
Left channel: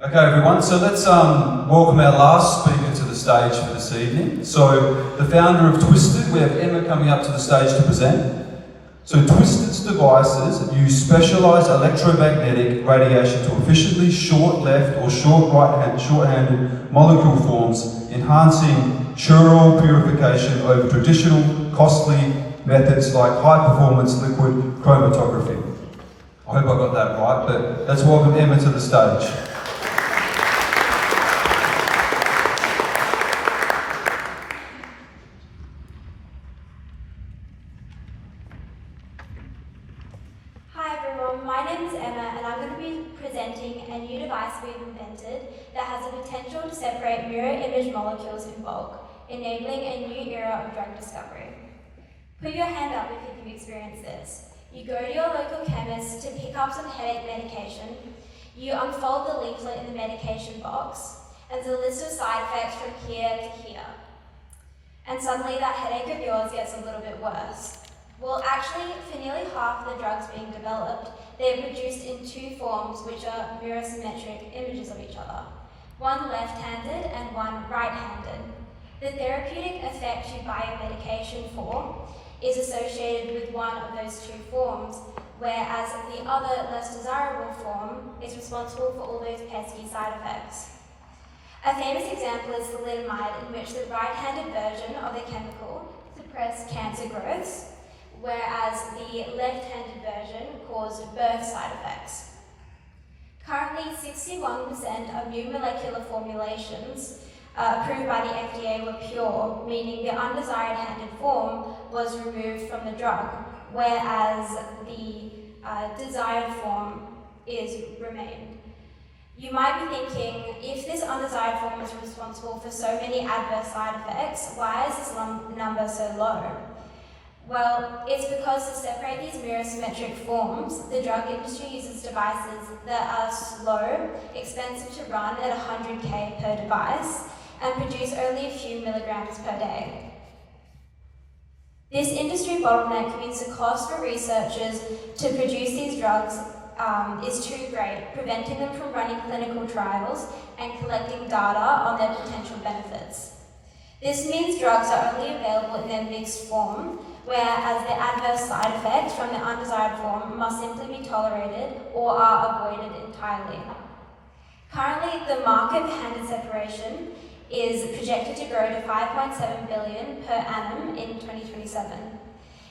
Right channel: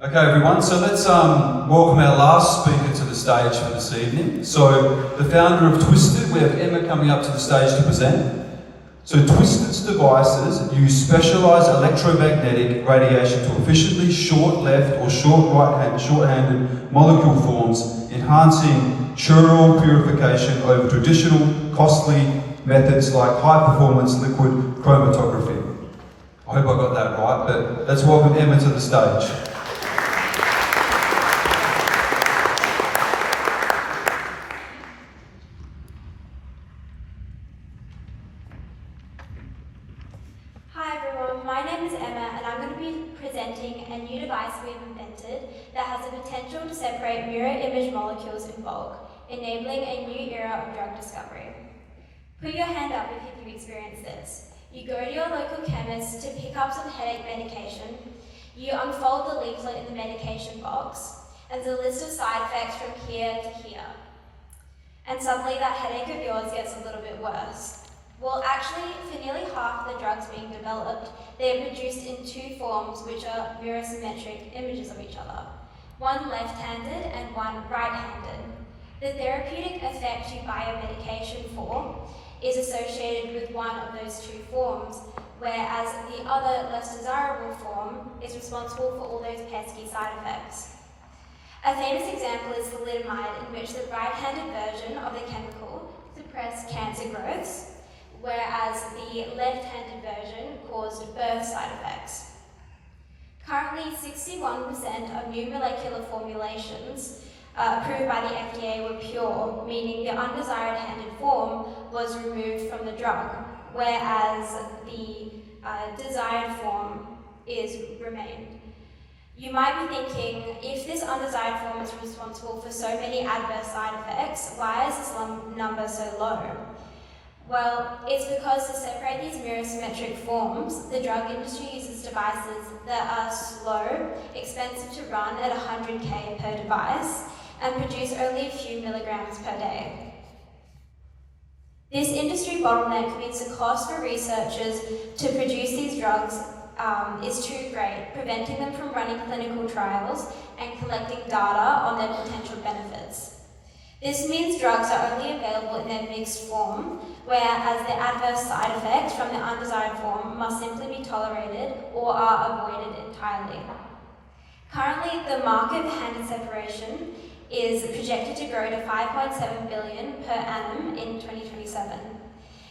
Okay, everyone, so let's welcome our last speaker to the stage for this evening. So, the founder of Twisted, we have Emma coming up to the stage to present. So, Twisted's devices use specialised electromagnetic radiation to efficiently short left or short-handed molecule forms, enhancing chiral purification over traditional, costly methods like high-performance liquid chromatography. I hope I got that right, but let's welcome Emma to the stage. Hi everyone, my name is Emma and I'm going to be presenting a new device we've invented that has the potential to separate mirror image molecules in bulk, enabling a new era of drug discovery. Put your hand up if you've experienced this. You go to your local chemist to pick up some headache medication, you unfold the leaflet in the medication box, and there's a list of side effects from here to here. And suddenly that headache of yours gets a little bit worse. Well, actually, for nearly half the drugs being developed, they are produced in 2 forms which are mirror symmetric images of each other, one left-handed and one right-handed. The therapeutic effect you buy a medication for is associated with one of those 2 forms, whereas the other, less desirable form is responsible for all those pesky side effects. A famous example is thalidomide, in which the right-handed version of the chemical suppressed cancer growths, whereas the left-handed version caused birth side effects. Currently, 61% of new molecular formulations approved by the FDA were pure, meaning the undesired handed form was removed from the drug, whereas the desired form remained. You might be thinking, if this undesired form is responsible for so many adverse side effects, why is this number so low? Well, it's because to separate these mirror symmetric forms, the drug industry uses devices that are slow, expensive to run at 100K per device, and produce only a few milligrams per day. This industry bottleneck means the cost for researchers to produce these drugs is too great, preventing them from running clinical trials and collecting data on their potential benefits. This means drugs are only available in their mixed form, whereas the adverse side effects from the undesired form must simply be tolerated or are avoided entirely. Currently, the market for handed separation is projected to grow to 5.7 billion per annum in 2027.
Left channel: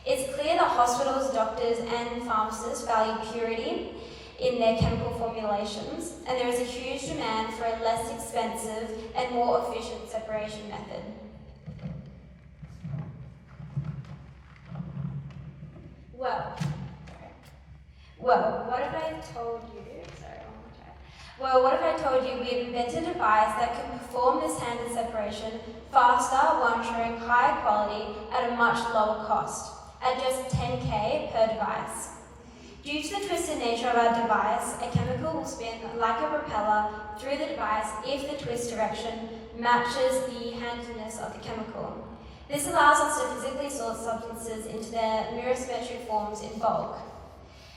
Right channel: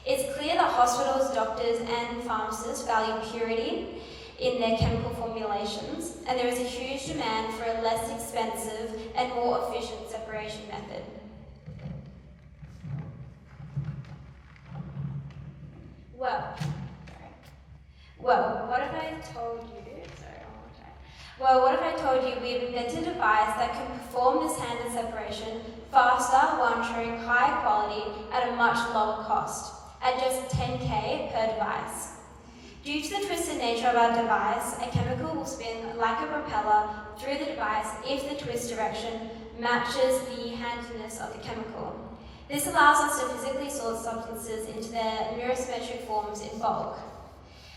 It's clear that hospitals, doctors, and pharmacists value purity in their chemical formulations, and there is a huge demand for a less expensive and more efficient separation method. What if I told you? Well, what if I told you we have invented a device that can perform this handed separation faster while ensuring higher quality at a much lower cost, at just 10K per device. Due to the twisted nature of our device, a chemical will spin like a propeller through the device if the twist direction matches the handedness of the chemical. This allows us to physically sort substances into their mirror-symmetric forms in bulk.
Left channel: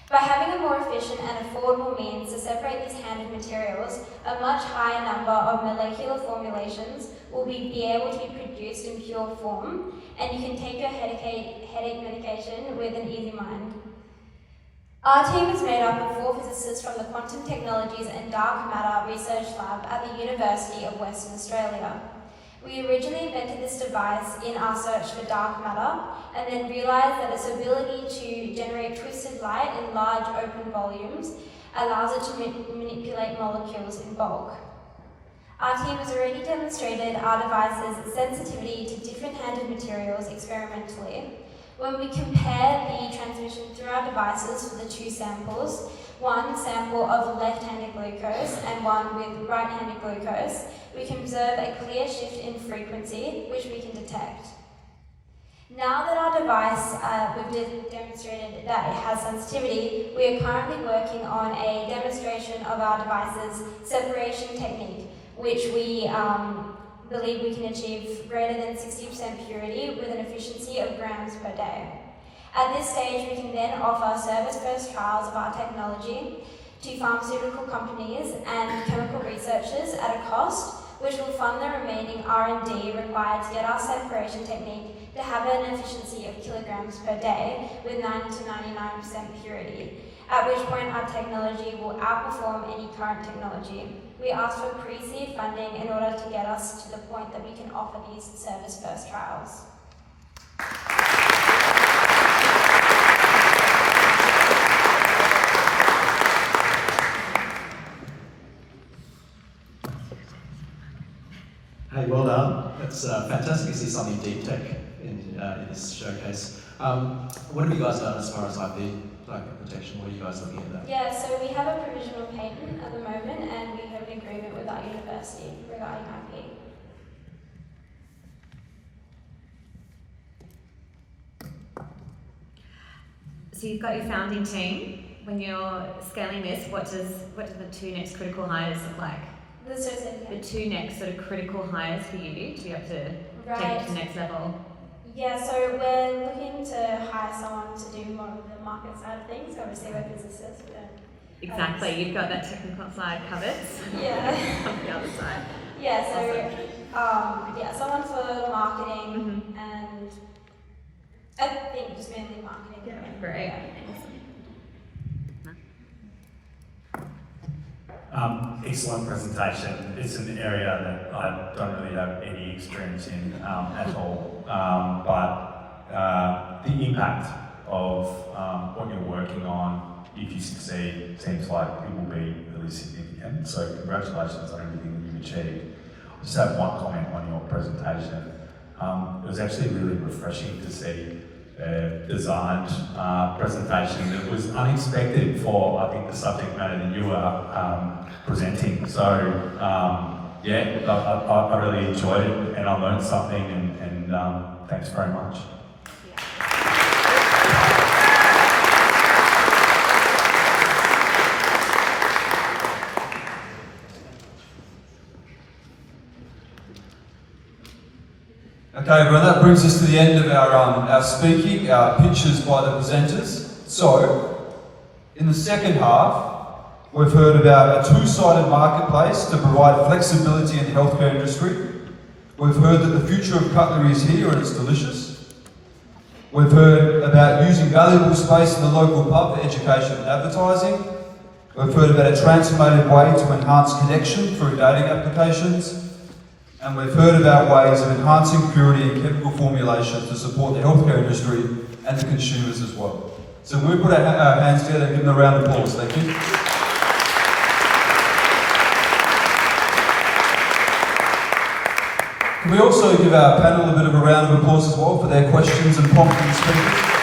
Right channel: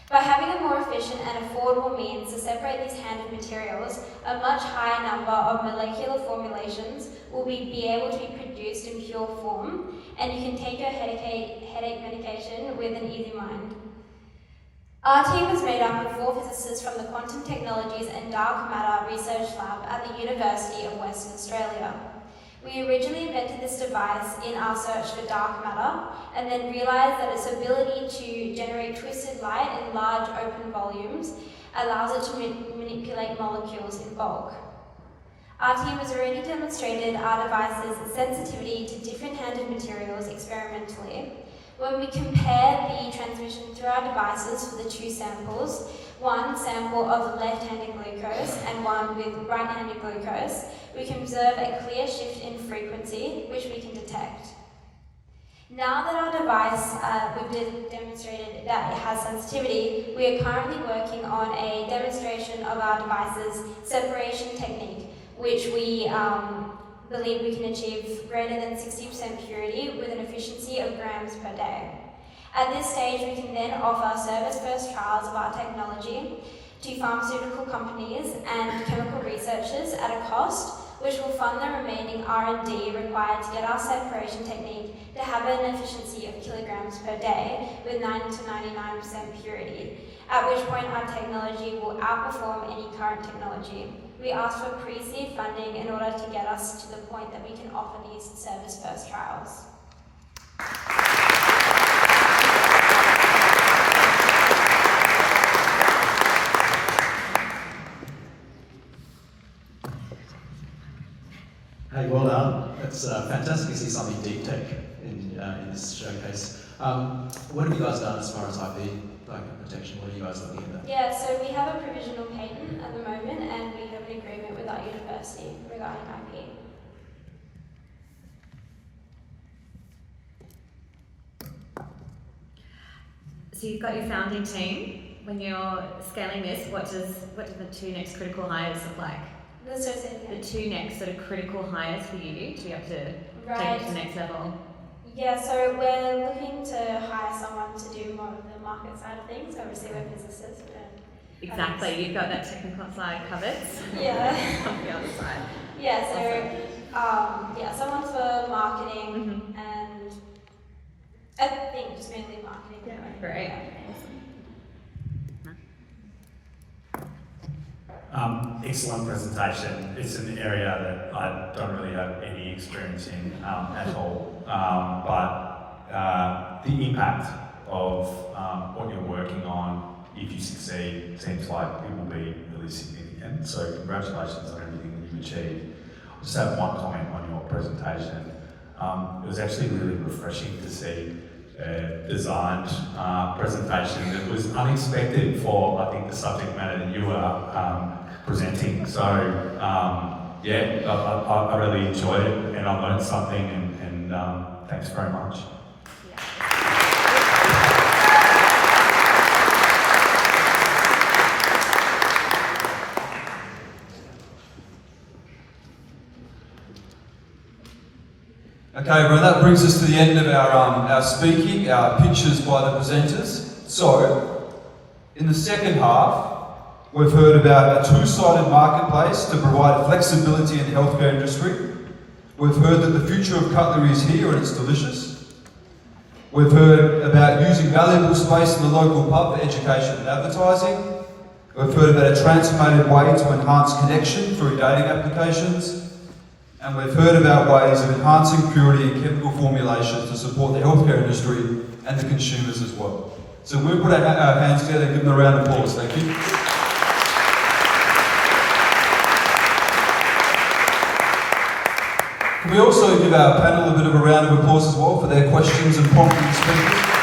By having a more efficient and affordable means to separate these handed materials, a much higher number of molecular formulations will be able to be produced in pure form, and you can take your headache medication with an easy mind. Our team is made up of 4 physicists from the Quantum Technologies and Dark Matter Research Lab at the University of Western Australia. We originally invented this device in our search for dark matter, and then realized that its ability to generate twisted light in large open volumes allows it to manipulate molecules in bulk. Our team has already demonstrated our device's sensitivity to different handed materials experimentally. When we compare the transmission through our devices for the 2 samples, one sample of left-handed glucose and one with right-handed glucose, we can observe a clear shift in frequency, which we can detect. Now that our device, we've demonstrated that it has sensitivity, we are currently working on a demonstration of our device's separation technique, which we believe we can achieve greater than 60% purity with an efficiency of grams per day. At this stage, we can then offer service-first trials of our technology to pharmaceutical companies and chemical researchers at a cost, which will fund the remaining R&D required to get our separation technique to have an efficiency of kilograms per day with 90 to 99% purity, at which point our technology will outperform any current technology. We ask for pre-seed funding in order to get us to the point that we can offer these service-first trials. Hey, well done. It's fantastic to see something deep tech in this showcase. What have you guys done as far as IP, like protection? What are you guys looking at there? Yeah, so we have a provisional patent at the moment, and we have an agreement with our university regarding IP. So you've got your founding team. When you're scaling this, what do the 2 next critical hires look like? The 2 next sort of critical hires for you to be able to take it to the next level. Yeah, so we're looking to hire someone to do more of the market side of things. So obviously we're physicists. Exactly, you've got that technical side covered. Yeah. On the other side. Yeah, so someone for marketing and I think just mainly marketing. Yeah, great. Awesome. Excellent presentation. It's an area that I don't really have any experience in at all, but the impact of what you're working on, if you succeed, seems like it will be really significant. So congratulations on everything that you've achieved. I just have one comment on your presentation. It was actually really refreshing to see a designed presentation that was unexpected for, I think, the subject matter that you were presenting. So yeah, I really enjoyed it and I learned something, and thanks very much. Okay, well that brings us to the end of our speaking, our pitches by the presenters. So, in the second half, we've heard about a 2-sided marketplace to provide flexibility in the healthcare industry. We've heard that the future of cutlery is here and it's delicious. We've heard about using valuable space in the local pub for education and advertising. We've heard about a transformative way to enhance connection through dating applications. And we've heard about ways of enhancing purity and chemical formulation to support the healthcare industry and the consumers as well. So we'll put our hands together and give them a round of applause. Thank you. Can we also give our panel a bit of a round of applause as well for their questions and prompting speakers?